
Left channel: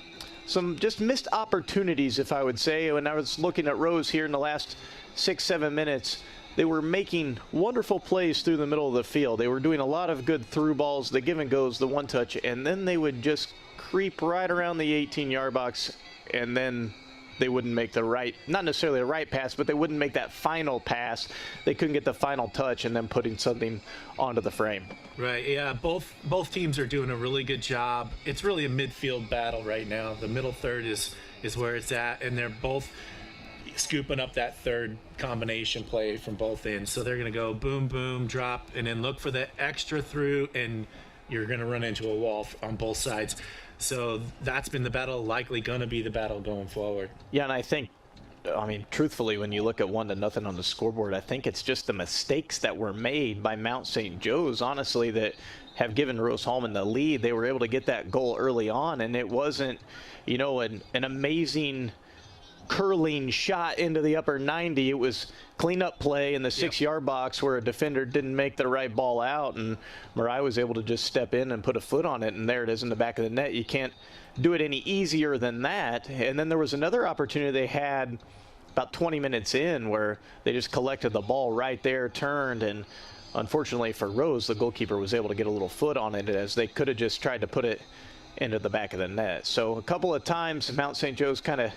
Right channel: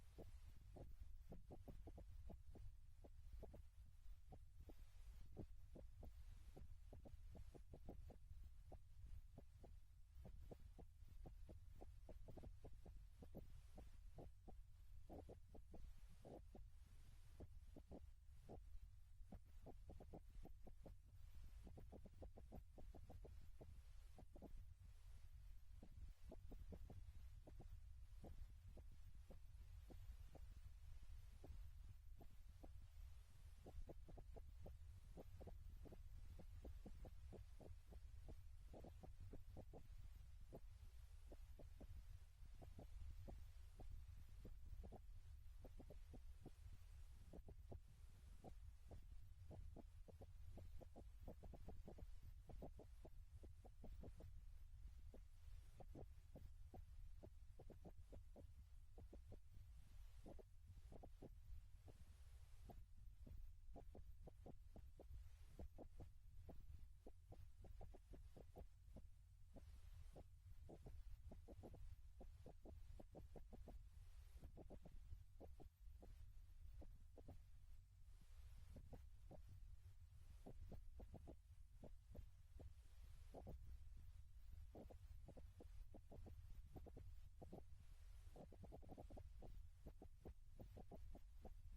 some just missed opportunities, if I would say. When I was looking at Rose here in the last 6-7 minutes, they were making wonderful plays through the middle of the field. They were doing a lot of good through balls, the give and goes, the one touch, and then they would just creep right around the 18-yard box, and then they wouldn't make the right, not necessarily the right pass, but they wouldn't make that final pass. They couldn't get the final touch and then putting something onto the frame. Right, yeah, both teams are doing a really good job. It's really a midfield battle right now. The middle third is where it's at, and they're both scooping up that third combination play from both ends. So they're going to go boom, boom, drop, and then look for the extra through, and you're going to run into a wall on both sides. So that's been the battle, likely going to be the battle going forward. Yeah, and I think, I mean, truthfully, when you look at 1-0 on the scoreboard, I think it's just the mistakes that were made by Mount St. Joe's, honestly, that have given Rose-Hulman the lead. They were able to get that goal early on, and it wasn't, you know, an amazing curling shot into the upper 90. It was cleanup play in the 6-yard box where a defender didn't make the right ball out, and Mariah was able to just step in and put a foot on it, and there it is in the back of the net. You can't do it any easier than that. And then there was another opportunity they had about 20 minutes in where they just collected the ball right there, turned, and unfortunately for Rose, the goalkeeper was able to get a little foot on it, as they could have just tried to put it into the back of the net. So a couple of times Mount St. Joe's kind of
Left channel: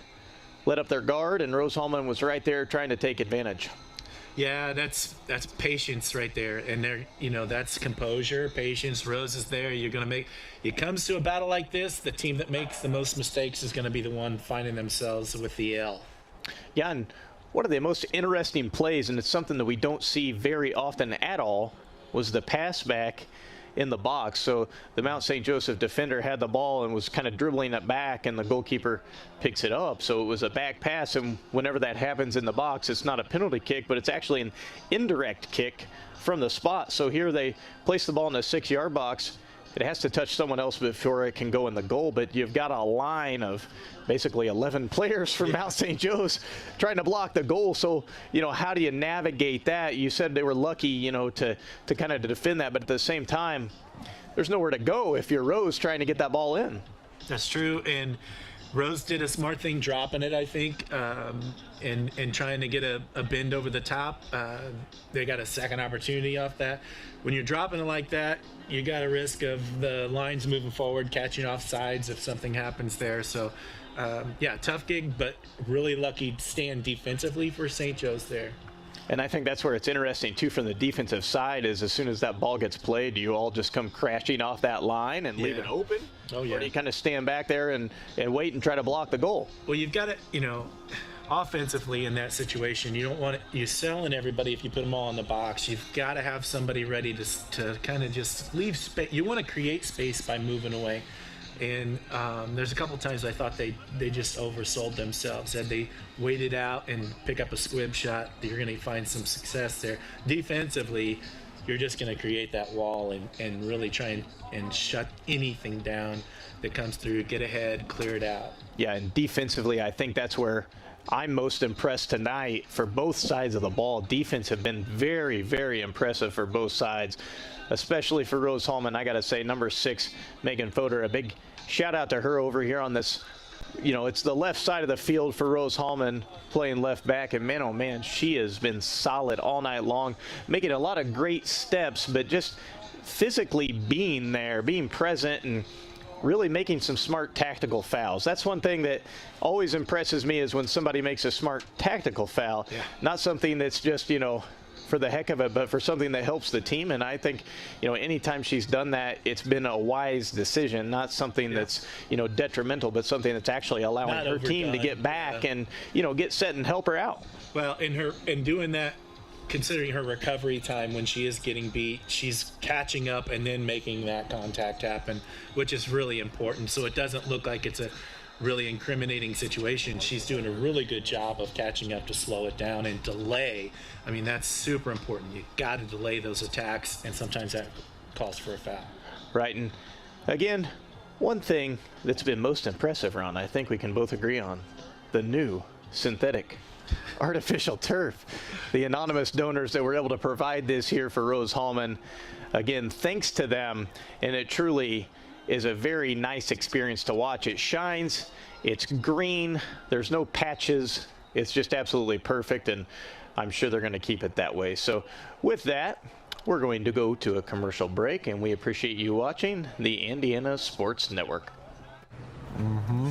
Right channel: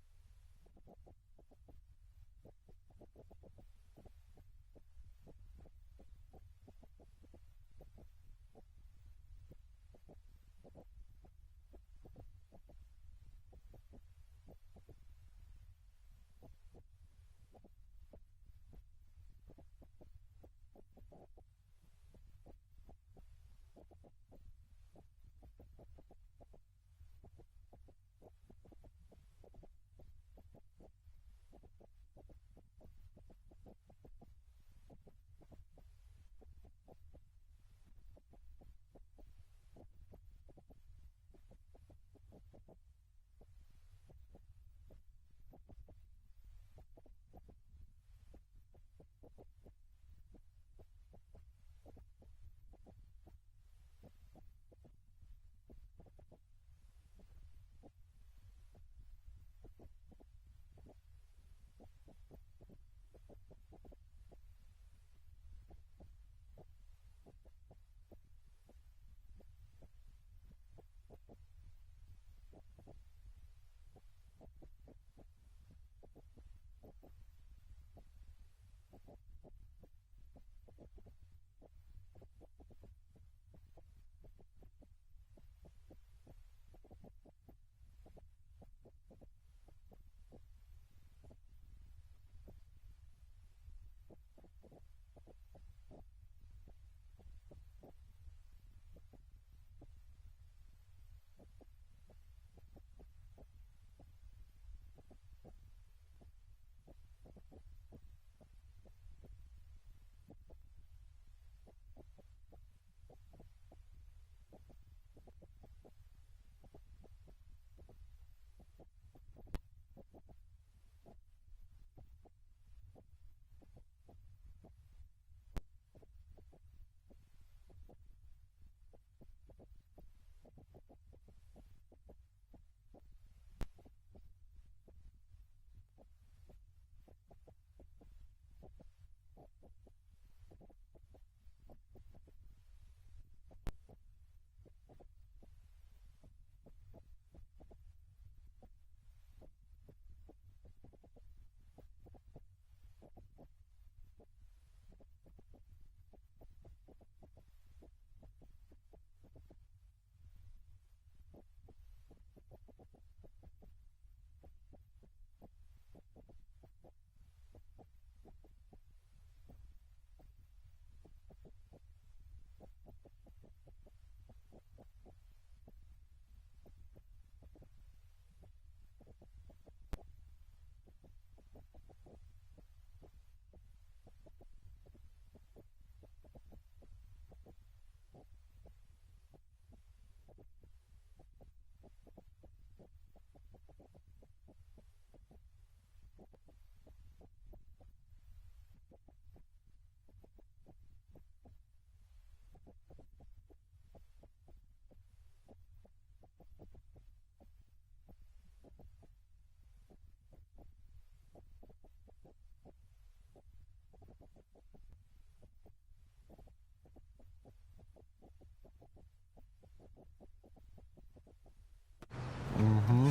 let up their guard, and Rose-Hulman was right there trying to take advantage. Yeah, that's patience right there, and that's composure, patience. Rose is there. You're gonna make. It comes to a battle like this, the team that makes the most mistakes is going to be the one finding themselves with the L. Yeah, and one of the most interesting plays, and it's something that we don't see very often at all, was the pass back in the box. So the Mount St. Joseph defender had the ball and was kind of dribbling it back, and the goalkeeper picks it up. So it was a back pass, and whenever that happens in the box, it's not a penalty kick, but it's actually an indirect kick from the spot. So here they place the ball in the 6-yard box. It has to touch someone else before it can go in the goal, but you've got a line of basically 11 players from Mount St. Joe's trying to block the goal. So, how do you navigate that? You said they were lucky, to kind of defend that, but at the same time, there's nowhere to go if you're Rose trying to get that ball in. That's true, and Rose did a smart thing dropping it, I think, and trying to get a bend over the top. They got a second opportunity off that. When you're dropping it like that, you got a risk of the lines moving forward, catching off sides if something happens there. So, tough gig, but really lucky stand defensively for St. Joe's there. And I think that's where it's interesting, too, from the defensive side, is as soon as that ball gets played, do you all just come crashing off that line and leave it open? Oh, yeah. Or do you kind of stand back there and wait and try to block the goal? Well, you've got to, offensively in that situation, you don't want you selling everybody if you put them all in the box. You've got to have somebody ready to kind of just leave space. You want to create space by moving away. And there's a couple times I thought they just oversold themselves. Had they waited out and pick up a squib shot, you're going to find some success there. Defensively, you're just going to create that wall and really try and shut anything down that comes through, get ahead, clear it out. Yeah, and defensively, I think that's where I'm most impressed tonight for both sides of the ball. Defense have been very, very impressive for both sides, especially for Rose-Hulman. I got to say, number 6, Megan Fodor, a big shout out to her over here on this. It's the left side of the field for Rose-Hulman playing left back, and man, oh man, she has been solid all night long, making a lot of great steps, but just physically being there, being present, and really making some smart tactical fouls. That's one thing that always impresses me, is when somebody makes a smart tactical foul. Yeah. Not something that's just, for the heck of it, but for something that helps the team. And I think, anytime she's done that, it's been a wise decision, not something that's, detrimental, but something that's actually allowing her team to get back and, get set and help her out. Well, in doing that, considering her recovery time when she is getting beat, she's catching up and then making that contact happen, which is really important. So it doesn't look like it's a really incriminating situation. She's doing a really good job of catching up to slow it down and delay. I mean, that's super important. You got to delay those attacks, and sometimes that calls for a foul. Right, and again, one thing that's been most impressive, Ron, I think we can both agree on, the new synthetic artificial turf. The anonymous donors that were able to provide this here for Rose-Hulman, again, thanks to them, and it truly is a very nice experience to watch. It shines It's green. There's no patches. It's just absolutely perfect, and I'm sure they're going to keep it that way. So with that, we're going to go to a commercial break, and we appreciate you watching the Indiana Sports Network.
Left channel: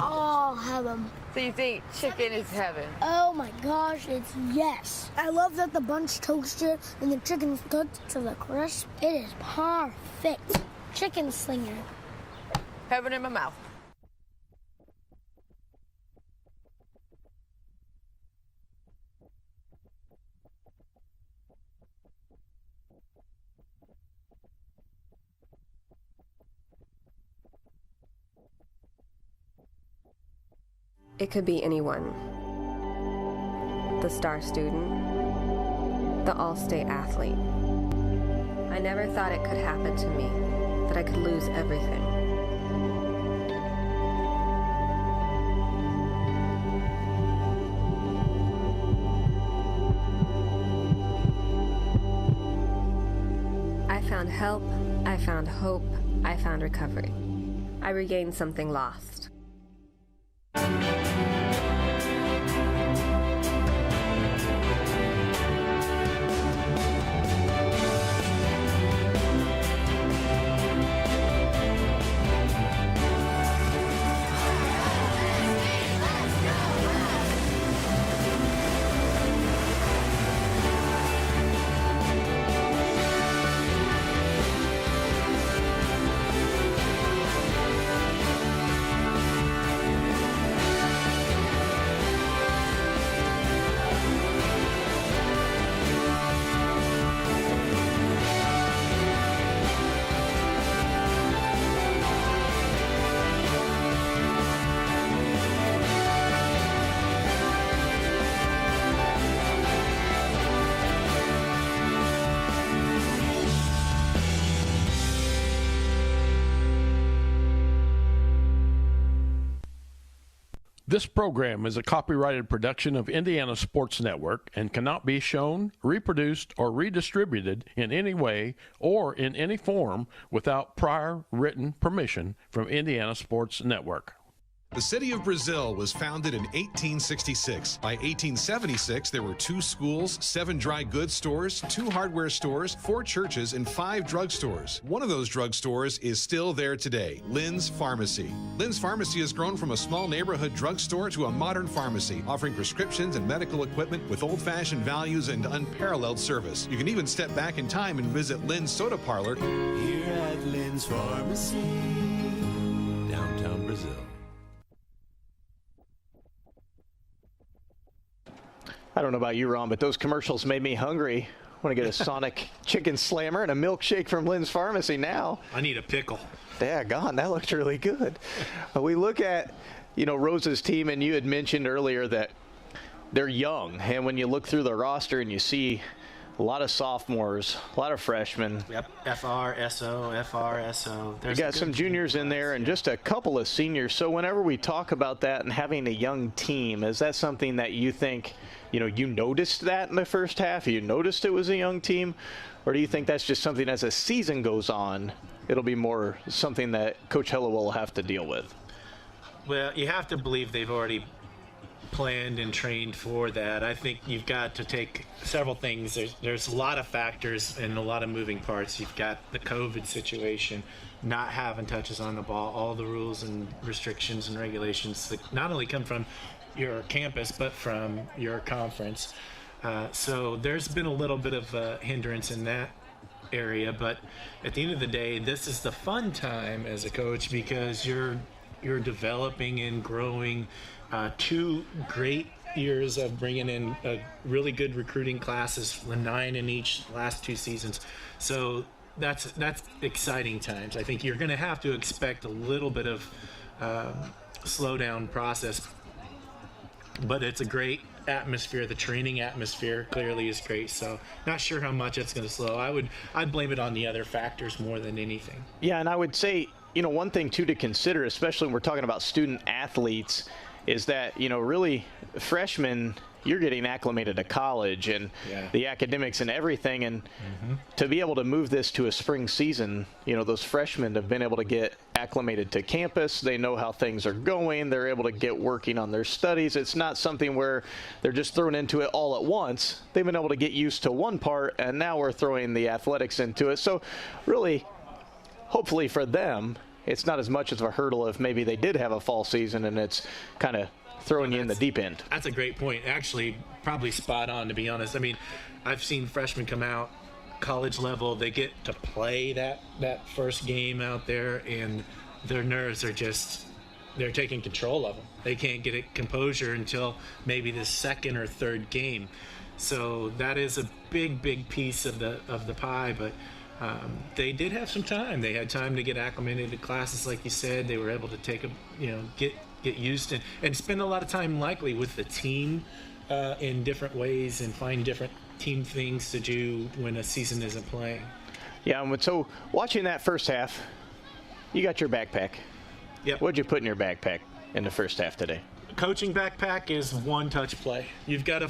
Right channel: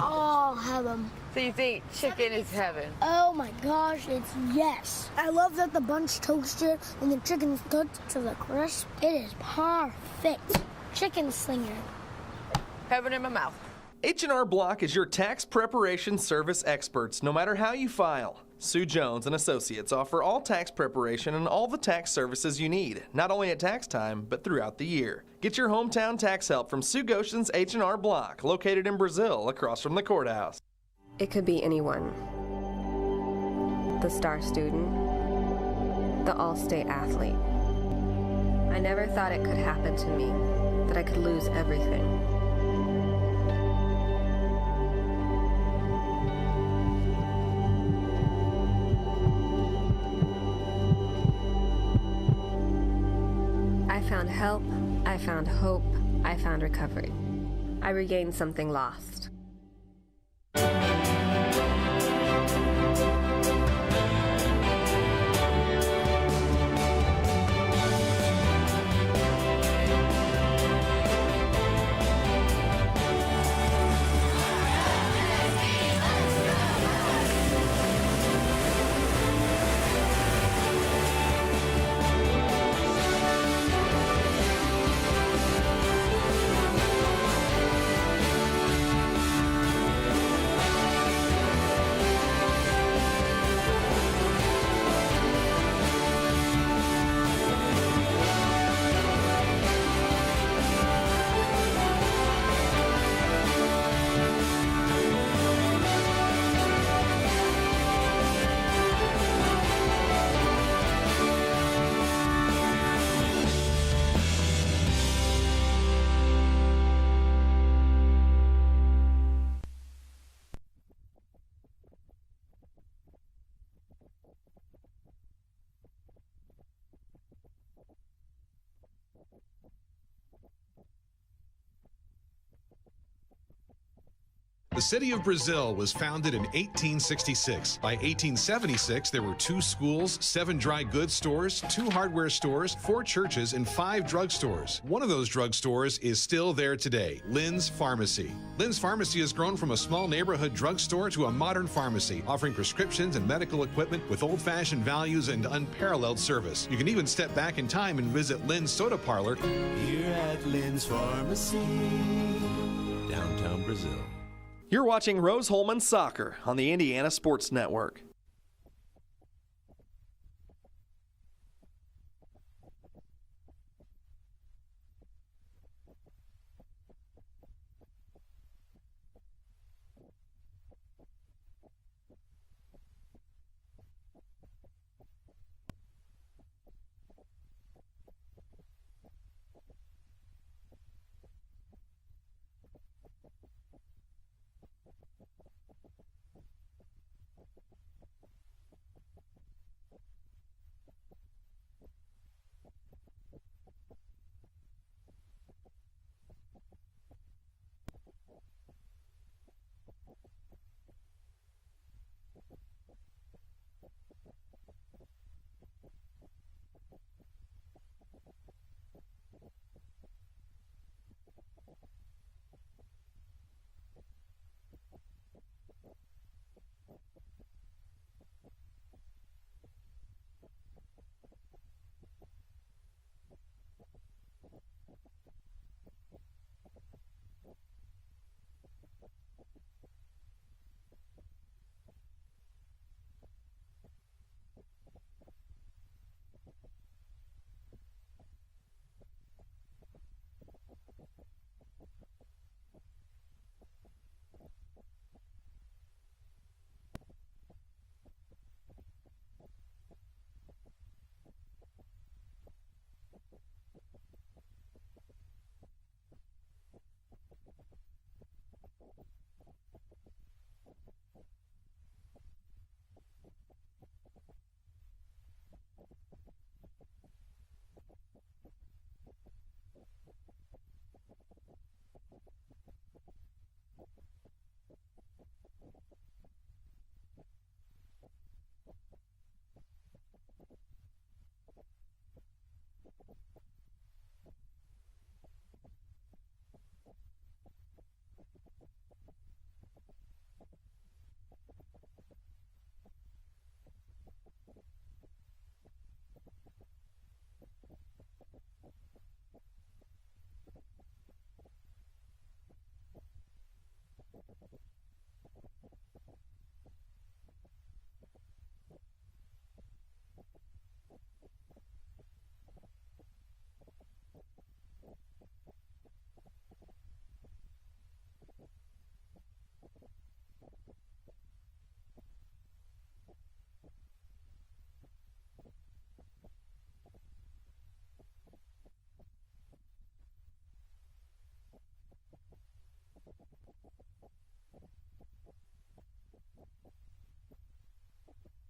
Oh, heaven. So you think chicken is heaven? Oh my gosh, it's yes. I love that the bun's toasted and the chicken's cooked to the crisp. It is perfect. Chicken slinger. Heaven in my mouth. H&R Block is your tax preparation service experts, no matter how you file. Sue Jones and Associates offer all tax preparation and all the tax services you need, not only at tax time, but throughout the year. Get your hometown tax help from Sue Goshen's H&R Block, located in Brazil, across from the courthouse. It could be anyone. The star student, the all-state athlete. I never thought it could happen to me, that I could lose everything. I found help, I found hope, I found recovery. I regained something lost. This program is a copyrighted production of Indiana Sports Network and cannot be shown, reproduced, or redistributed in any way or in any form without prior written permission from Indiana Sports Network. The city of Brazil was founded in 1866. By 1876, there were 2 schools, 7 dry goods stores, 2 hardware stores, 4 churches, and 5 drugstores. One of those drugstores is still there today, Lynn's Pharmacy. Lynn's Pharmacy has grown from a small neighborhood drugstore to a modern pharmacy, offering prescriptions and medical equipment with old-fashioned values and unparalleled service. You can even step back in time and visit Lynn's Soda Parlor Here at Lynn's Pharmacy, downtown Brazil. You're watching Rose-Hulman Soccer on the Indiana Sports Network. I don't know about you, Ron, but those commercials made me hungry. I want to get a Sonic Chicken Slammer and a milkshake from Lynn's Pharmacy now. I need a pickle. Daggone, that looked really good. We look at, Rose's team, and you had mentioned earlier that they're young. And when you look through the roster and you see a lot of sophomores, a lot of freshmen. Yep, FRSO. You got some juniors in there and just a couple of seniors. So whenever we talk about that and having a young team, is that something that you think, you noticed that in the first half? You noticed it was a young team? Or do you think that's just something as a season goes on, it'll be more something that Coach Hillowell will have to deal with? Well, you have to believe they've already planned and trained for that. I think you've got to take several things. There's a lot of factors and a lot of moving parts. You've got the COVID situation, not having touches on the ball, all the rules and restrictions and regulations that not only come from your campus but from your conference. So there's been a little bit of a hindrance in that area, but at the end of the day, this is the fun time as a coach because you're developing and growing 2 great years of bringing in really good recruiting classes, 9 in each last 2 seasons. So that's exciting times. I think you're going to have to expect a little bit of slowdown process, but it's a great atmosphere. The training atmosphere clearly is great. So not sure how much it's going to slow. I'd blame it on the other factors more than anything. Yeah, and I would say, one thing too to consider, especially when we're talking about student athletes, is that, really freshmen, you're getting acclimated to college and the academics and everything. And to be able to move this to a spring season, those freshmen have been able to get acclimated to campus. They know how things are going. They're able to get working on their studies. It's not something where they're just thrown into it all at once. They've been able to get used to one part, and now we're throwing the athletics into it. So really, hopefully for them, it's not as much of a hurdle if maybe they did have a fall season and it's kind of throwing you in the deep end. That's a great point. Actually, probably spot on, to be honest. I mean, I've seen freshmen come out college level, they get to play that first game out there, and their nerves are just, they're taking control of them. They can't get it composure until maybe the second or third game. So that is a big piece of the pie, but they did have some time. They had time to get acclimated to classes, like you said. They were able to take get used to, and spend a lot of time likely with the team in different ways, and find different team things to do when a season isn't playing. Yeah, and so watching that first half, you got your backpack. Yep. What'd you put in your backpack in the first half today? Coaching backpack is one touch play. You've got to,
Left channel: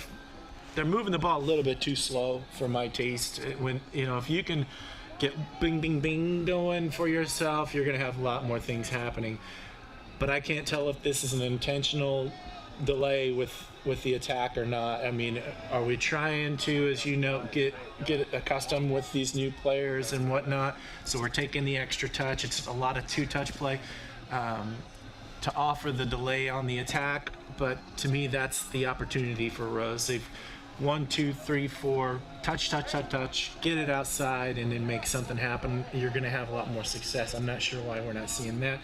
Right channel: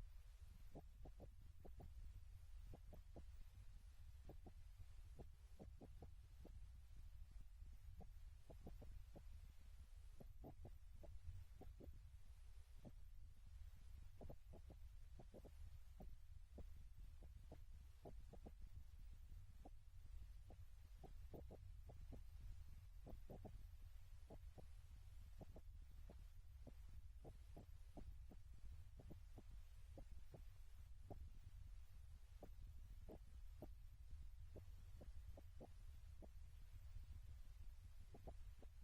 they're moving the ball a little bit too slow for my taste. When, if you can get bing, bing, bing going for yourself, you're going to have a lot more things happening. But I can't tell if this is an intentional delay with the attack or not. I mean, are we trying to, as you know, get accustomed with these new players and whatnot? So we're taking the extra touch. It's a lot of two-touch play to offer the delay on the attack. But to me, that's the opportunity for Rose. They've 1, 2, 3, 4, touch, get it outside, and then make something happen. You're going to have a lot more success. I'm not sure why we're not seeing that.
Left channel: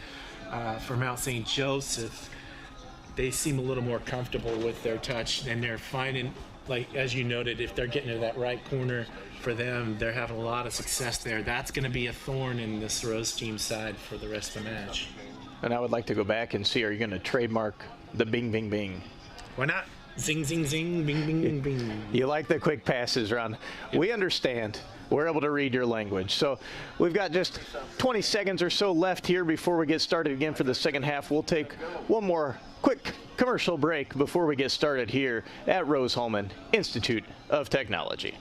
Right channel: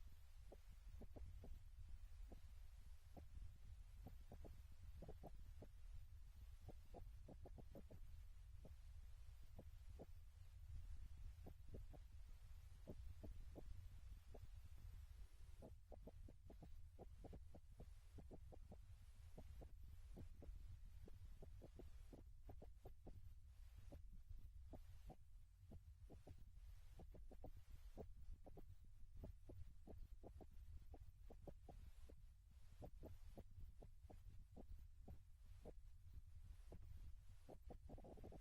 For Mount St. Joseph, they seem a little more comfortable with their touch, and they're finding, like as you noted, if they're getting to that right corner for them, they're having a lot of success there. That's going to be a thorn in this Rose team side for the rest of the match. And I would like to go back and see, are you going to trademark the bing, bing, bing? Why not? Zing, zing, zing, bing, bing, bing, bing. You like the quick passes, Ron. Yep. We understand. We're able to read your language. So we've got just 20 seconds or so left here before we get started again for the second half. We'll take one more quick commercial break before we get started here at Rose-Hulman Institute of Technology.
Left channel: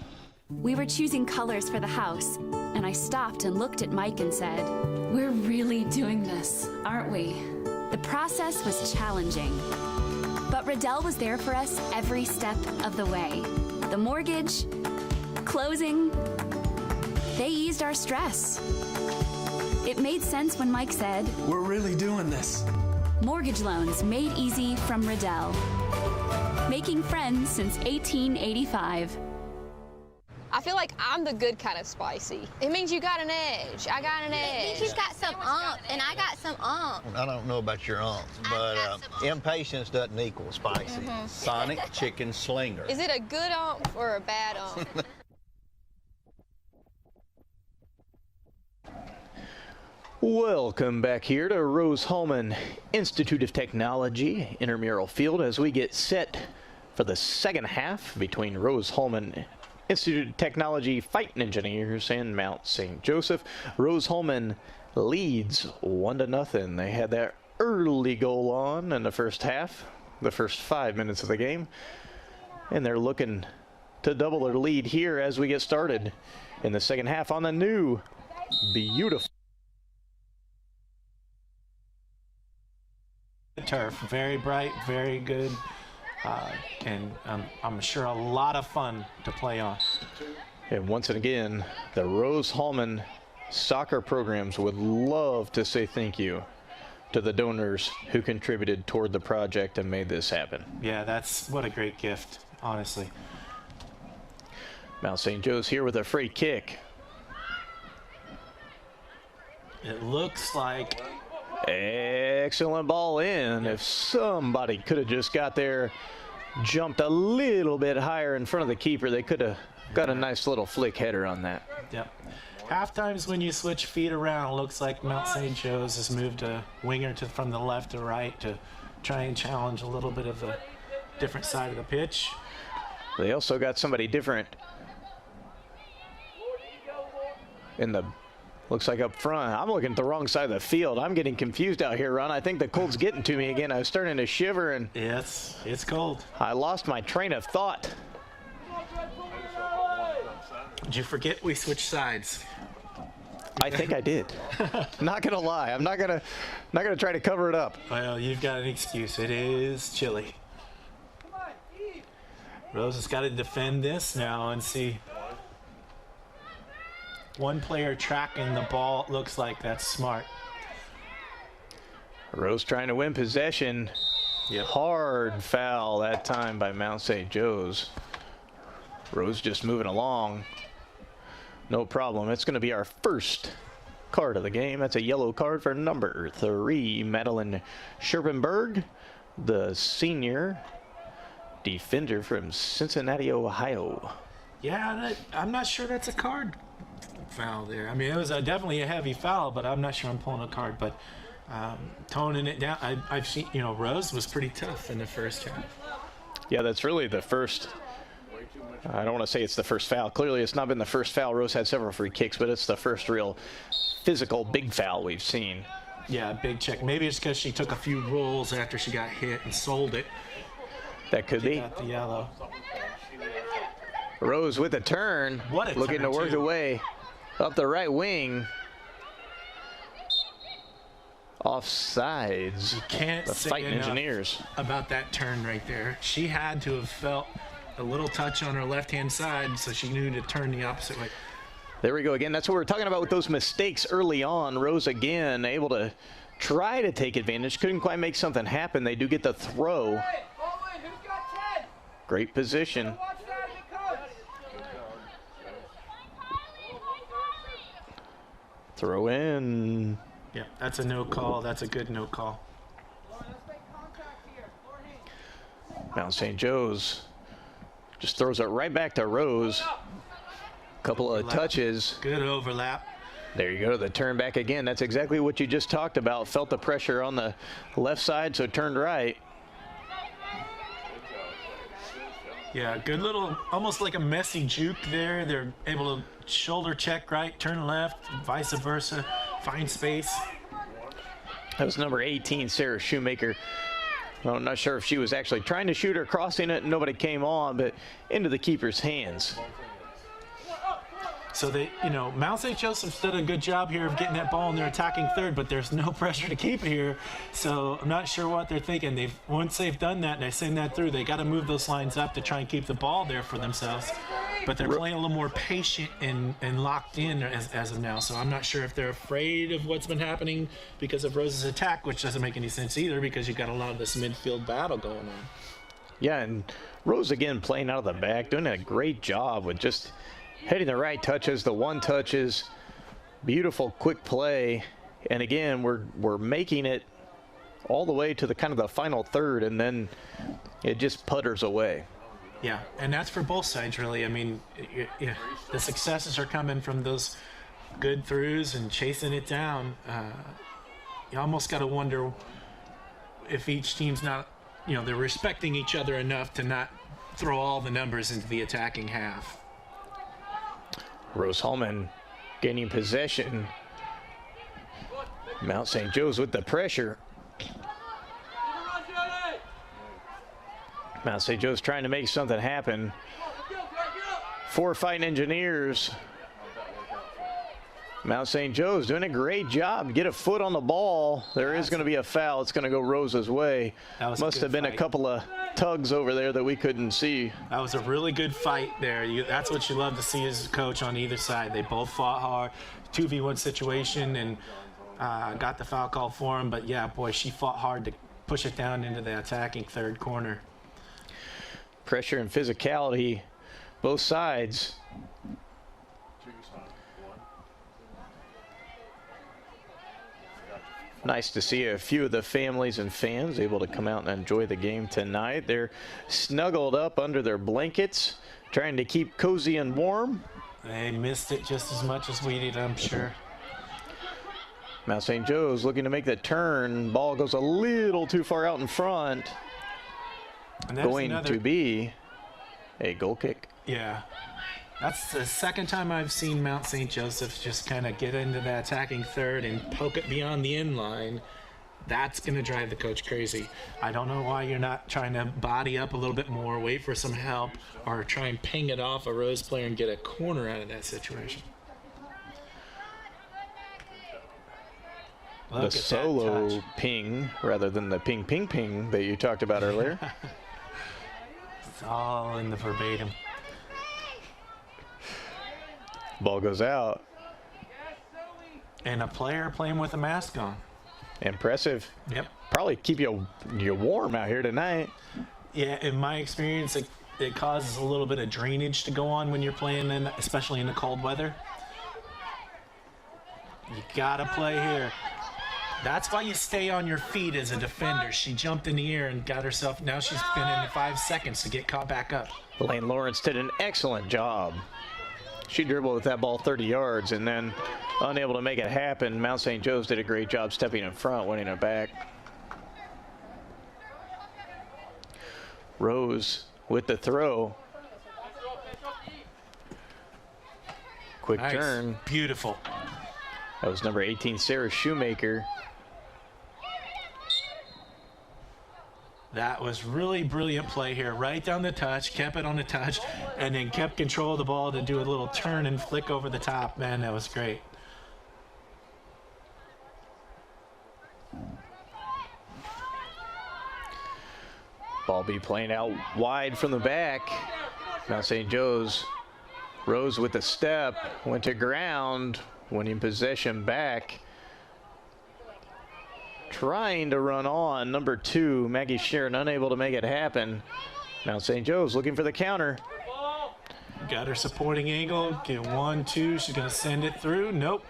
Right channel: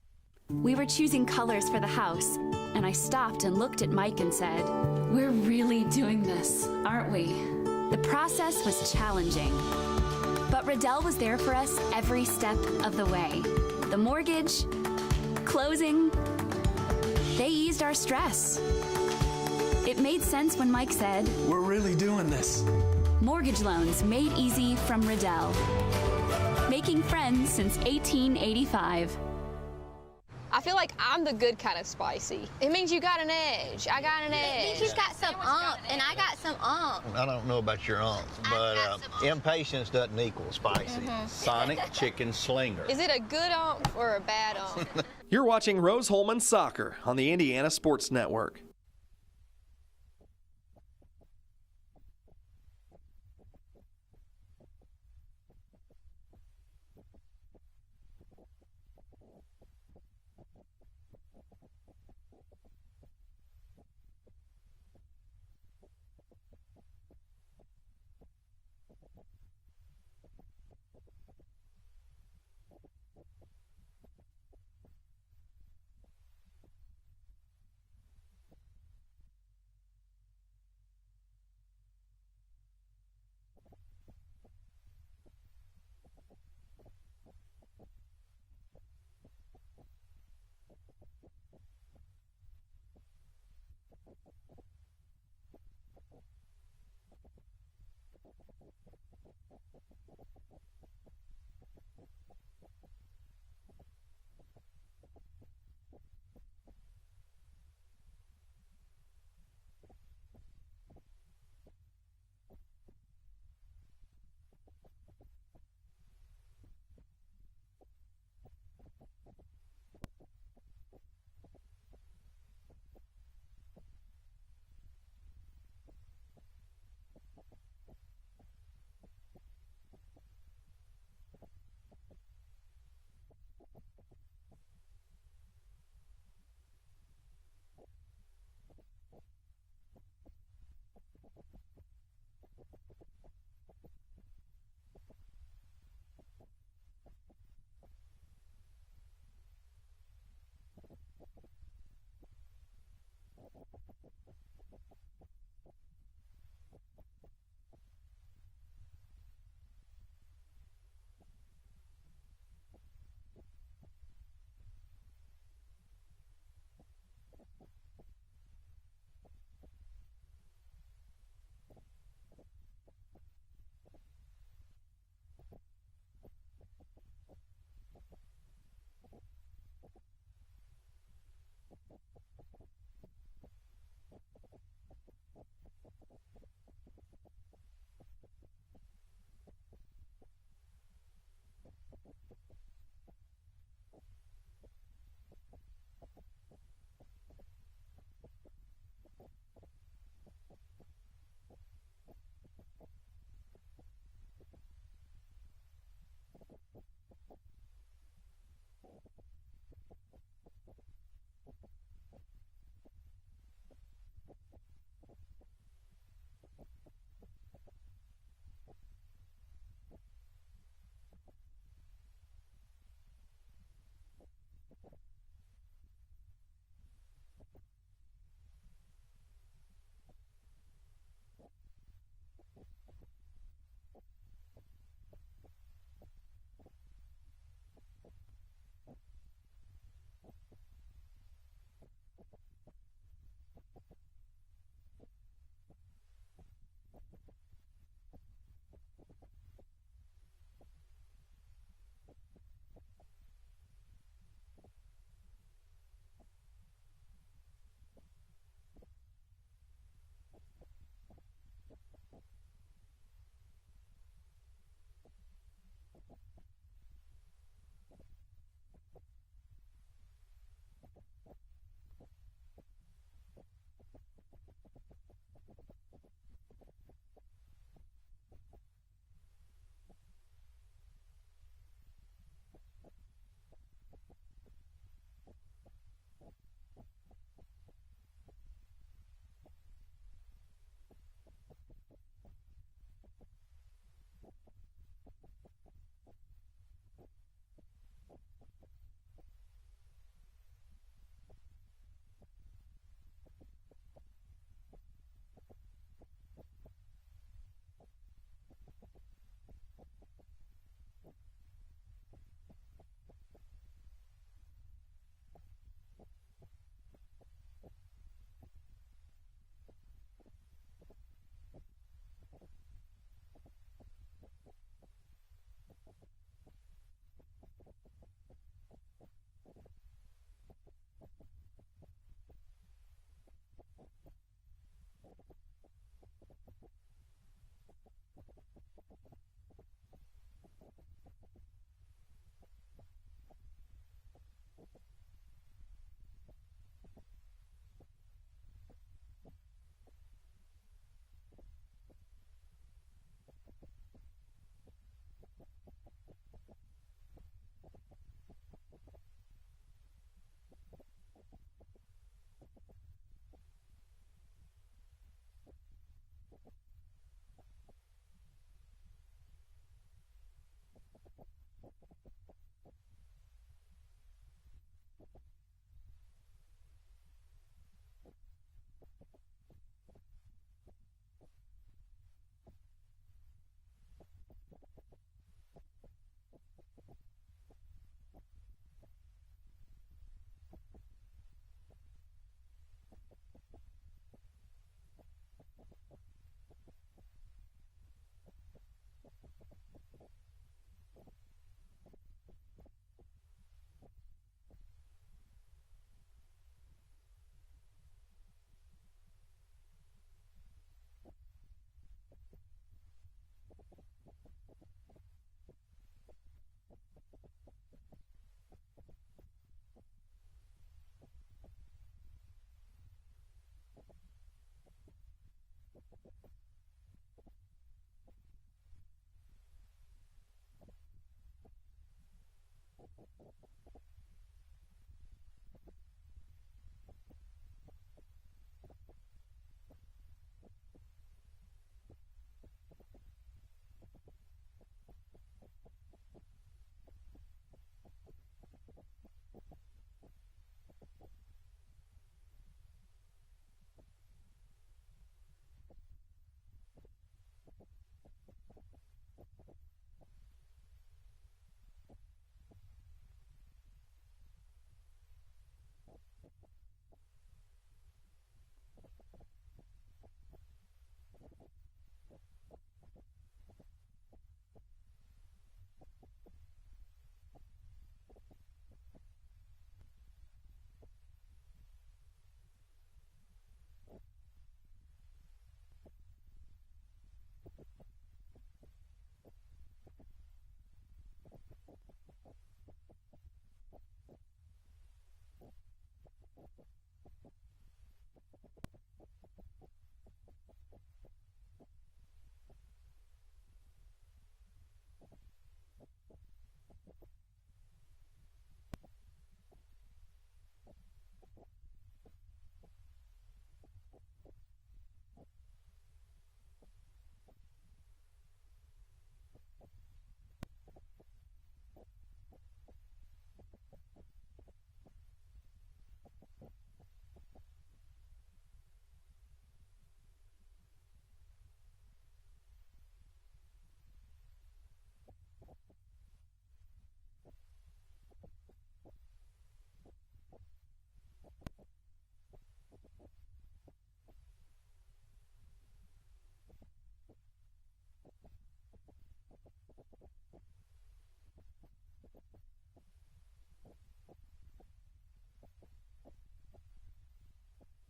We were choosing colors for the house, and I stopped and looked at Mike and said, "We're really doing this, aren't we?" The process was challenging, but Riddell was there for us every step of the way. The mortgage, closing, they eased our stress. It made sense when Mike said, "We're really doing this." Mortgage loans made easy from Riddell. Making friends since 1885. I feel like I'm the good kind of spicy. It means you got an edge. I got an edge. It means you've got some and I got some I don't know about your but impatience doesn't equal spicy. Sonic Chicken Slinger. Is it a good or a bad You're watching Rose-Hulman Soccer on the Indiana Sports Network. Welcome back here to Rose-Hulman Institute of Technology intramural field as we get set for the second half between Rose-Hulman Institute of Technology Fighting Engineers and Mount St. Joseph. Rose-Hulman leads 1-0. They had that early goal on in the first half, the first 5 minutes of the game, and they're looking to double their lead here as we get started in the second half on the new beautiful turf. Very bright, very good, and I'm sure a lot of fun to play on. And once again, the Rose-Hulman soccer programs would love to say thank you to the donors who contributed toward the project and made this happen. Yeah, that's what a great gift, honestly. Mount St. Joe's here with a free kick. It looks like excellent ball in. If somebody could have just got there, jumped a little bit higher in front of the keeper, they could have got a nice little flick header on that. Yep. Half times when you switch feet around, it looks like Mount St. Joe's has moved a winger from the left to right to try and challenge a little bit of a different side of the pitch. They also got somebody different in the, looks like up front. I'm looking at the wrong side of the field. I'm getting confused out here, Ron. I think the cold's getting to me again. I was starting to shiver, and yes, it's cold. I lost my train of thought. Did you forget we switched sides? I think I did. Not gonna lie. I'm not gonna try to cover it up. Well, you've got an excuse. It is chilly. Rose has got to defend this now and see. One player tracking the ball. Looks like that's smart. Rose trying to win possession. Yep. Hard foul that time by Mount St. Joe's. Rose just moving along. No problem. It's going to be our first card of the game. That's a yellow card for number 3, Madeline Scherpenberg, the senior defender from Cincinnati, Ohio. Yeah, I'm not sure that's a card foul there. I mean, it was definitely a heavy foul, but I'm not sure I'm pulling a card. But toning it down, I've seen, Rose was pretty tough in the first half. Yeah, that's really the first. I don't want to say it's the first foul. Clearly, it's not been the first foul. Rose had several free kicks, but it's the first real physical big foul we've seen. Yeah, big check. Maybe it's because she took a few rolls after she got hit and sold it. That could be. Got the yellow. Rose with a turn. What a looking turn, to work the way up the right wing. Offsides. You can't the say Fighting enough Engineers about that turn right there. She had to have felt a little touch on her left-hand side, so she knew to turn the opposite way. There we go again. That's what we're talking about with those mistakes early on. Rose again able to try to take advantage. Couldn't quite make something happen. They do get the throw. Great position. Throw in. Yeah, that's a no call. That's a good no call. Mount St. Joe's just throws it right back to Rose. Couple of touches. Good overlap. There you go, the turn back again. That's exactly what you just talked about. Felt the pressure on the left side, so turned right. Yeah, good little, almost like a messy juke there. They're able to shoulder check right, turn left, vice versa, find space. That was number 18, Sarah Shoemaker. Well, I'm not sure if she was actually trying to shoot or crossing it. Nobody came on, but into the keeper's hands. So they, Mount St. Joseph's done a good job here of getting that ball in their attacking third, but there's no pressure to keep it here. So I'm not sure what they're thinking. Once they've done that and they send that through, they got to move those lines up to try and keep the ball there for themselves. But they're playing a little more patient and locked in as of now. So I'm not sure if they're afraid of what's been happening because of Rose's attack, which doesn't make any sense either because you've got a lot of this midfield battle going on. Yeah, and Rose again playing out of the back, doing a great job with just hitting the right touches, the one touches, beautiful quick play, and again we're making it all the way to the kind of the final third, and then it just putters away. Yeah, and that's for both sides really. I mean, the successes are coming from those good throughs and chasing it down. You almost got to wonder if each team's not, they're respecting each other enough to not throw all the numbers into the attacking half. Rose-Hulman gaining possession. Mount St. Joe's with the pressure. Mount St. Joe's trying to make something happen. 4 Fighting Engineers. Mount St. Joe's doing a great job. Get a foot on the ball. There is going to be a foul. It's going to go Rose's way. Must have been a couple of tugs over there that we couldn't see. That was a really good fight there. That's what you love to see as a coach on either side. They both fought hard. 2v1 situation and got the foul call for him. But yeah, boy, she fought hard to push it down into the attacking third corner. Pressure and physicality, both sides. Nice to see a few of the families and fans able to come out and enjoy the game tonight. They're snuggled up under their blankets, trying to keep cozy and warm. They missed it just as much as we did, I'm sure. Mount St. Joe's looking to make the turn. Ball goes a little too far out in front. Going to be a goal kick. Yeah. That's the second time I've seen Mount St. Joseph just kind of get into the attacking third and poke it beyond the end line. That's going to drive the coach crazy. I don't know why you're not trying to body up a little bit more, wait for some help, or try and ping it off a Rose player and get a corner out of that situation. Look the at that solo touch. ping rather than the ping, ping, ping that you talked about earlier. It's all in the verbatim. Ball goes out. And a player playing with a mask on. Impressive. Yep. Probably keep you warm out here tonight. Yeah, in my experience, it causes a little bit of drainage to go on when you're playing, especially in the cold weather. You gotta play here. That's why you stay on your feet as a defender. She jumped in the air and got herself, now she's been in 5 seconds to get caught back up. Lane Lawrence did an excellent job. She dribbled with that ball 30 yards and then unable to make it happen. Mount St. Joe's did a great job stepping in front, winning it back. Rose with the throw. Quick Nice. turn. Beautiful. That was number 18, Sarah Shoemaker. That was really brilliant play here. Right down the touch, kept it on the touch, and then kept control of the ball to do a little turn and flick over the top. Man, that was great. Ball be playing out wide from the back. Mount St. Joe's. Rose with the step, went to ground, winning possession back. Trying to run on. Number 2, Maggie Sharon, unable to make it happen. Mount St. Joe's looking for the counter. Got her supporting angle. Get 1, 2. She's going to send it through. Nope.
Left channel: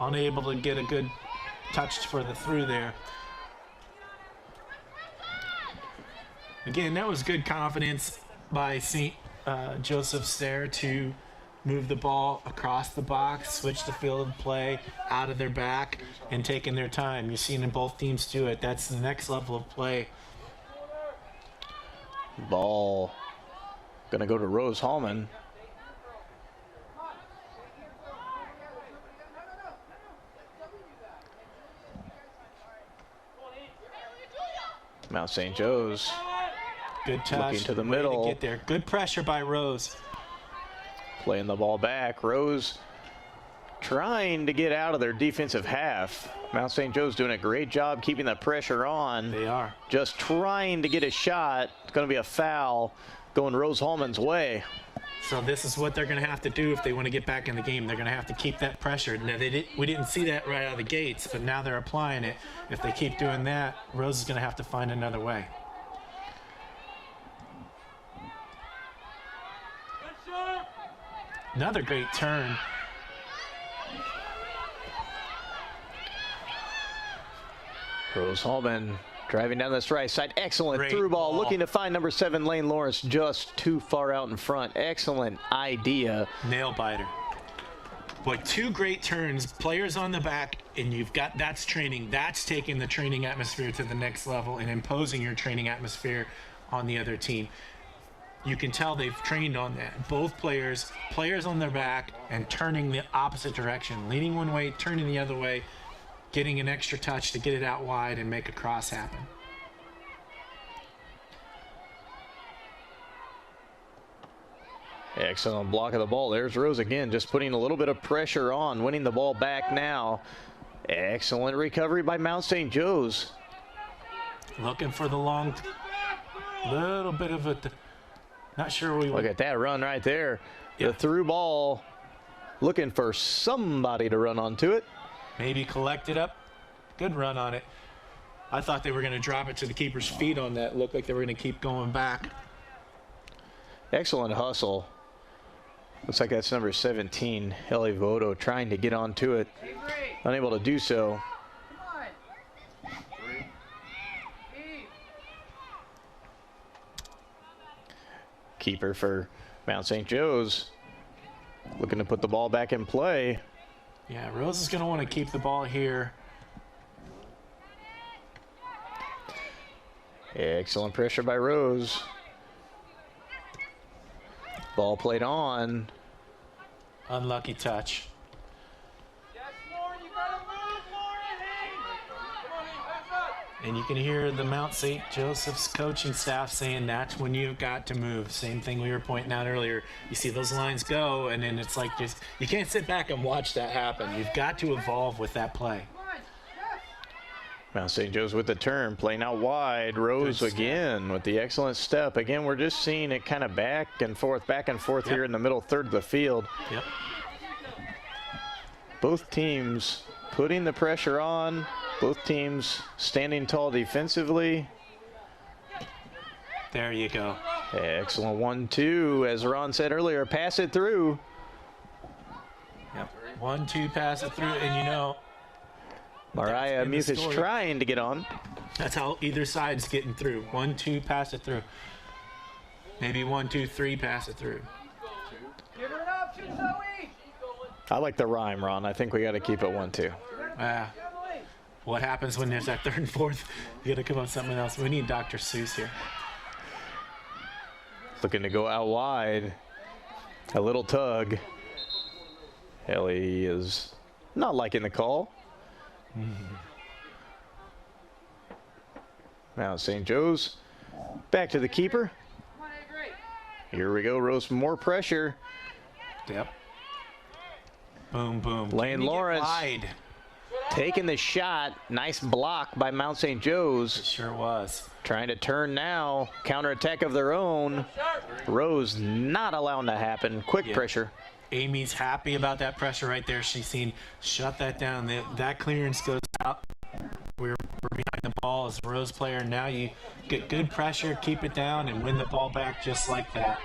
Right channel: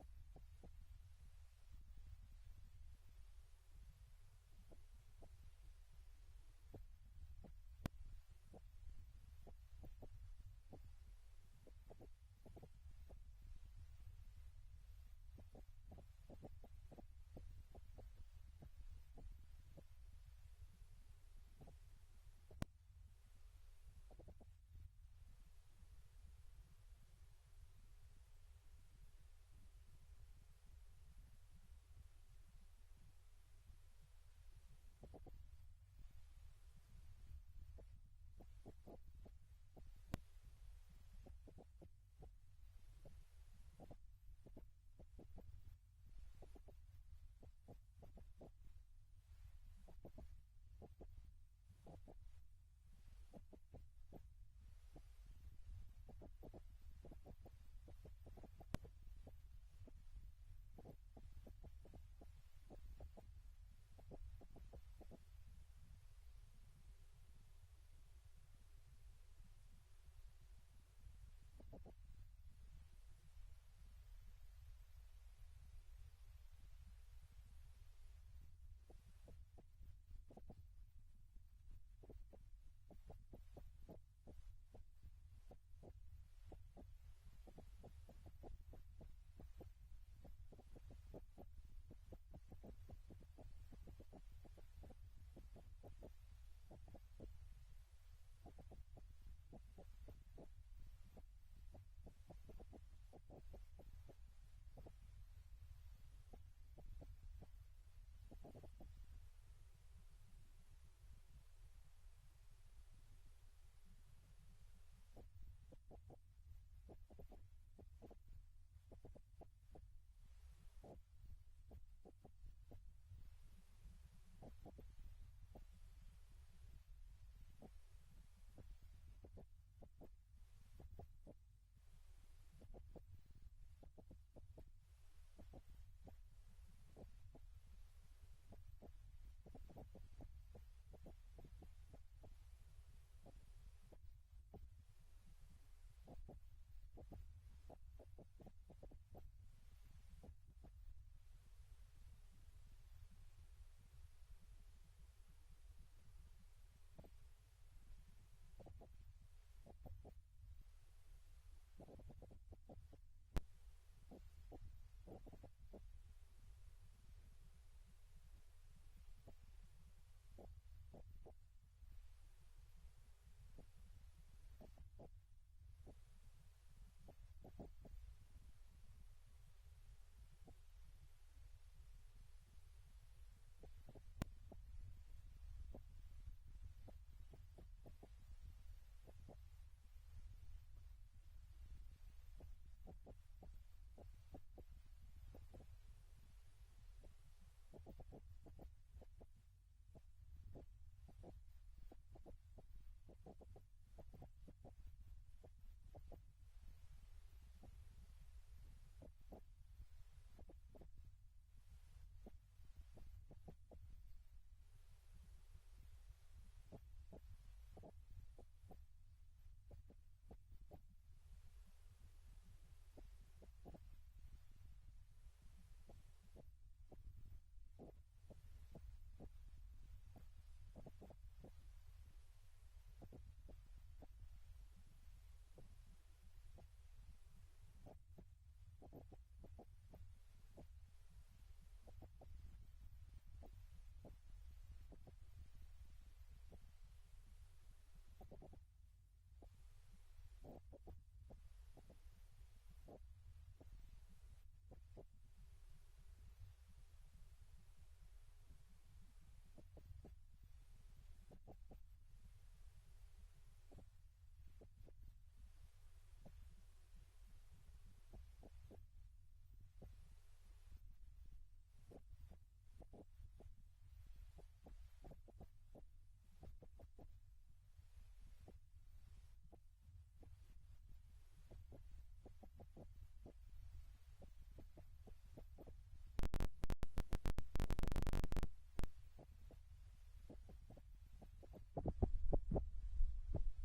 Unable to get a good touch for the through there. Again, that was good confidence by St. Joseph Stair to move the ball across the box, switch the field of play out of their back, and taking their time. You've seen both teams do it. That's the next level of play. Ball gonna go to Rose-Hulman. Mount St. Joe's. Good touch. Looking to the Way middle. to get there. Good pressure by Rose. Playing the ball back. Rose trying to get out of their defensive half. Mount St. Joe's doing a great job keeping the pressure on. They are. Just trying to get a shot. It's going to be a foul going Rose-Hulman's way. So this is what they're going to have to do if they want to get back in the game. They're going to have to keep that pressure. Now, we didn't see that right out of the gates, but now they're applying it. If they keep doing that, Rose is going to have to find another way. Another great turn. Rose-Hulman driving down this right side. Excellent Great through ball. ball. Looking to find number 7, Lane Lawrence, just too far out in front. Excellent idea. Nail biter. Boy, 2 great turns, players on the back, and you've got, that's training. That's taking the training atmosphere to the next level and imposing your training atmosphere on the other team. You can tell they've trained on that. Both players on their back and turning the opposite direction, leaning one way, turning the other way, getting an extra touch to get it out wide and make a cross happen. Excellent block of the ball. There's Rose again, just putting a little bit of pressure on, winning the ball back now. Excellent recovery by Mount St. Joe's. Looking for the long, little bit of a, not sure we Look at that run right there. The through ball, looking for somebody to run onto it. maybe collect it up. Good run on it. I thought they were going to drop it to the keeper's feet on that. Looked like they were going to keep going back. Excellent hustle. Looks like that's number 17, Ellie Voto, trying to get onto it. Unable to do so. Keeper for Mount St. Joe's. Looking to put the ball back in play. Yeah, Rose is going to want to keep the ball here. Excellent pressure by Rose. Ball played on. Unlucky touch. And you can hear the Mount St. Joseph's coaching staff saying that's when you've got to move. Same thing we were pointing out earlier. You see those lines go, and then it's like just you can't sit back and watch that happen. You've got to evolve with that play. Mount St. Joe's with the turn, playing out wide. Rose again with the excellent step. Again, we're just seeing it kind of back and forth here in the middle third of the field. Yep. Both teams putting the pressure on. Both teams standing tall defensively. There you go. Excellent 1-2. As Ron said earlier, pass it through. Yep. 1-2, pass it through, and you know. Mariah Muth is trying to get on. That's how either side's getting through. 1-2, pass it through. Maybe 1-2-3, pass it through. Give her an option, Zoe. I like the rhyme, Ron. I think we got to keep it 1-2. What happens when there's that third and fourth? You got to come up with something else. We need Dr. Seuss here. Looking to go out wide. A little tug. Ellie is not liking the call. Mount St. Joe's back to the keeper. Here we go, Rose, more pressure. Yep. Boom, boom. Lane Lawrence taking the shot. Nice block by Mount St. Joe's. It sure was. Trying to turn now. Counterattack of their own. Rose not allowing to happen. Quick pressure. Amy's happy about that pressure right there. She's seen, shut that down. That clearance goes out. We're behind the ball as a Rose player. Now you get good pressure, keep it down, and win the ball back just like that.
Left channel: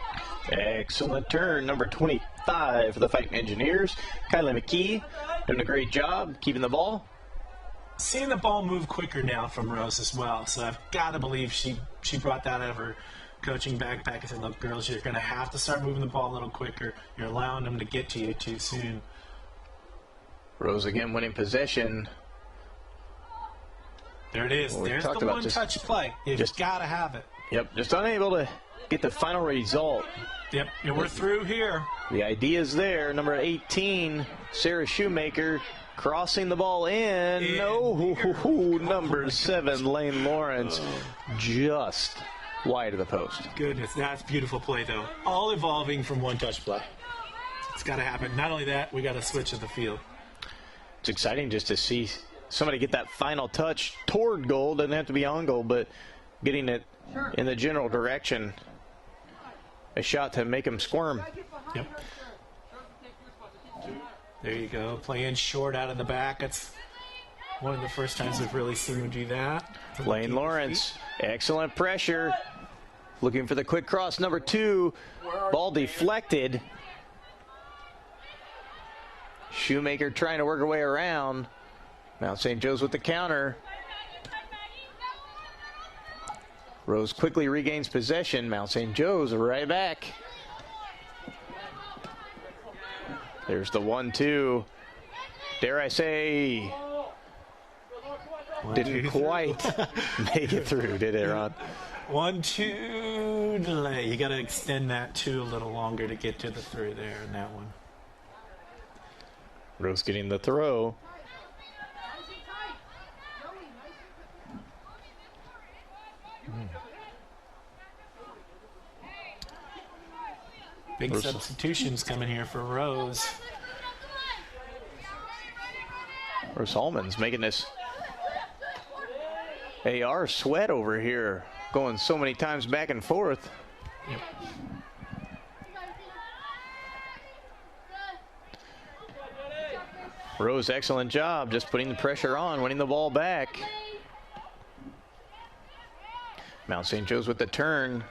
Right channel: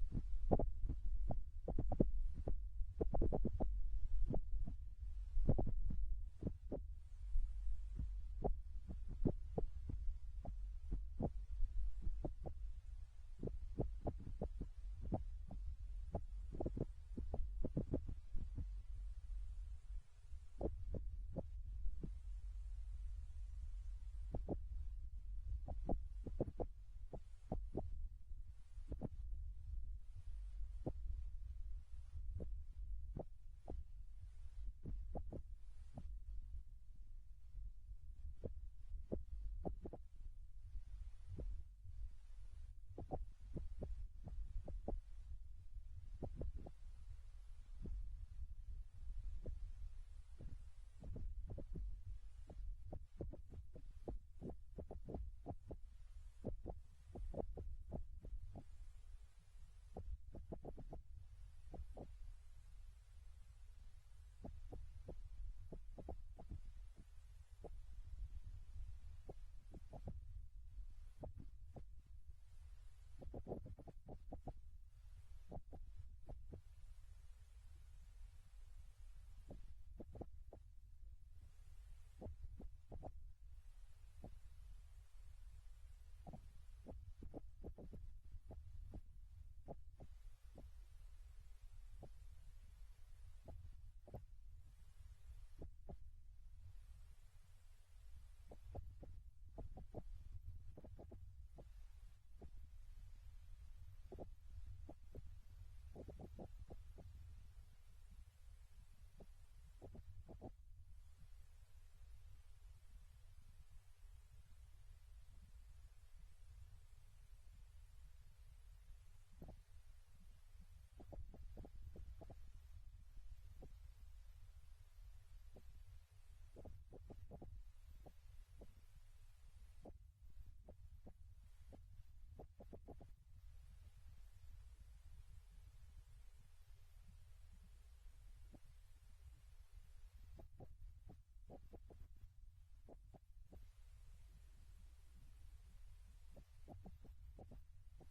Excellent turn, number 25 for the Fighting Engineers. Kylie McKee doing a great job keeping the ball. Seeing the ball move quicker now from Rose as well, so I've got to believe she brought that out of her coaching backpack and said, look, girls, you're going to have to start moving the ball a little quicker. You're allowing them to get to you too soon. Rose again winning possession. There it is. There's the one-touch play. You've just got to have it. Yep, just unable to get the final result. Yep, and we're through here. The idea is there. Number 18, Sarah Shoemaker, crossing the ball in. Number 7, Lane Lawrence, just wide of the post. Goodness, that's beautiful play, though. All evolving from one-touch play. It's got to happen. Not only that, we got to switch to the field. It's exciting just to see somebody get that final touch toward goal. Doesn't have to be on goal, but getting it in the general direction. A shot to make them squirm. Yep. There you go. Playing short out of the back. That's one of the first times we've really seen him do that. Lane Lawrence, excellent pressure. Looking for the quick cross. Number 2, ball deflected. Shoemaker trying to work her way around. Mount St. Joe's with the counter. Rose quickly regains possession. Mount St. Joe's right back. There's the 1-2. Dare I say, didn't quite make it through, did it, Ron? 1-2 delay. You got to extend that 2 a little longer to get to the through there in that one. Rose getting the throw. Big substitutions coming here for Rose. Rose-Hulman's making this AR sweat over here, going so many times back and forth. Yep. Rose, excellent job, just putting the pressure on, winning the ball back. Mount St. Joe's with the turn.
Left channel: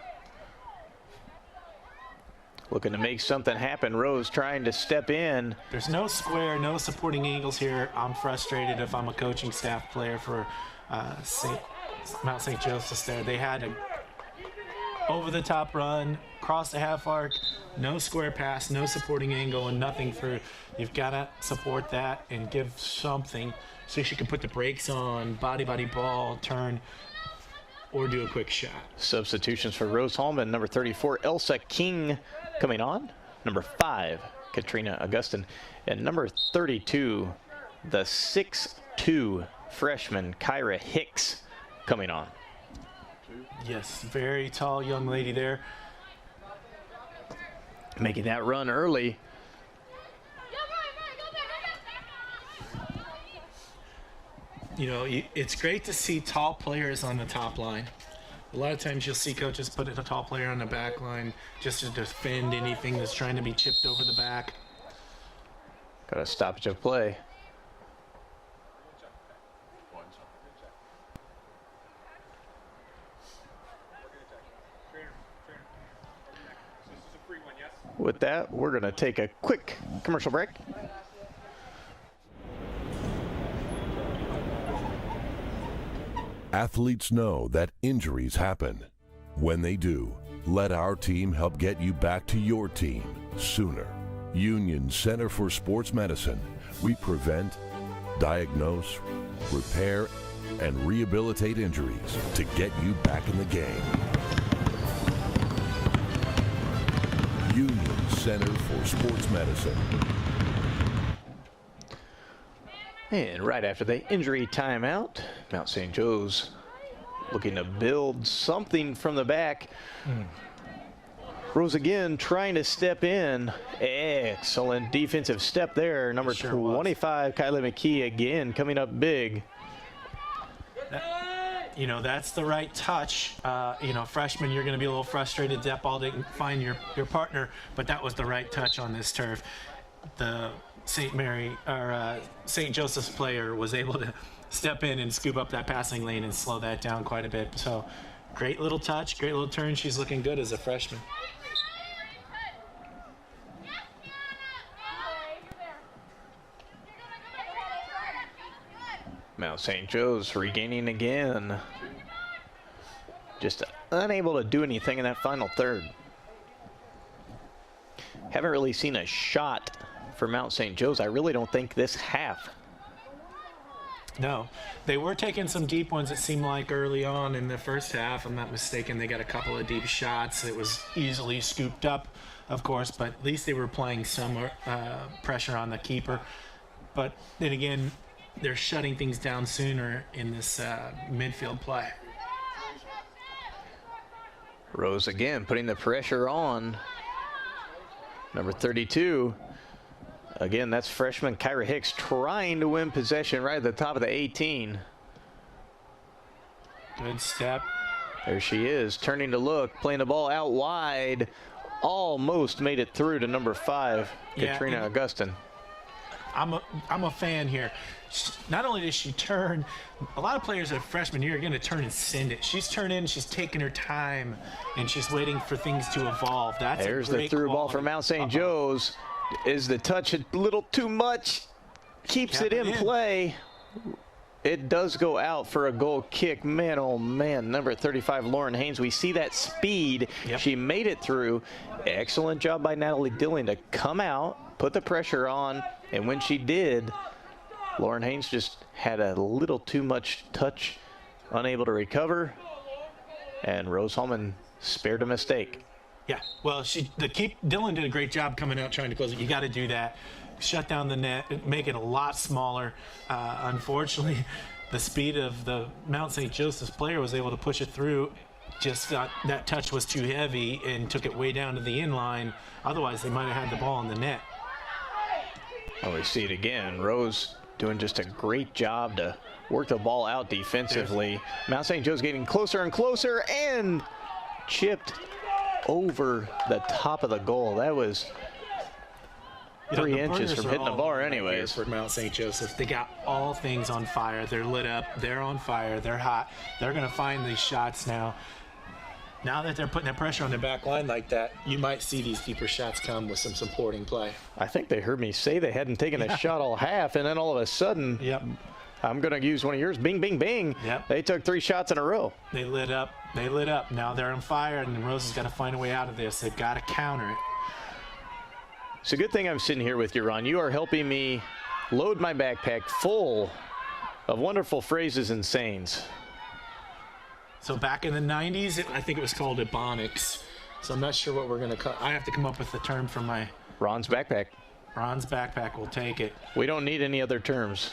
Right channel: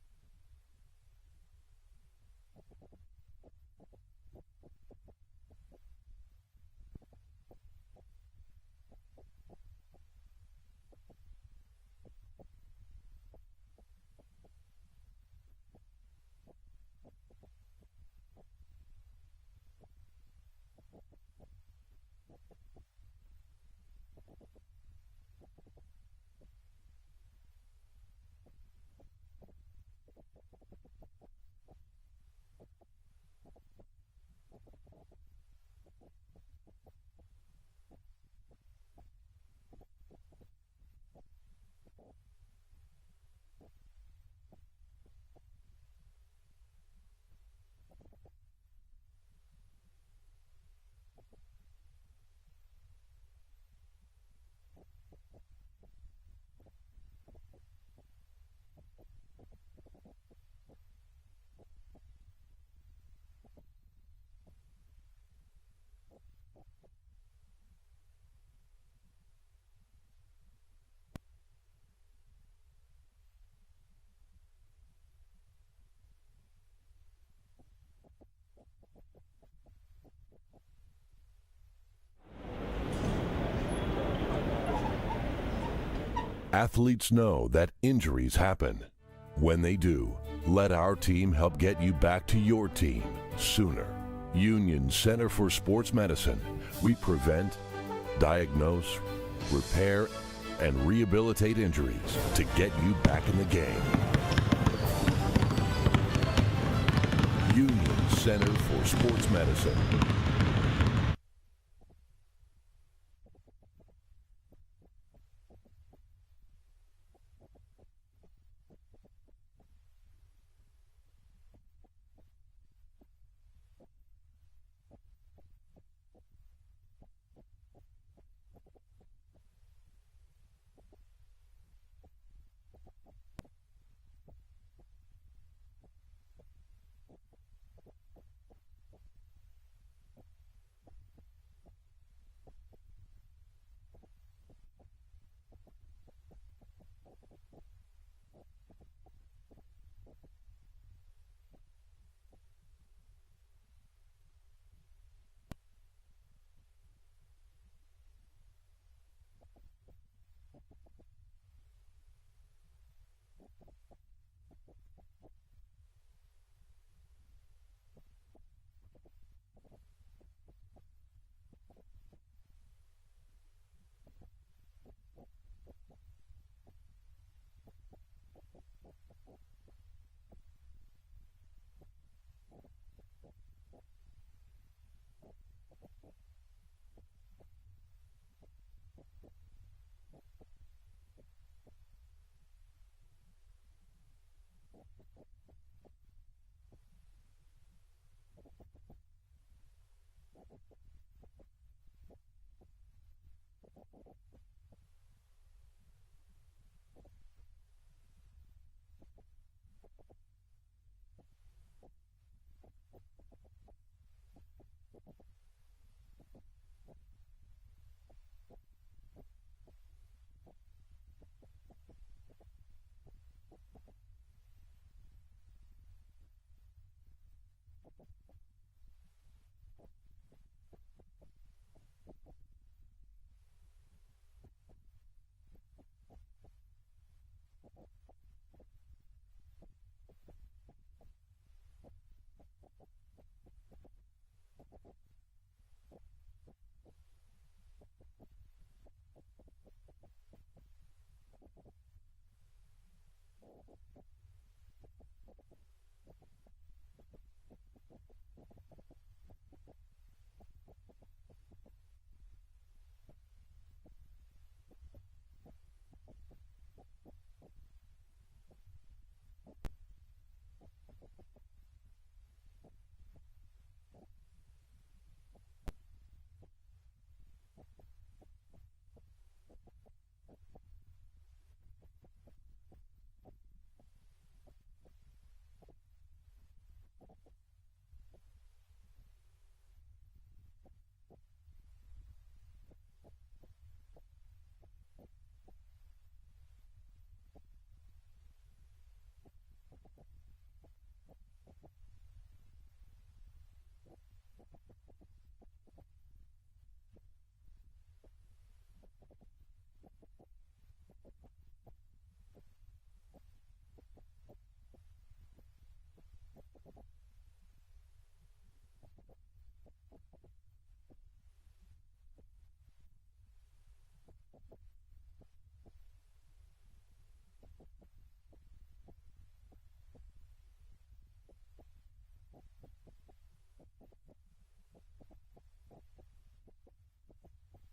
Looking to make something happen. Rose trying to step in. There's no square, no supporting angles here. I'm frustrated if I'm a coaching staff player for Mount St. Joseph's there. They had an over-the-top run, cross the half arc, no square pass, no supporting angle, and nothing through. You've got to support that and give something so she can put the brakes on, body ball, turn, or do a quick shot. Substitutions for Rose-Hulman. Number 34, Elsa King coming on. Number 5, Katrina Augustin. And number 32, the 6'2" freshman, Kyra Hicks, coming on. Yes, very tall young lady there. Making that run early. You know, it's great to see tall players on the top line. A lot of times you'll see coaches put a tall player on the back line just to defend anything that's trying to be chipped over the back. Got a stoppage of play. With that, we're going to take a quick commercial break. Athletes know that injuries happen. When they do, let our team help get you back to your team sooner. Union Center for Sports Medicine. We prevent, diagnose, repair, and rehabilitate injuries to get you back in the game. Union Center for Sports Medicine. And right after the injury timeout, Mount St. Joe's looking to build something from the back. Rose again trying to step in. Excellent defensive step there. Number 25, Kylie McKee again coming up big. You know, that's the right touch. You know, freshman, you're going to be a little frustrated. That ball didn't find your partner, but that was the right touch on this turf. The St. Joseph's player was able to step in and scoop up that passing lane and slow that down quite a bit. So great little touch, great little turn. She's looking good as a freshman. Mount St. Joe's regaining again. Just unable to do anything in that final third. Haven't really seen a shot for Mount St. Joe's, I really don't think, this half. No, they were taking some deep ones, it seemed like, early on in the first half. I'm not mistaken, they got a couple of deep shots. It was easily scooped up, of course, but at least they were playing some pressure on the keeper. But then again, they're shutting things down sooner in this midfield play. Rose again putting the pressure on. Number 32. Again, that's freshman Kyra Hicks trying to win possession right at the top of the 18. Good step. There she is, turning to look, playing the ball out wide. Almost made it through to number 5, Katrina Augustin. I'm a fan here. Not only does she turn, a lot of players at freshman year are going to turn and send it. She's turning, she's taking her time, and she's waiting for things to evolve. There's the through ball for Mount St. Joe's. Is the touch a little too much? Keeps it in play. It does go out for a goal kick. Man, oh man, number 35, Lauren Haynes. We see that speed. She made it through. Excellent job by Natalie Dilling to come out, put the pressure on, and when she did, Lauren Haynes just had a little too much touch, unable to recover, and Rose-Hulman spared a mistake. Yeah, well, Dylan did a great job coming out trying to close it. You got to do that. Shut down the net, make it a lot smaller. Unfortunately, the speed of the Mount St. Joseph's player was able to push it through. Just thought that touch was too heavy and took it way down to the inline. Otherwise, they might have had the ball in the net. Oh, we see it again. Rose doing just a great job to work the ball out defensively. Mount St. Joe's getting closer and closer and chipped over the top of the goal. That was 3 inches from hitting the bar anyways. For Mount St. Joseph, they got all things on fire. They're lit up, they're on fire, they're hot. They're going to find these shots now. Now that they're putting that pressure on their back line like that, you might see these deeper shots come with some supporting play. I think they heard me say they hadn't taken a shot all half, and then all of a sudden, I'm going to use one of yours, bing, bing, bing. They took 3 shots in a row. They lit up. They lit up. Now they're on fire, and Rose has got to find a way out of this. They've got to counter it. It's a good thing I'm sitting here with you, Ron. You are helping me load my backpack full of wonderful phrases and sayings. So back in the 90s, I think it was called Ebonics. So I'm not sure what we're going to call. I have to come up with a term for my... Ron's backpack. Ron's backpack will take it. We don't need any other terms.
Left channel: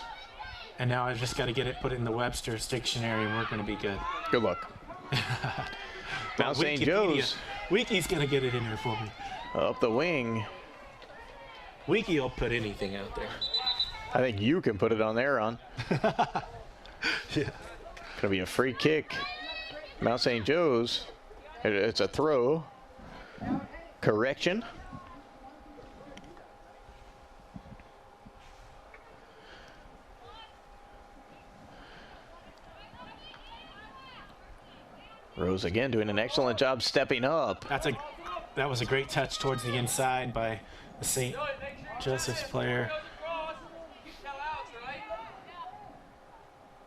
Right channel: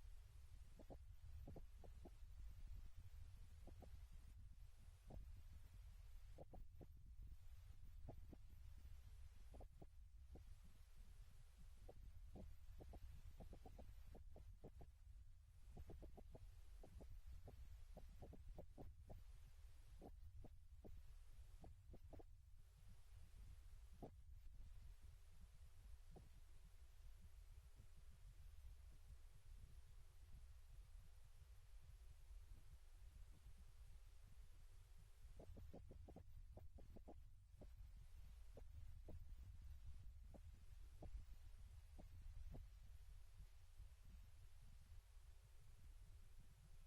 And now I've just got to get it put in the Webster's dictionary, and we're going to be good. Good luck. Mount St. Joe's. Wiki's going to get it in there for me. Up the wing. Wiki will put anything out there. I think you can put it on there, Ron. Yeah. Gonna be a free kick. Mount St. Joe's. It's a throw. Correction. Rose again doing an excellent job stepping up. That was a great touch towards the inside by the St. Joseph's player.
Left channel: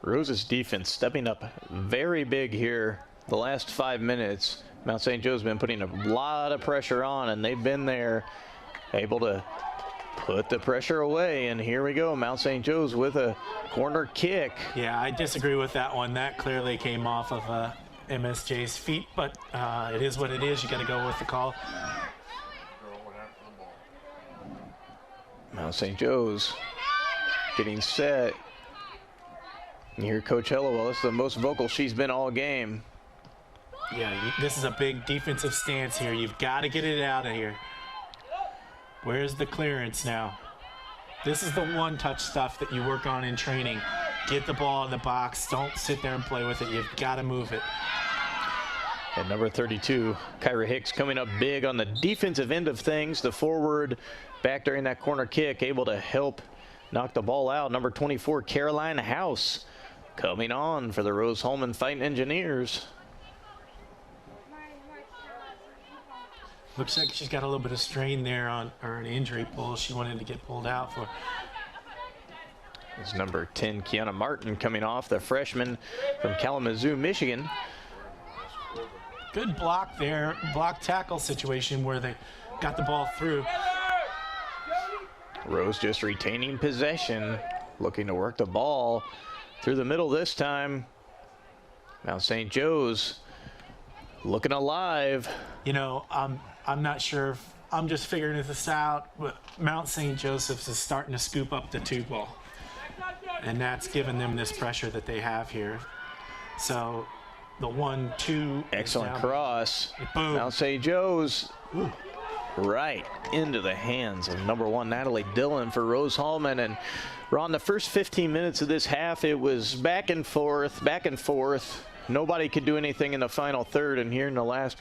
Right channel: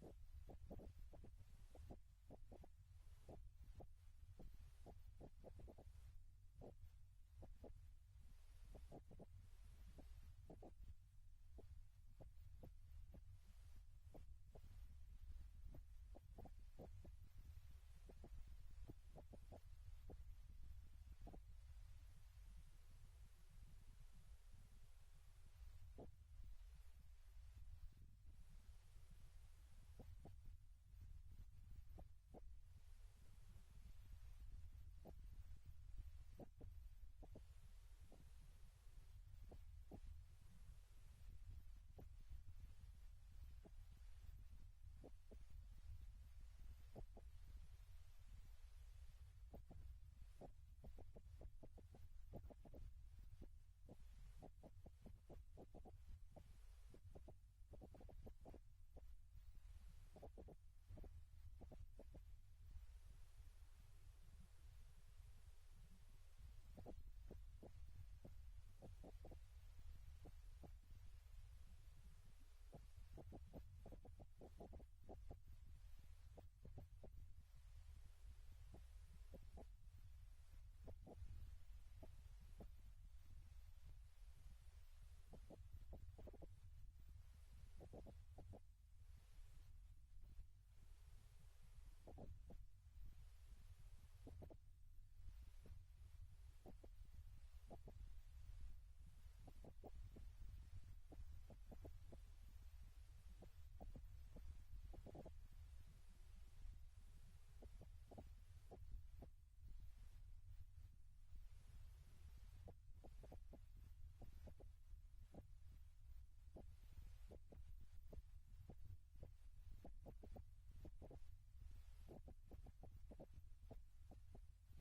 Rose's defense stepping up very big here the last 5 minutes. Mount St. Joe's been putting a lot of pressure on, and they've been there able to put the pressure away. And here we go, Mount St. Joe's with a corner kick. Yeah, I disagree with that one. That clearly came off of MSJ's feet, but it is what it is. You got to go with the call. Mount St. Joe's getting set. And here Coach Hellowell, this is the most vocal she's been all game. Yeah, this is a big defensive stance here. You've got to get it out of here. Where's the clearance now? This is the one-touch stuff that you work on in training. Get the ball in the box. Don't sit there and play with it. You've got to move it. And number 32, Kyra Hicks, coming up big on the defensive end of things. The forward back during that corner kick, able to help knock the ball out. Number 24, Caroline House, coming on for the Rose-Hulman Fighting Engineers. Looks like she's got a little bit of strain there or an injury pull she wanted to get pulled out for. It's number 10, Kiana Martin, coming off, the freshman from Kalamazoo, Michigan. Good block there, block tackle situation where they got the ball through. Rose just retaining possession, looking to work the ball through the middle this time. Now St. Joe's looking alive. You know, I'm not sure if I'm just figuring this out, but Mount St. Joseph's is starting to scoop up the two ball. And that's given them this pressure that they have here. So the 1-2. Excellent cross. Boom. Mount St. Joe's right into the hands of number 1, Natalie Dillon for Rose-Hulman. And Ron, the first 15 minutes of this half, it was back and forth. Nobody could do anything in the final third. And here in the last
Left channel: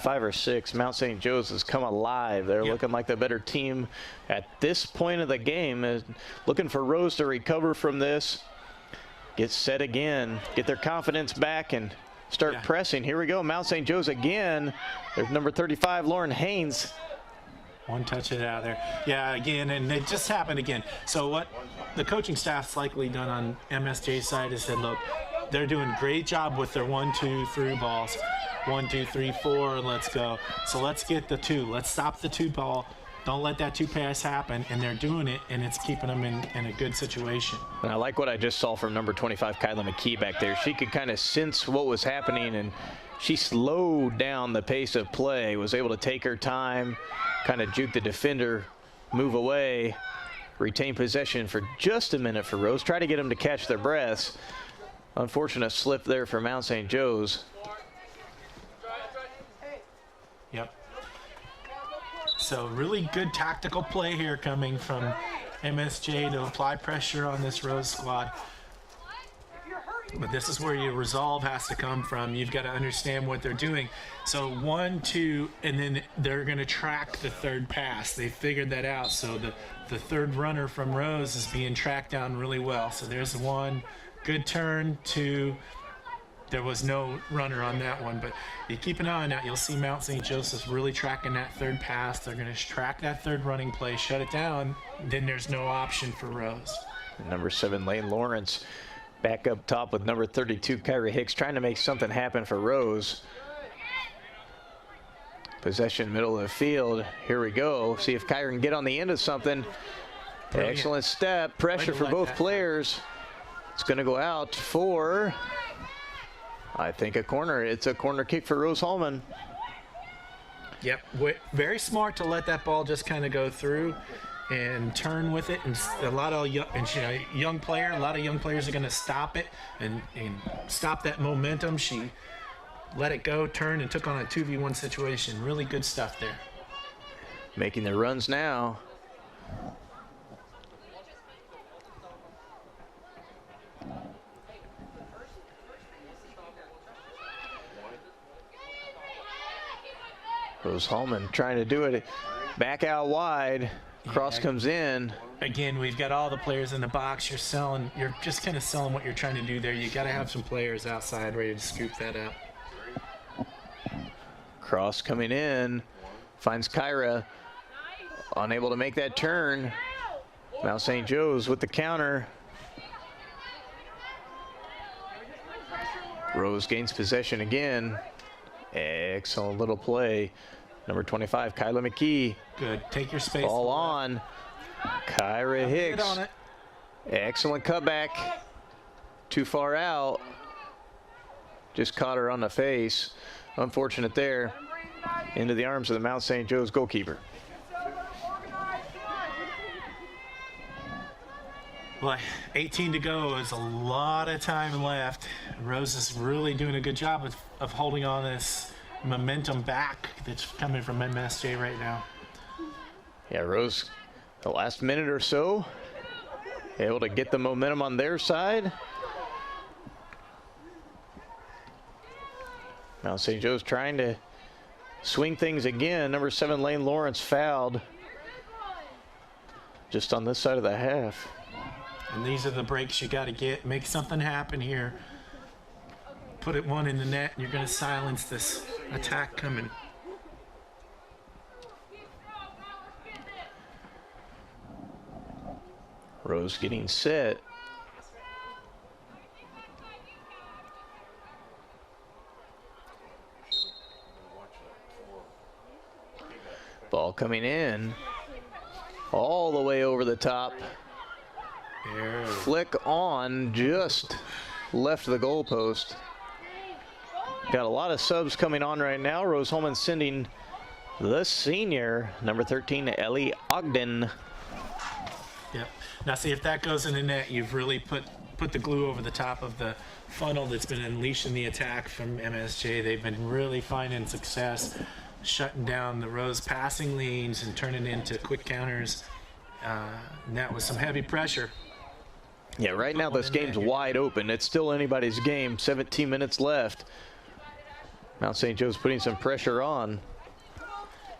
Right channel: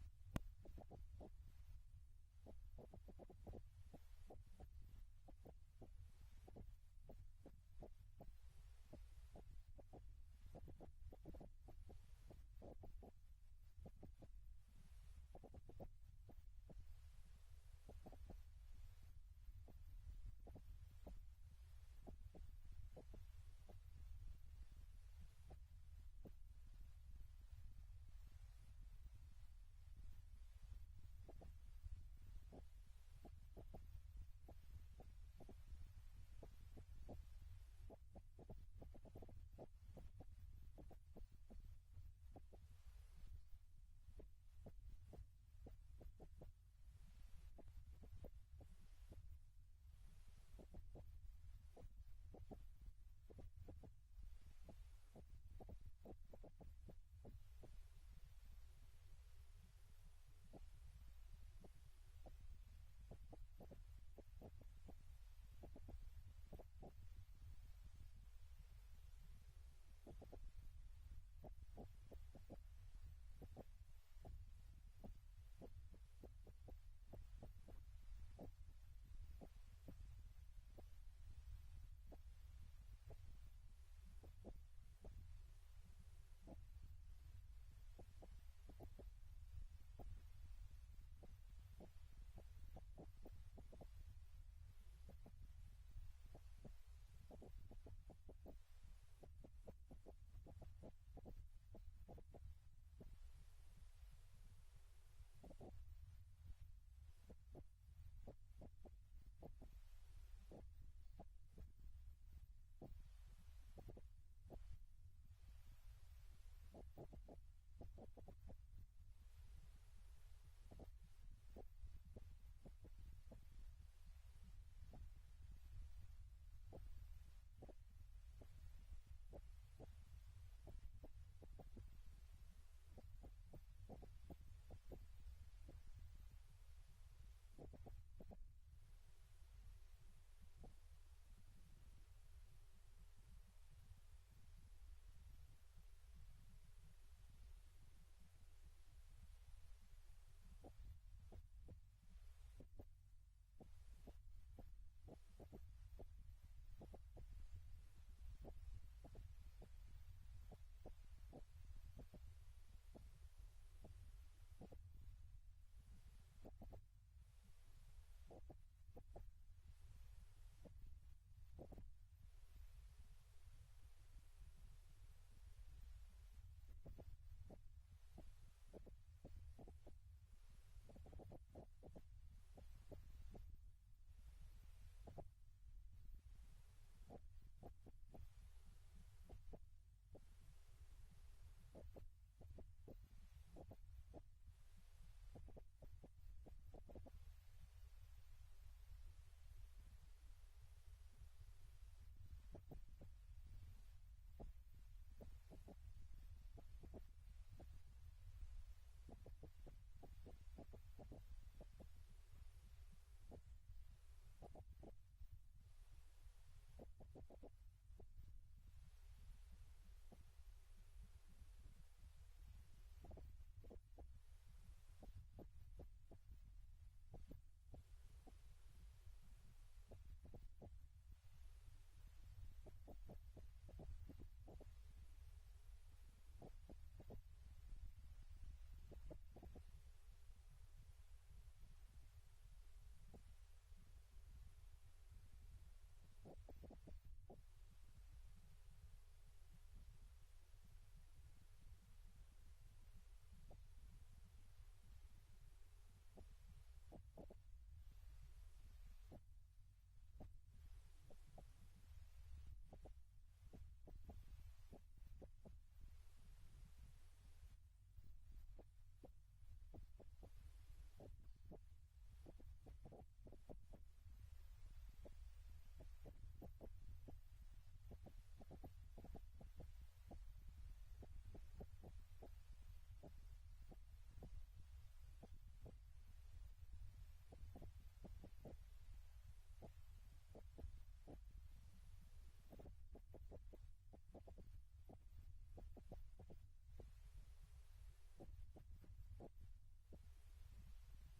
5 or 6, Mount St. Joe's has come alive. They're looking like the better team at this point of the game. Looking for Rose to recover from this, get set again, get their confidence back, and start pressing. Here we go, Mount St. Joe's again. There's number 35, Lauren Haynes. One touch it out of there. Yeah, again, and it just happened again. So what the coaching staff's likely done on MSJ's side is said, look, they're doing a great job with their 1-2 through balls. 1, 2, 3, 4, let's go. So let's get the 2. Let's stop the 2 ball. Don't let that 2 pass happen. And they're doing it, and it's keeping them in a good situation. And I like what I just saw from number 25, Kyla McKee back there. She could kind of sense what was happening, and she slowed down the pace of play, was able to take her time, kind of juke the defender, move away, retain possession for just a minute for Rose. Try to get them to catch their breaths. Unfortunate slip there for Mount St. Joe's. Yep. So really good tactical play here coming from MSJ to apply pressure on this Rose squad. But this is where your resolve has to come from. You've got to understand what they're doing. So 1, 2, and then they're going to track the third pass. They figured that out. So the third runner from Rose is being tracked down really well. So there's 1 good turn, 2. There was no runner on that one, but you keep an eye on that. You'll see Mount St. Joseph's really tracking that third pass. They're going to track that third running play, shut it down. Then there's no option for Rose. Number 7, Lane Lawrence, back up top with number 32, Kyra Hicks, trying to make something happen for Rose. Possession, middle of the field. Here we go. See if Kyra can get on the end of something. Brilliant. Excellent step. Pressure for both players. It's going to go out for, I think, a corner. It's a corner kick for Rose-Hulman. Yep, very smart to let that ball just kind of go through. and turn with it, and a lot of young player. A lot of young players are going to stop it and stop that momentum. She let it go, turned, and took on a 2v1 situation. Really good stuff there. Making the runs now. Rose-Hulman trying to do it back out wide. Cross comes in. Again, we've got all the players in the box. You're just kind of selling what you're trying to do there. You got to have some players outside ready to scoop that up. Cross coming in, finds Kyra, unable to make that turn. Mount St. Joe's with the counter. Rose gains possession again. Excellent little play. Number 25, Kyla McKee. Good. Take your space. Ball on. Kyra Hicks. On it. Excellent cutback. Too far out. Just caught her on the face. Unfortunate there. Into the arms of the Mount St. Joe's goalkeeper. Boy, 18 to go. Is a lot of time left. Rose is really doing a good job of holding on this momentum back that's coming from MSJ right now. Yeah, Rose, the last minute or so, able to get the momentum on their side. Mount St. Joe's trying to swing things again. Number 7, Lane Lawrence fouled just on this side of the half. And these are the breaks you got to get. Make something happen here. Put it one in the net, and you're going to silence this attack coming. Rose getting set. Ball coming in. All the way over the top. Flick on, just left the goalpost. Got a lot of subs coming on right now. Rose-Hulman sending the senior, number 13, Ellie Ogden. Yep. Now see, if that goes in the net, you've really put the glue over the top of the funnel that's been unleashing the attack from MSJ. They've been really finding success, shutting down the Rose passing lanes and turning into quick counters. And that was some heavy pressure. Yeah, right now this game's wide open. It's still anybody's game. 17 minutes left. Mount St. Joe's putting some pressure on.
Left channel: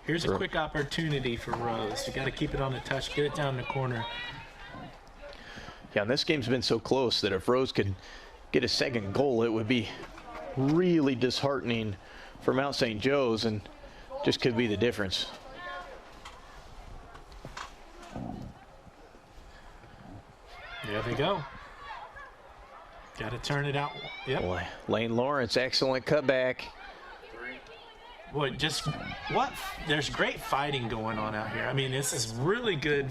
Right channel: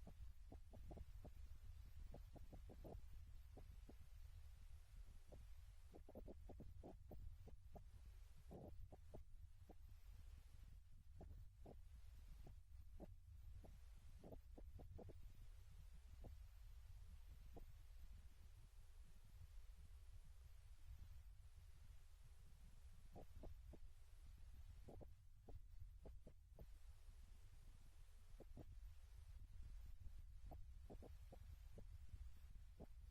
Here's a quick opportunity for Rose. You got to keep it on the touch, get it down the corner. Yeah, and this game's been so close that if Rose could get a second goal, it would be really disheartening for Mount St. Joe's and just could be the difference. There they go. Got to turn it out. Yep. Boy, Lane Lawrence, excellent cutback. Boy, there's great fighting going on out here. I mean, this is really good.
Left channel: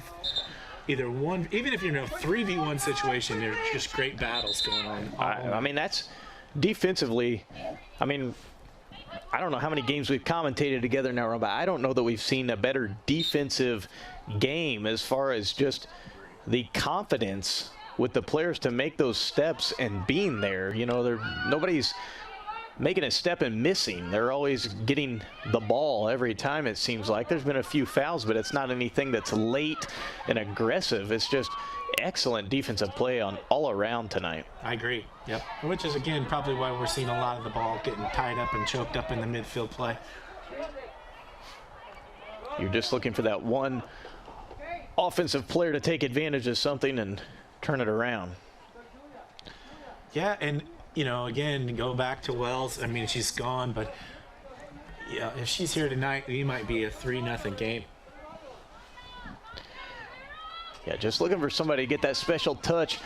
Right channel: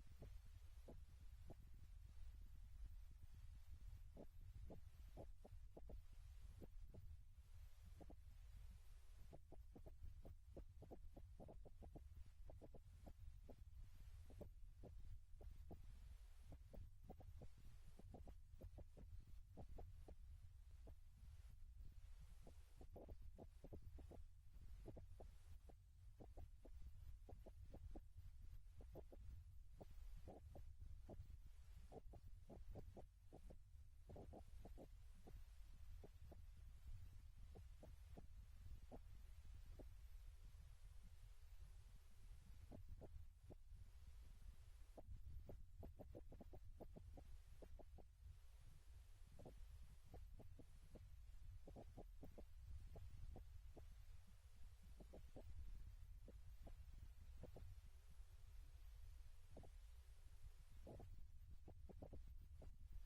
Even if you're in a 3v1 situation, there's just great battles going on. I mean, that's defensively. I mean, I don't know how many games we've commentated together now, but I don't know that we've seen a better defensive game as far as just the confidence with the players to make those steps and being there. You know, nobody's making a step and missing. They're always getting the ball every time, it seems like. There's been a few fouls, but it's not anything that's late and aggressive. It's just excellent defensive play on all around tonight. I agree. Yep. Which is, again, probably why we're seeing a lot of the ball getting tied up and choked up in the midfield play. You're just looking for that one offensive player to take advantage of something and turn it around. Yeah, and you know, again, go back to Wells. I mean, she's gone, but yeah, if she's here tonight, we might be a 3-0 game. Yeah, just looking for somebody to get that special touch.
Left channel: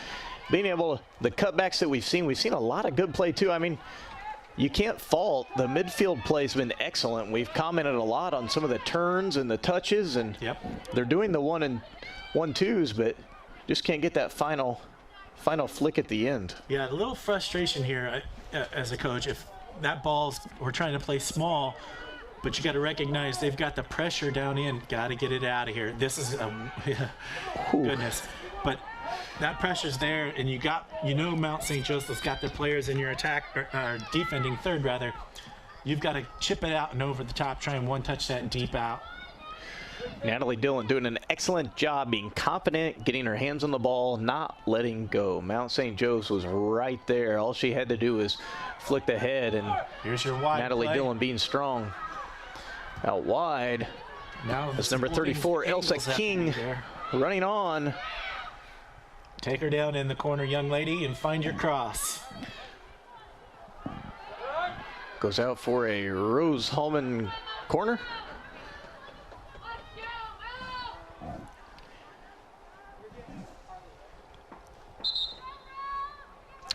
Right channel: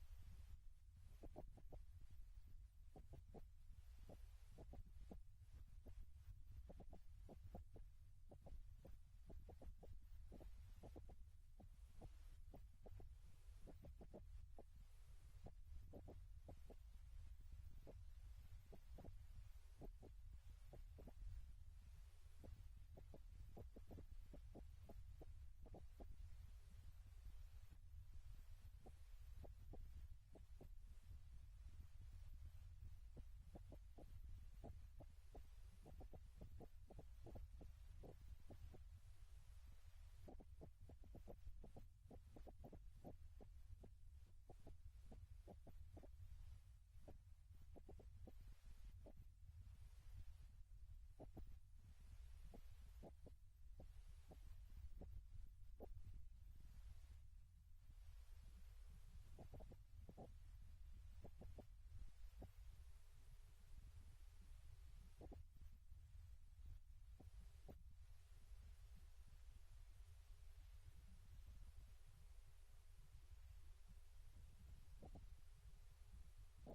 Being able to, the cutbacks that we've seen a lot of good play too. I mean, you can't fault the midfield play has been excellent. We've commented a lot on some of the turns and the touches, and they're doing the 1-2s, but just can't get that final flick at the end. Yeah, a little frustration here as a coach. If that we're trying to play small, but you got to recognize they've got the pressure down in. Got to get it out of here. This is goodness, but that pressure's there, and Mount St. Joseph's got their players in your attack or defending third rather. You've got to chip it out and over the top, try and one-touch that deep out. Natalie Dillon doing an excellent job being confident, getting her hands on the ball, not letting go. Mount St. Joe's was right there. All she had to do was flick the head, and here's your wide Natalie play. Dillon being strong. Out wide. Now that's number 34, Elsa King, running on. Take her down in the corner, young lady, and find your cross. Goes out for a Rose-Hulman corner.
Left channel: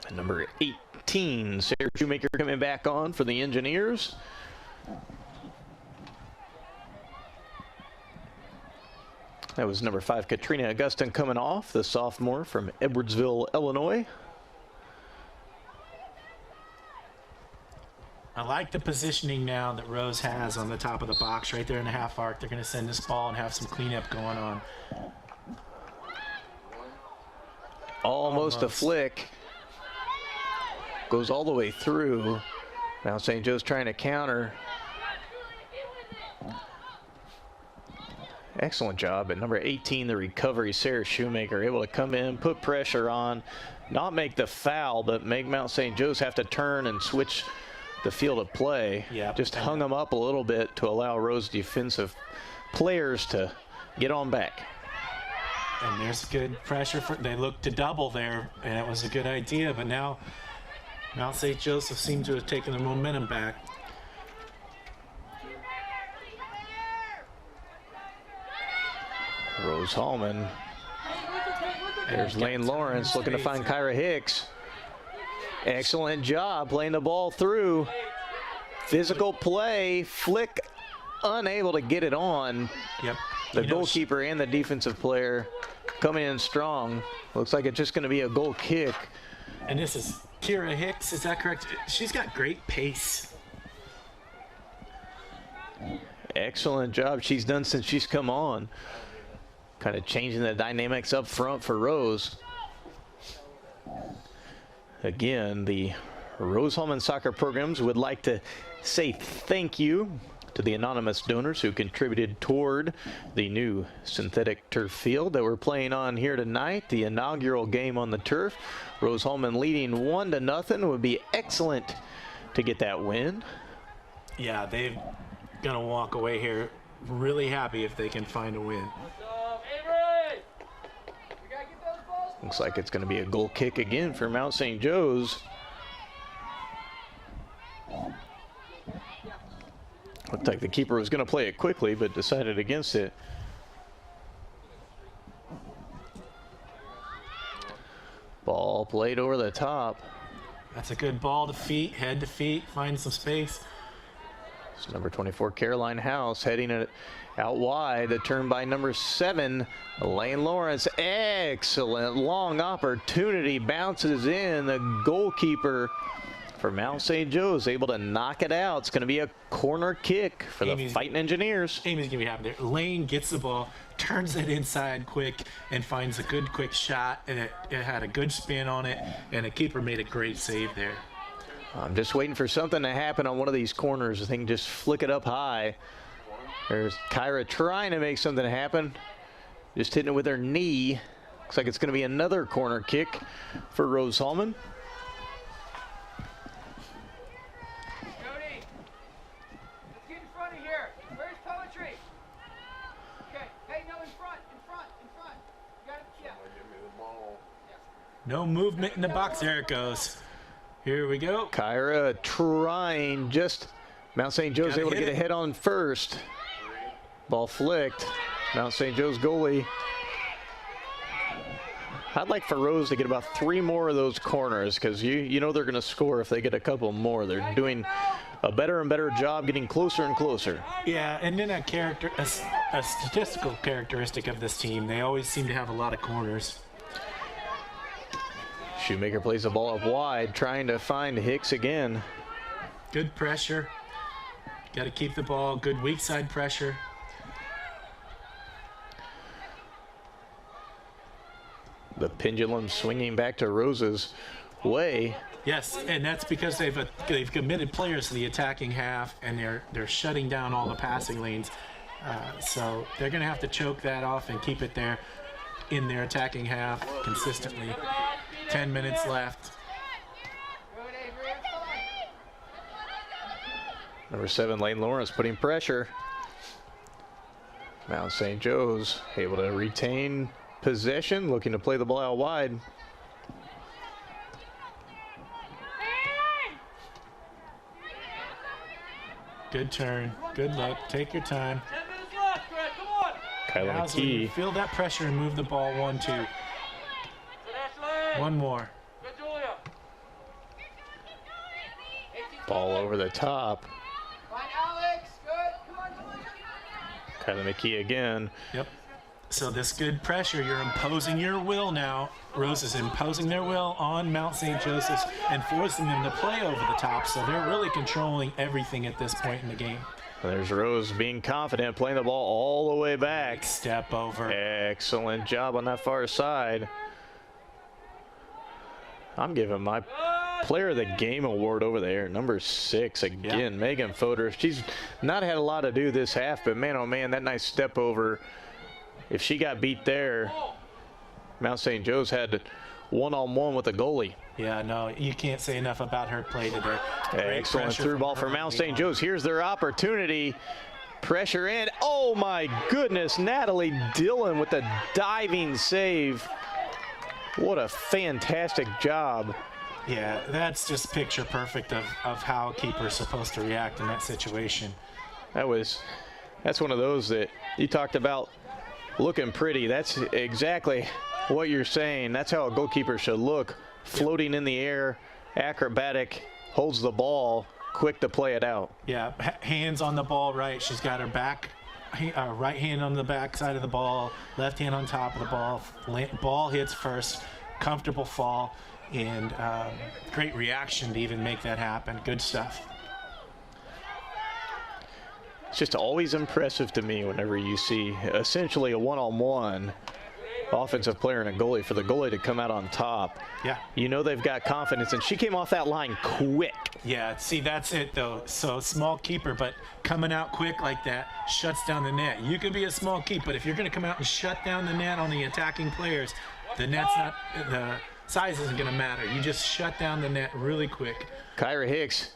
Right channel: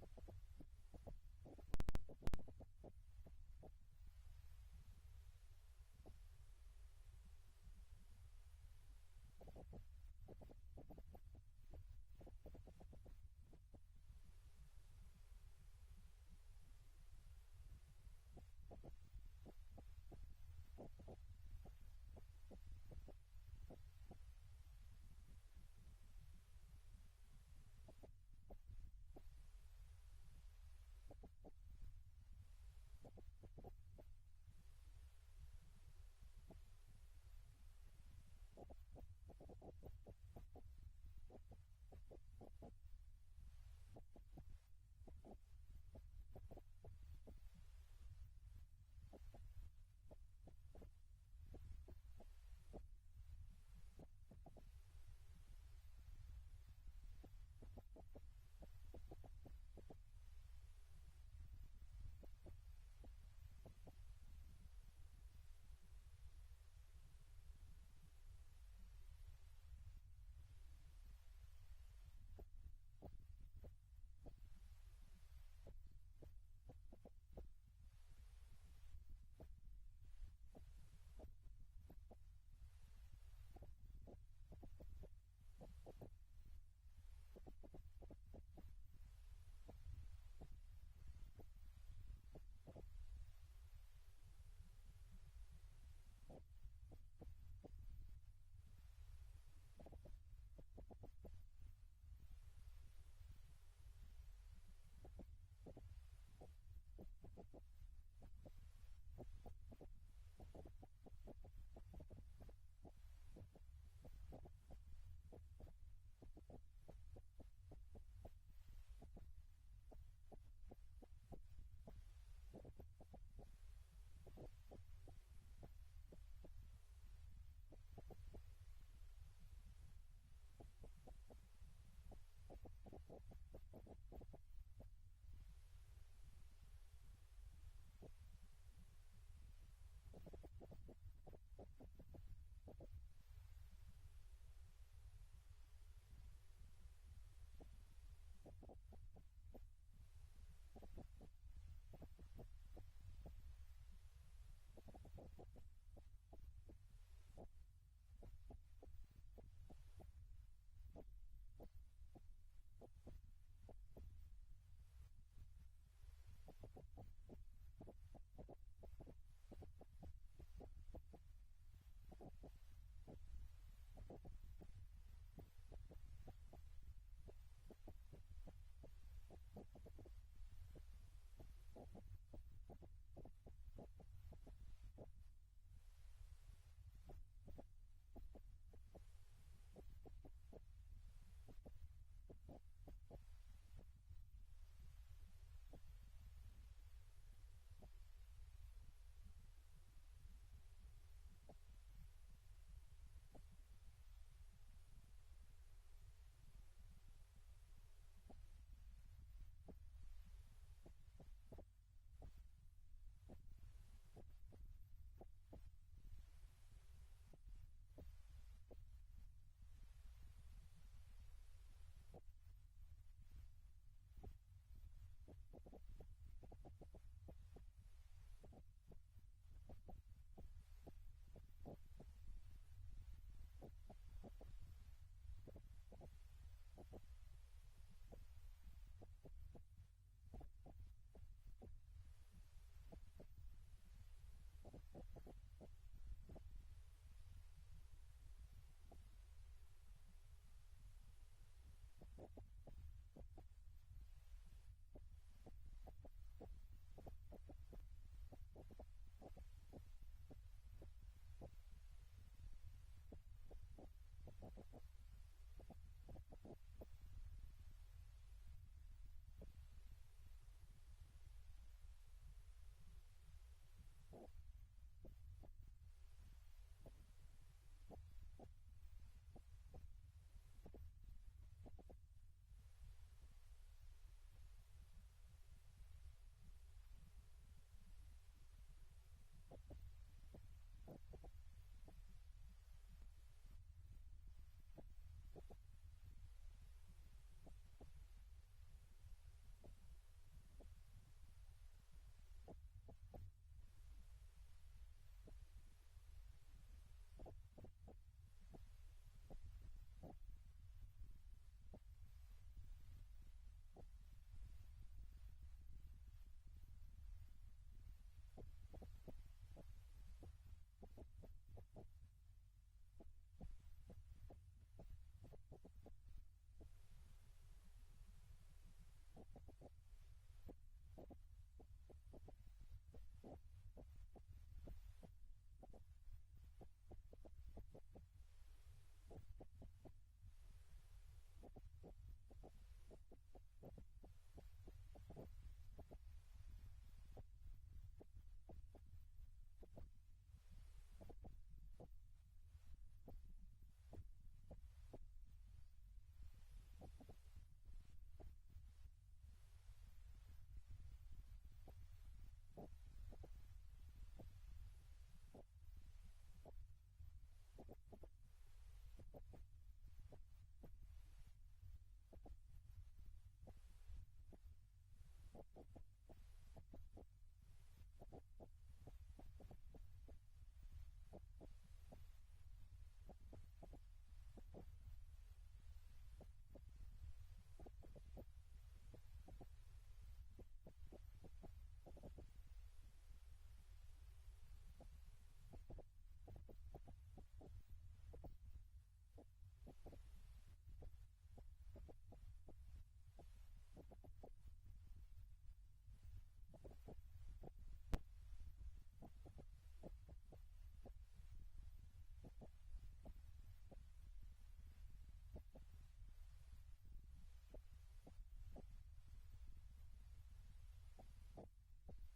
And number 18, Sarah Shoemaker coming back on for the Engineers. That was number 5, Katrina Augustin coming off, the sophomore from Edwardsville, Illinois. I like the positioning now that Rose has on the top of the box right there in the half arc. They're going to send this ball and have some cleanup going on. Almost a flick. Goes all the way through. Now St. Joe's trying to counter. Excellent job at number 18, the recovery, Sarah Shoemaker, able to come in, put pressure on, not make the foul, but make Mount St. Joe's have to turn and switch the field of play. Yep. Just hung them up a little bit to allow Rose defensive players to get on back. And there's good pressure. They looked to double there, and it was a good idea, but now Mount St. Joseph seemed to have taken the momentum back. Rose-Hulman. There's Lane Lawrence looking to find Kyra Hicks. Excellent job playing the ball through. Physical play, flick, unable to get it on. Yep. The goalkeeper and the defensive player coming in strong. Looks like it's just going to be a goal kick. And this is Kira Hicks, is that correct? She's got great pace. Excellent job she's done since she's come on. Kind of changing the dynamics up front for Rose. Again, the Rose-Hulman soccer programs would like to say thank you to the anonymous donors who contributed toward the new synthetic turf field that we're playing on here tonight. The inaugural game on the turf. Rose-Hulman leading 1-0 would be excellent to get that win. Yeah, they're gonna walk away here really happy if they can find a win. Looks like it's going to be a goal kick again for Mount St. Joe's. Looked like the keeper was going to play it quickly, but decided against it. Ball played over the top. That's a good ball to feet, head to feet, find some space. It's number 24, Caroline House, heading it out wide. The turn by number 7, Lane Lawrence. Excellent long opportunity, bounces in. The goalkeeper for Mount St. Joe is able to knock it out. It's going to be a corner kick for the Fighting Engineers. Amy's going to be happy there. Lane gets the ball, turns it inside quick, and finds a good quick shot. And it had a good spin on it, and the keeper made a great save there. I'm just waiting for something to happen on one of these corners. I think just flick it up high. There's Kyra trying to make something happen. Just hitting it with her knee. Looks like it's going to be another corner kick for Rose-Hulman. Jody, let's get in front of here. Where's poetry? Okay, hey, no, in front. You got it, yeah. No movement in the box. There it goes. Here we go. Kyra trying, just Mount St. Joe's able to get a head on first. Ball flicked. Mount St. Joe's goalie. I'd like for Rose to get about 3 more of those corners, because you know they're going to score if they get a couple more. They're doing a better and better job getting closer and closer. Yeah, and then a statistical characteristic of this team, they always seem to have a lot of corners. Shoemaker plays the ball up wide, trying to find Hicks again. Good pressure. Got to keep the ball, good weak side pressure. The pendulum swinging back to Rose's way. Yes, and that's because they've committed players to the attacking half, and they're shutting down all the passing lanes. So they're going to have to choke that off and keep it there in their attacking half consistently. 10 minutes left. Number 7, Lane Lawrence putting pressure. Mount St. Joe's able to retain possession, looking to play the ball out wide. Good turn, good look, take your time. 10 minutes left, Greg, come on. Kyla Now's when you McKee. feel that pressure and move the ball 1-2. One more. Good, Julia. Ball over the top. Fine, Alex. Good. Come on, Julia. Kyla McKee again. Yep. So this good pressure, you're imposing your will now. Rose is imposing their will on Mount St. Joseph's and forcing them to play over the top. So they're really controlling everything at this point in the game. There's Rose being confident, playing the ball all the way back. Step over. Excellent job on that far side. I'm giving my player of the game award over there. Number 6 again, Megan Fodor. She's not had a lot to do this half, but man, oh man, that nice step over. If she got beat there, Mount St. Joe's had one-on-one with the goalie. Yeah, no, you can't say enough about her play today. Excellent through ball for Mount St. Joe's. Here's their opportunity. Pressure in. Oh my goodness, Natalie Dillon with a diving save. What a fantastic job. Yeah, that's just picture perfect of how a keeper's supposed to react in that situation. That's one of those that you talked about looking pretty. That's exactly what you're saying. That's how a goalkeeper should look. Floating in the air, acrobatic, holds the ball, quick to play it out. Yeah, hands on the ball right. She's got her right hand on the back side of the ball, left hand on top of the ball. Ball hits first, comfortable fall, and great reaction to even make that happen. Good stuff. It's just always impressive to me whenever you see essentially a one-on-one offensive player and a goalie, for the goalie to come out on top. Yeah. You know they've got confidence, and she came off that line quick. Yeah, see, that's it, though. So small keeper, but coming out quick like that shuts down the net. You can be a small keeper, but if you're going to come out and shut down the net on the attacking players, the size isn't going to matter. You just shut down the net really quick. Kyra Hicks,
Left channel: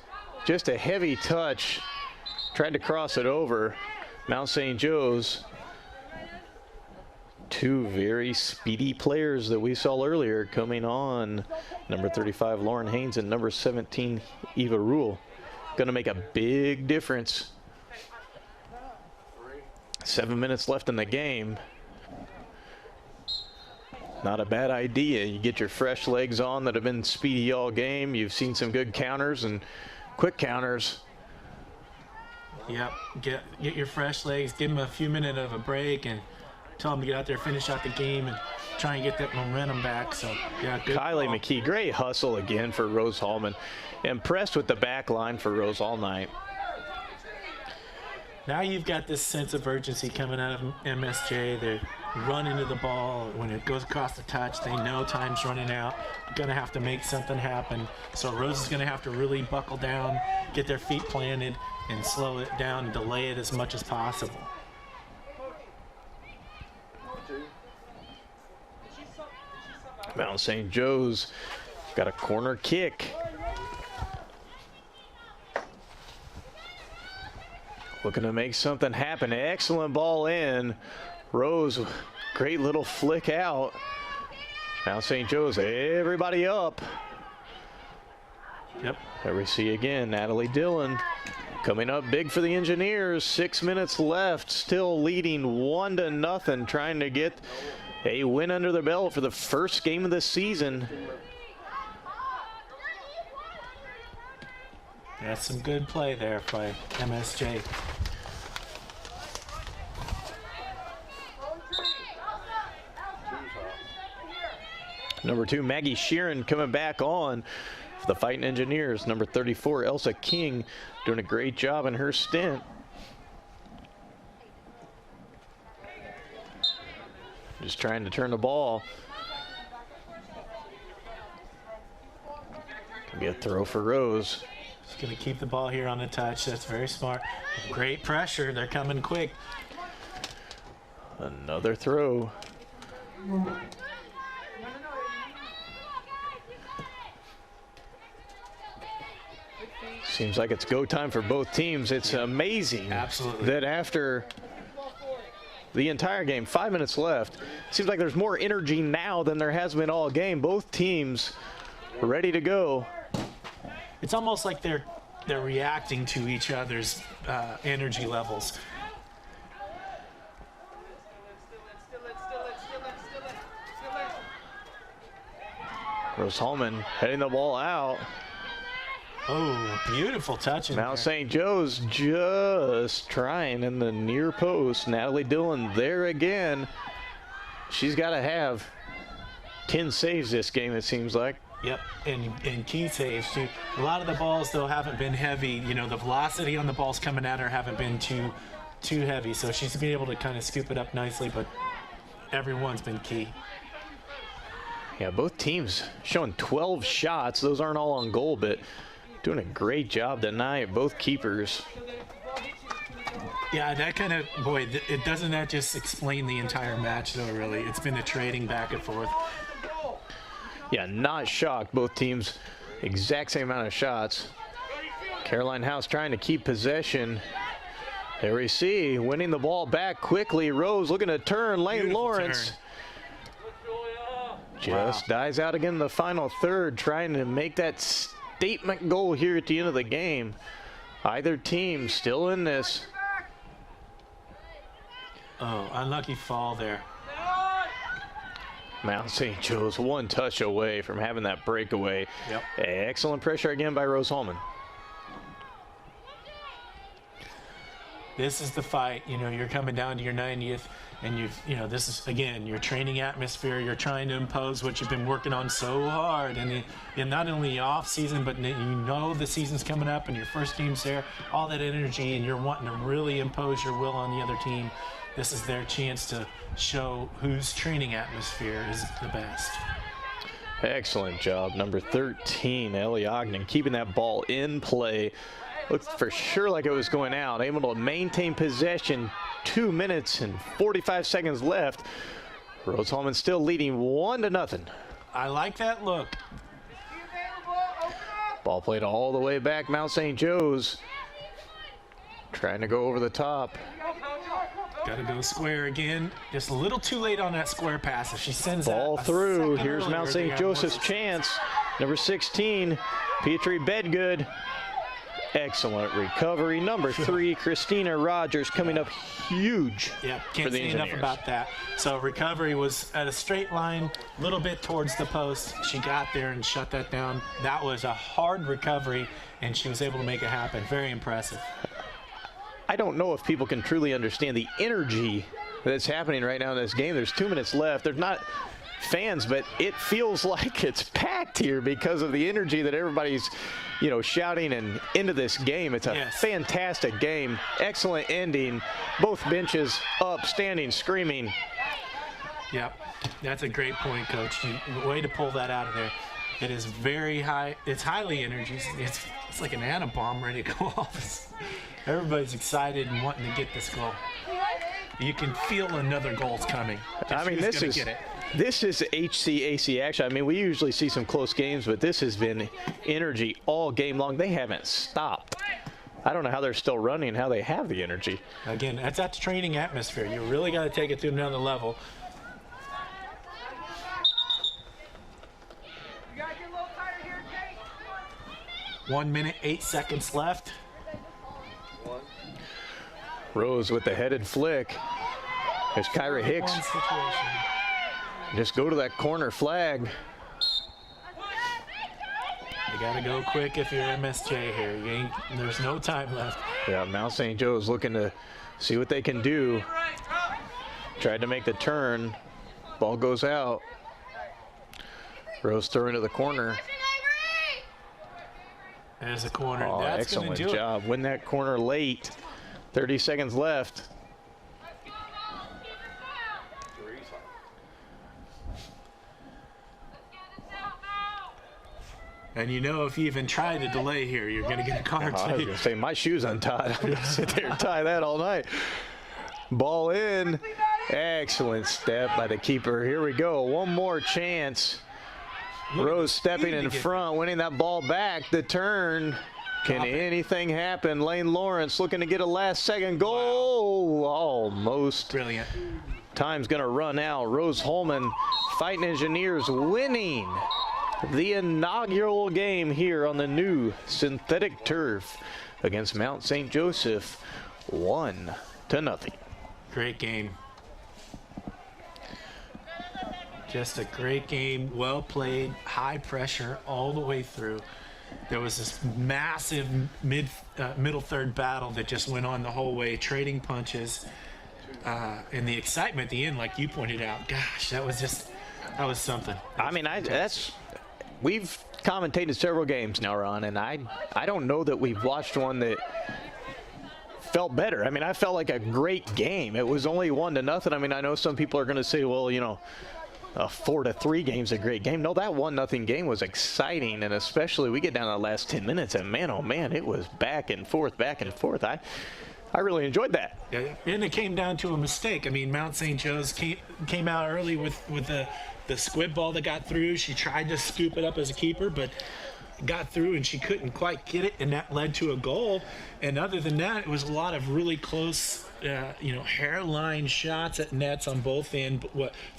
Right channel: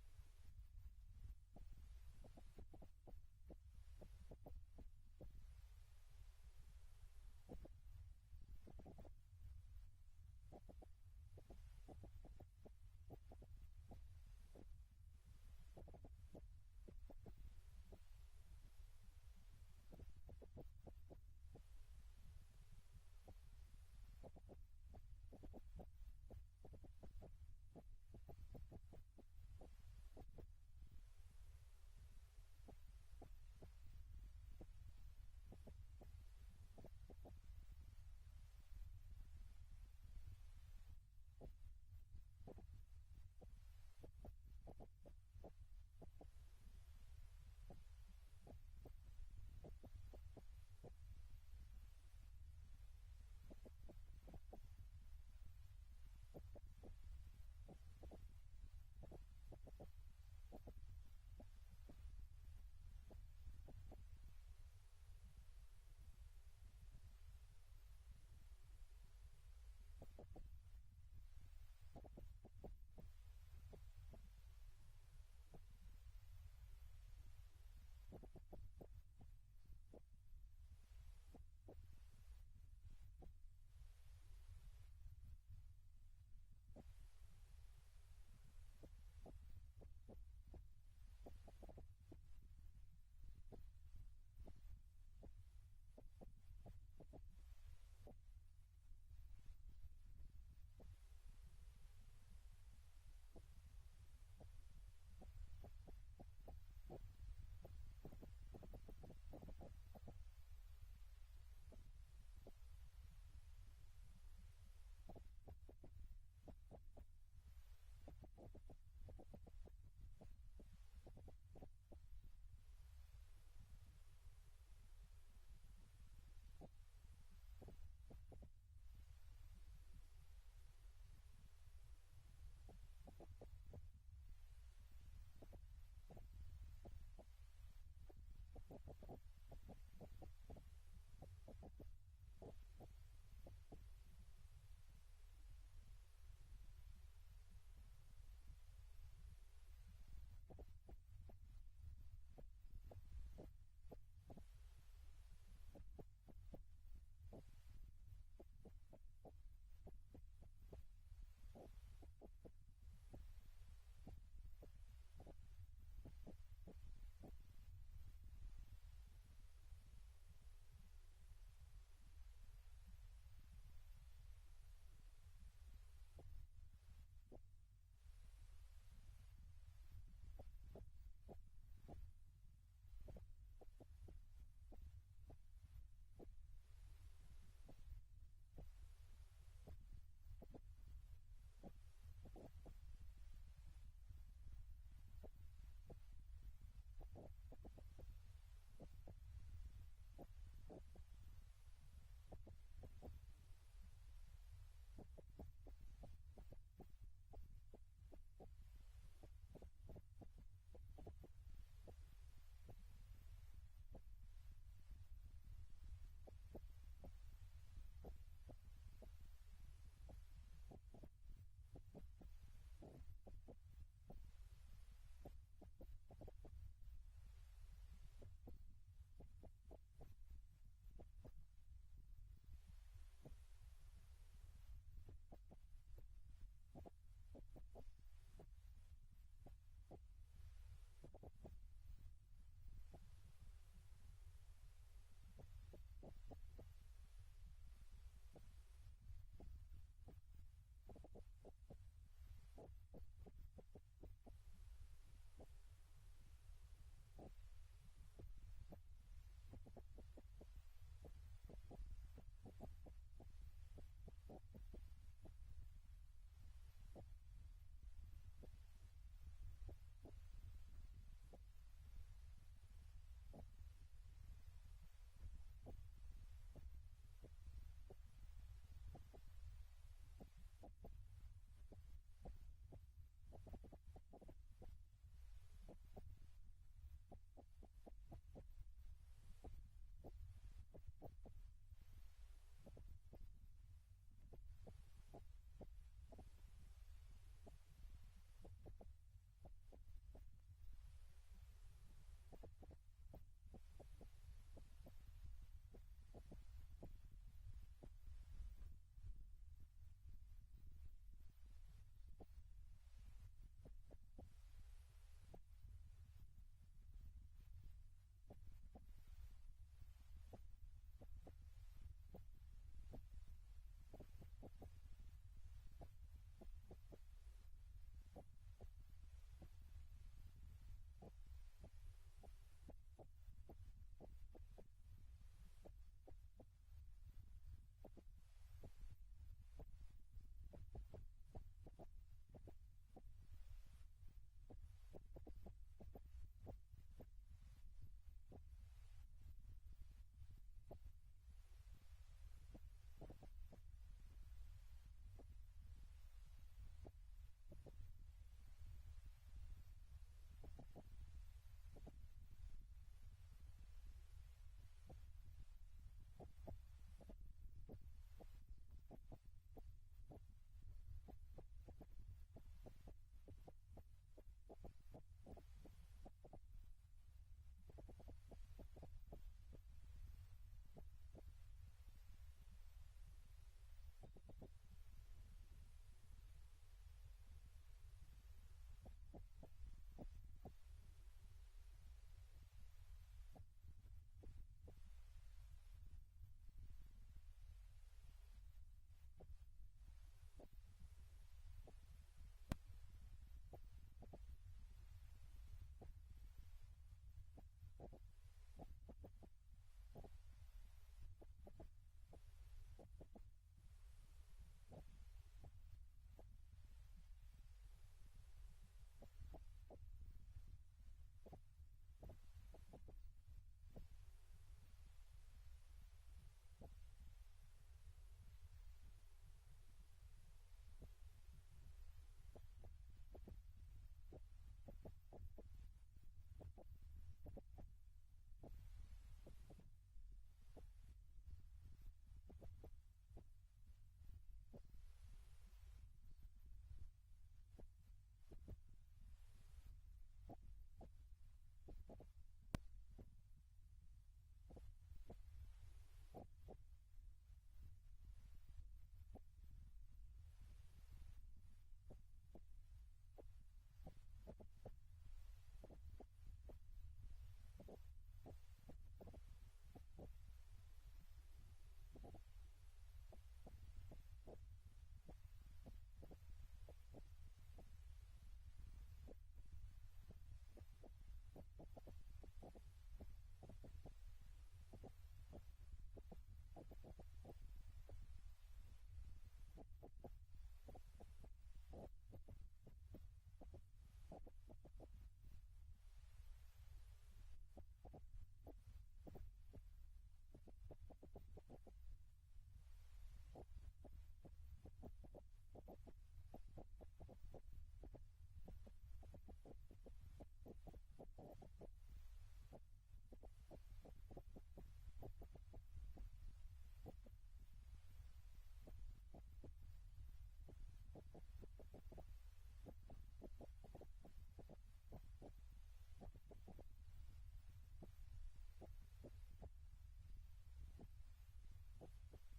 just a heavy touch. Tried to cross it over. Mount St. Joe's. 2 very speedy players that we saw earlier coming on. Number 35, Lauren Haynes, and number 17, Eva Rule. Going to make a big difference. 7 minutes left in the game. Not a bad idea. You get your fresh legs on that have been speedy all game. You've seen some good counters and quick counters. Yep, get your fresh legs, give them a few minutes of a break, and tell them to get out there, finish out the game, and try and get that momentum back. So, yeah, good. Kylie McKee, great hustle again for Rose-Hulman. Impressed with the back line for Rose all night. Now you've got this sense of urgency coming out of MSJ. They run into the ball. When it goes across the touch, they know time's running out. You're going to have to make something happen. So Rose is going to have to really buckle down, get their feet planted, and slow it down and delay it as much as possible. Mount St. Joe's got a corner kick. Looking to make something happen. Excellent ball in. Rose, great little flick out. Mount St. Joe's, everybody up. Yep. There we see again Natalie Dillon coming up big for the Engineers. 6 minutes left, still leading 1-0, trying to get a win under their belt for the first game of the season. That's some good play there by MSJ. Number 2, Maggie Sheeran coming back on for the Fighting Engineers. Number 34, Elsa King, doing a great job in her stint. Just trying to turn the ball. Could be a throw for Rose. She's going to keep the ball here on the touch. That's very smart. Great pressure. They're coming quick. Another throw. Seems like it's go time for both teams. It's amazing that after the entire game, 5 minutes left, seems like there's more energy now than there has been all game. Both teams are ready to go. It's almost like they're reacting to each other's energy levels. Rose-Hulman heading the ball out. Oh, beautiful touch in Mount St. Joe's just trying in the near post. Natalie Dillon there again. She's got to have 10 saves this game, it seems like. Yep, and key saves too. A lot of the balls though haven't been heavy. You know, the velocity on the balls coming at her haven't been too heavy. So she's been able to kind of scoop it up nicely, but everyone's been key. Yeah, both teams showing 12 shots. Those aren't all on goal, but doing a great job tonight, both keepers. Yeah, that kind of, boy, it doesn't that just explain the entire match though, really. It's been a trading back and forth. Yeah, not shocked. Both teams, exact same amount of shots. Caroline House trying to keep possession. There we see, winning the ball back quickly. Rose looking to turn. Lane Beautiful Lawrence turn. just dies out again in the final third, trying to make that statement goal here at the end of the game. Either team still in this. Oh, unlucky fall there. Mount St. Joe's one touch away from having that breakaway. Yep. Excellent pressure again by Rose-Hulman. This is the fight. You know, you're coming down to your 90th, and this is, again, your training atmosphere. You're trying to impose what you've been working on so hard. And not only off season, but you know the season's coming up and your first team's there, all that energy, and you're wanting to really impose your will on the other team. This is their chance to show whose training atmosphere is the best. Excellent job. Number 13, Ellie Ogden, keeping that ball in play. Looked for sure like it was going out. Able to maintain possession. 2 minutes and 45 seconds left. Rose-Hulman still leading 1-0. I like that look. Ball played all the way back. Mount St. Joe's trying to go over the top. Got to go square again. Just a little too late on that square pass. If she sends ball that through, here's Mount St. Joseph's chance. Number 16, Petrie Bedgood. Excellent recovery. Number 3, Christina Rogers, coming up huge. Yeah, for can't the say enough Engineers. about that. So recovery was at a straight line, a little bit towards the post. She got there and shut that down. That was a hard recovery, and she was able to make it happen. Very impressive. I don't know if people can truly understand the energy that's happening right now in this game. There's 2 minutes left. There's not fans, but it feels like it's packed here because of the energy that everybody's, shouting and into this game. It's a fantastic game. Excellent ending. Both benches up, standing, screaming. Yep, that's a great point, Coach. Way to pull that out of there. It is very high. It's highly energy. It's like an atom bomb ready to go off. Everybody's excited and wanting to get this goal. You can feel another goal's coming. I mean, this is HCAC action. I mean, we usually see some close games, but this has been energy all game long. They haven't stopped. I don't know how they're still running, how they have the energy. Again, that's that training atmosphere. You really got to take it to another level. 1 minute, 8 seconds left. Rose with the headed flick. There's Kyra Hicks. Just go to that corner flag. You got to go quick if you're MSJ here. There's no time left. Yeah, Mount St. Joe's looking to see what they can do. Tried to make the turn. Ball goes out. Rose throwing to the corner. There's a corner. Oh, That's excellent gonna do job. Win that corner late. 30 seconds left. And you know, if you even try to delay here, you're going to get a card. I was going to say, my shoe's untied. I'm going to sit there and tie that all night. Ball in. Excellent step by the keeper. Here we go. One more chance. Rose stepping in front, winning that ball back. The turn. Can anything happen? Lane Lawrence looking to get a last-second goal. Wow. Almost. Brilliant. Time's going to run out. Rose-Hulman Fighting Engineers winning the inaugural game here on the new synthetic turf against Mount St. Joseph, 1-0. Great game. Just a great game, well played, high pressure all the way through. There was this massive middle third battle that just went on the whole way, trading punches. And the excitement at the end, like you pointed out, gosh, that was something. I mean, we've commentated several games now, Ron, and I don't know that we've watched one that felt better. I mean, I felt like a great game. It was only 1-0. I mean, I know some people are going to say, well, you know, a 4-3 game's a great game. No, that 1-0 game was exciting, and especially we get down to the last 10 minutes, and man, oh man, it was back and forth. I really enjoyed that. Yeah, and it came down to a mistake. I mean, Mount St. Joe's came out early with the squib ball that got through. She tried to scoop it up as a keeper, but got through and she couldn't quite get it, and that led to a goal. And other than that, it was a lot of really close, hairline shots at nets on both ends.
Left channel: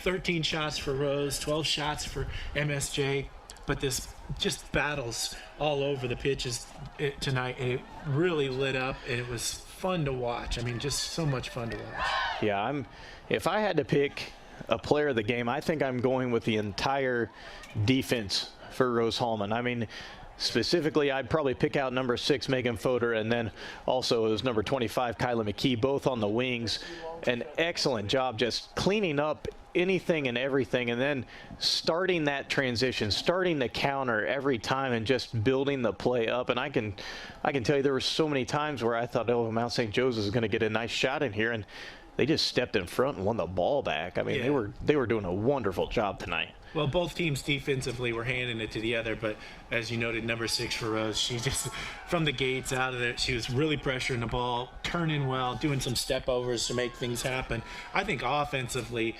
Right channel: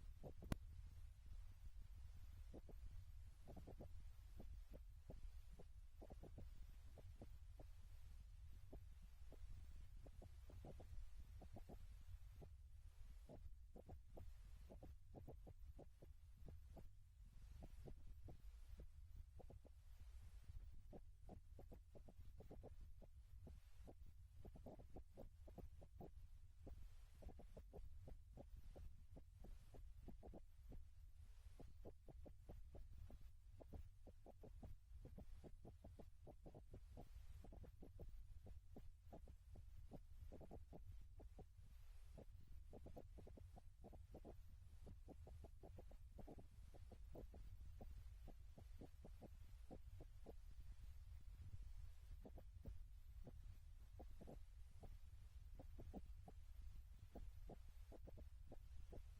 13 shots for Rose, 12 shots for MSJ. But this just battles all over the pitches tonight, and it really lit up, and it was fun to watch. I mean, just so much fun to watch. Yeah, if I had to pick a player of the game, I think I'm going with the entire defense for Rose-Hulman. I mean, specifically, I'd probably pick out number 6, Megan Fodor, and then also it was number 25, Kyla McKee, both on the wings. An excellent job just cleaning up anything and everything, and then starting that transition, starting the counter every time, and just building the play up. And I can tell you there were so many times where I thought, oh, Mount St. Joseph's is going to get a nice shot in here, and they just stepped in front and won the ball back. I mean, they were doing a wonderful job tonight. Well, both teams defensively were handing it to the other, but as you noted, number 6 for Rose, she just, from the gates out of there, she was really pressuring the ball, turning well, doing some step overs to make things happen. I think offensively,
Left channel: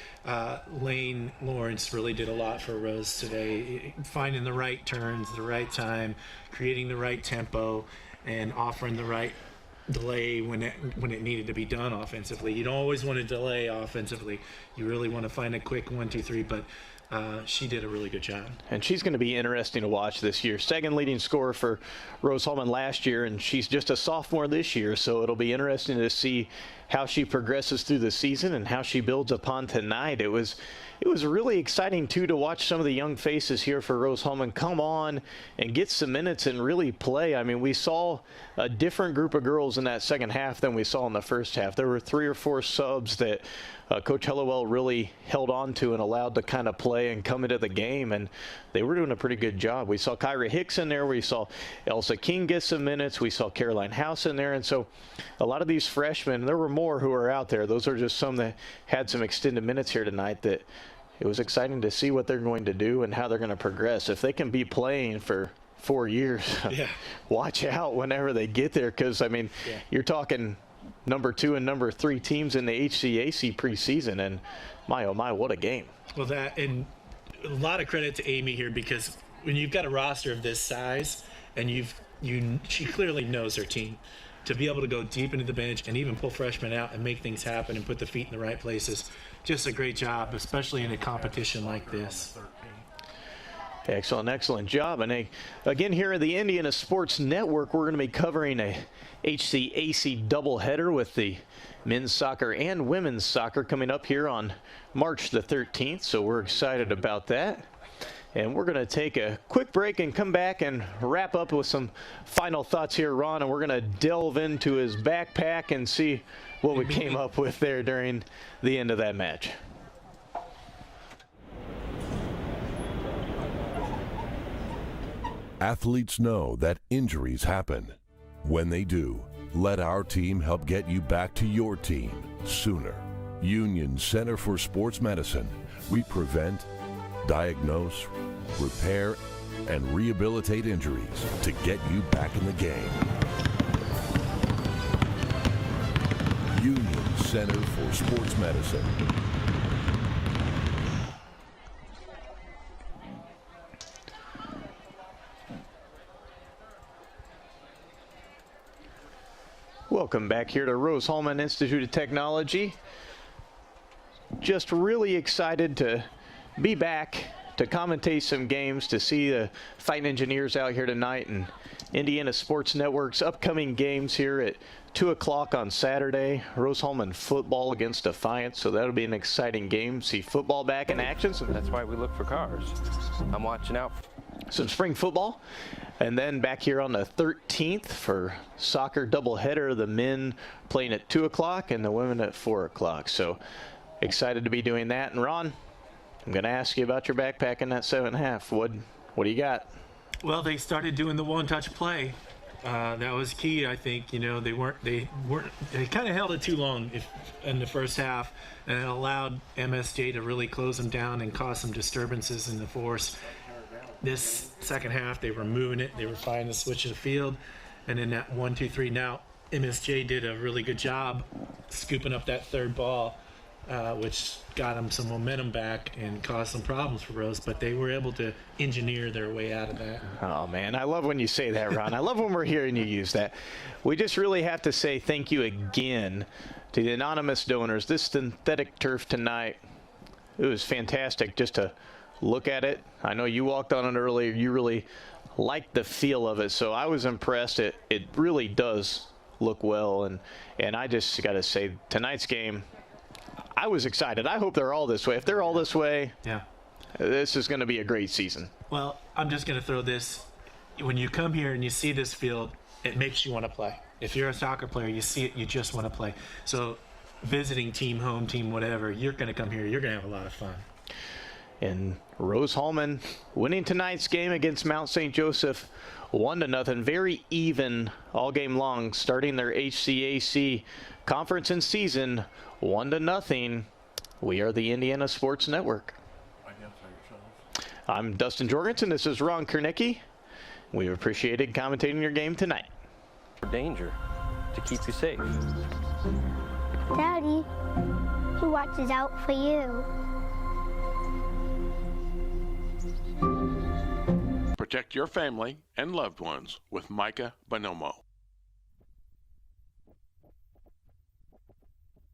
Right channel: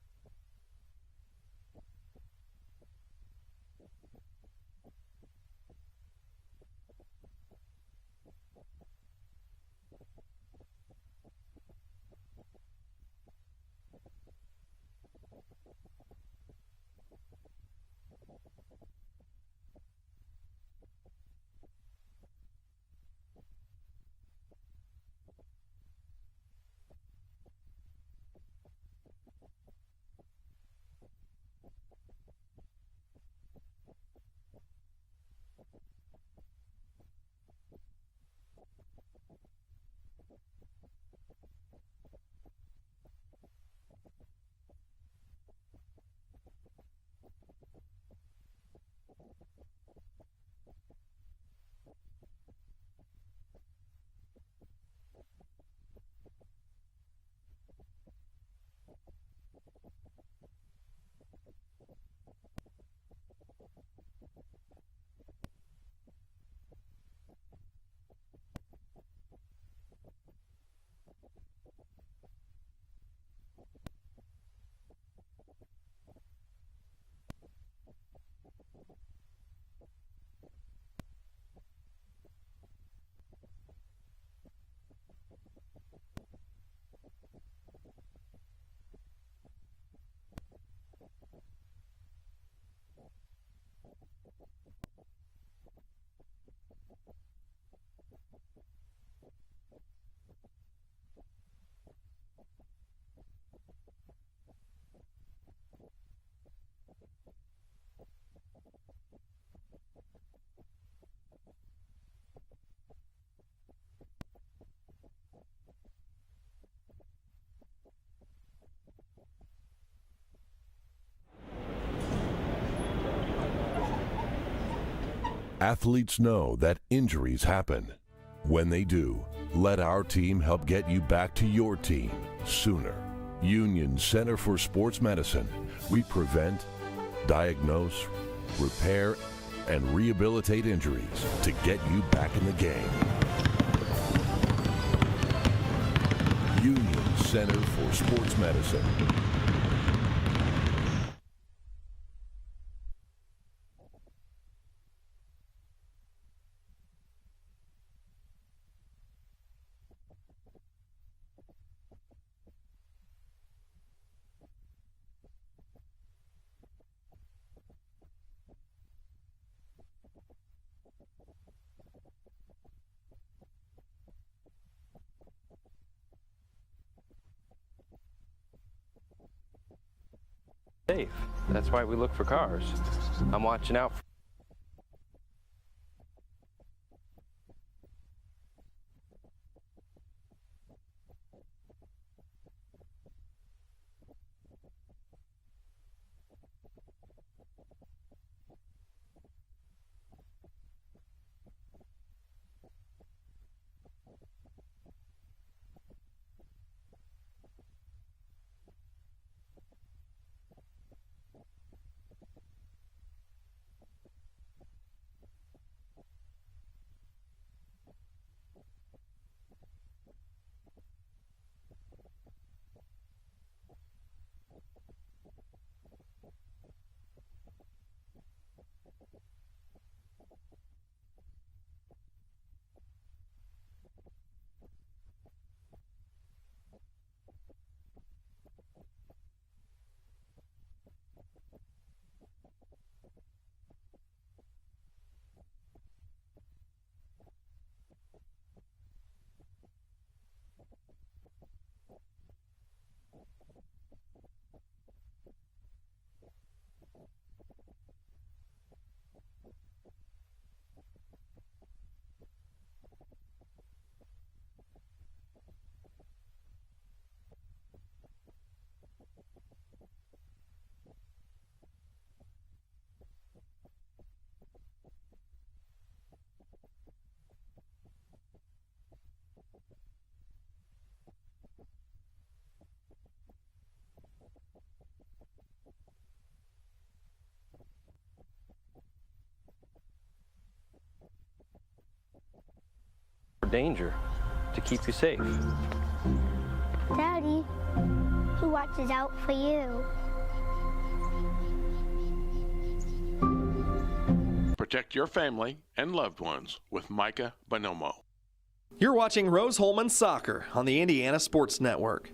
Lane Lawrence really did a lot for Rose today, finding the right turns, the right time, creating the right tempo, and offering the right delay when it needed to be done offensively. You don't always want to delay offensively. You really want to find a quick 1, 2, 3, but she did a really good job. And she's going to be interesting to watch this year. Second leading scorer for Rose-Hulman last year, and she's just a sophomore this year, so it'll be interesting to see how she progresses through the season and how she builds upon tonight. It was really exciting, too, to watch some of the young faces here for Rose-Hulman come on and get some minutes and really play. I mean, we saw a different group of girls in that second half than we saw in the first half. There were 3 or 4 subs that Coach Hellewell really held on to and allowed to kind of play and come into the game, and they were doing a pretty good job. We saw Kyra Hicks in there. We saw Elsa King get some minutes. We saw Caroline House in there. And so a lot of these freshmen, there were more who were out there. Those are just some that had some extended minutes here tonight that it was exciting to see what they're going to do and how they're going to progress. If they can be playing for 4 years, watch out whenever they get there, because, I mean, you're talking number 2 and number 3 teams in the HCAC preseason, and my, oh my, what a game. Well, and a lot of credit to Amy here, because when you've got a roster of this size and she clearly knows her team, to be able to go deep into the bench and even pull freshmen out and make things happen and put the feet in the right places, just a great job, especially in a competition like this. Excellent job. And again, here at the Indiana Sports Network, we're going to be covering a HCAC doubleheader with the men's soccer and women's soccer coming up here on March the 13th. So we're excited about that. And we're going to take a quick break and come back and wrap up with some final thoughts here, Ron. And we're going to delve into his backpack and see what we came up with there during the end of that match. Athletes know that injuries happen. When they do, let our team help get you back to your team sooner. Union Center for Sports Medicine. We prevent, diagnose, repair, and rehabilitate injuries to get you back in the game. Union Center for Sports Medicine. Welcome back here to Rose-Hulman Institute of Technology. Just really excited to be back to commentate some games, to see the Fighting Engineers out here tonight and Indiana Sports Network's upcoming games here at 2 o'clock on Saturday. Rose-Hulman football against Defiance, so that'll be an exciting game. See football back in action. That's why we look for cars. I'm watching out. Some spring football. And then back here on the 13th for soccer doubleheader, the men playing at 2 o'clock and the women at 4 o'clock. So excited to be doing that. And Ron, I'm going to ask you about your backpack in that 7.5. What do you got? Well, they started doing the one-touch play. That was key, I think. You know, they kind of held it too long in the first half, and it allowed MSJ to really close them down and cause some disturbances in the force. This second half, they were moving it. They were finding the switch of the field. And then that 1-2-3. Now, MSJ did a really good job scooping up that third ball, which got them some momentum back and caused some problems for Rose. But they were able to engineer their way out of that. Oh, man, I love when you say that, Ron. I love when we're hearing you use that. We just really have to say thank you again to the anonymous donors. This synthetic turf tonight, it was fantastic just to look at it. I know you walked on it earlier. You really liked the feel of it, so I was impressed. It really does look well, and I just got to say, tonight's game, I was excited. I hope they're all this way. If they're all this way, yeah, this is going to be a great season. Well, I'm just going to throw this. When you come here and you see this field, it makes you want to play. If you're a soccer player, you see it, you just want to play. So visiting team, home team, whatever, you're going to come here. You're going to have a lot of fun. And Rose-Hulman winning tonight's game against Mount St. Joseph 1-0, very even all game long, starting their HCAC conference and season 1-0. We are the Indiana Sports Network. I'm Dustin Jorgensen. This is Ron Kernicki. We've appreciated commentating your game tonight. For danger, to keep you safe. Daddy, who watches out for you? Protect your family and loved ones with Micah Bonomo. You're watching Rose-Hulman Soccer on the Indiana Sports Network.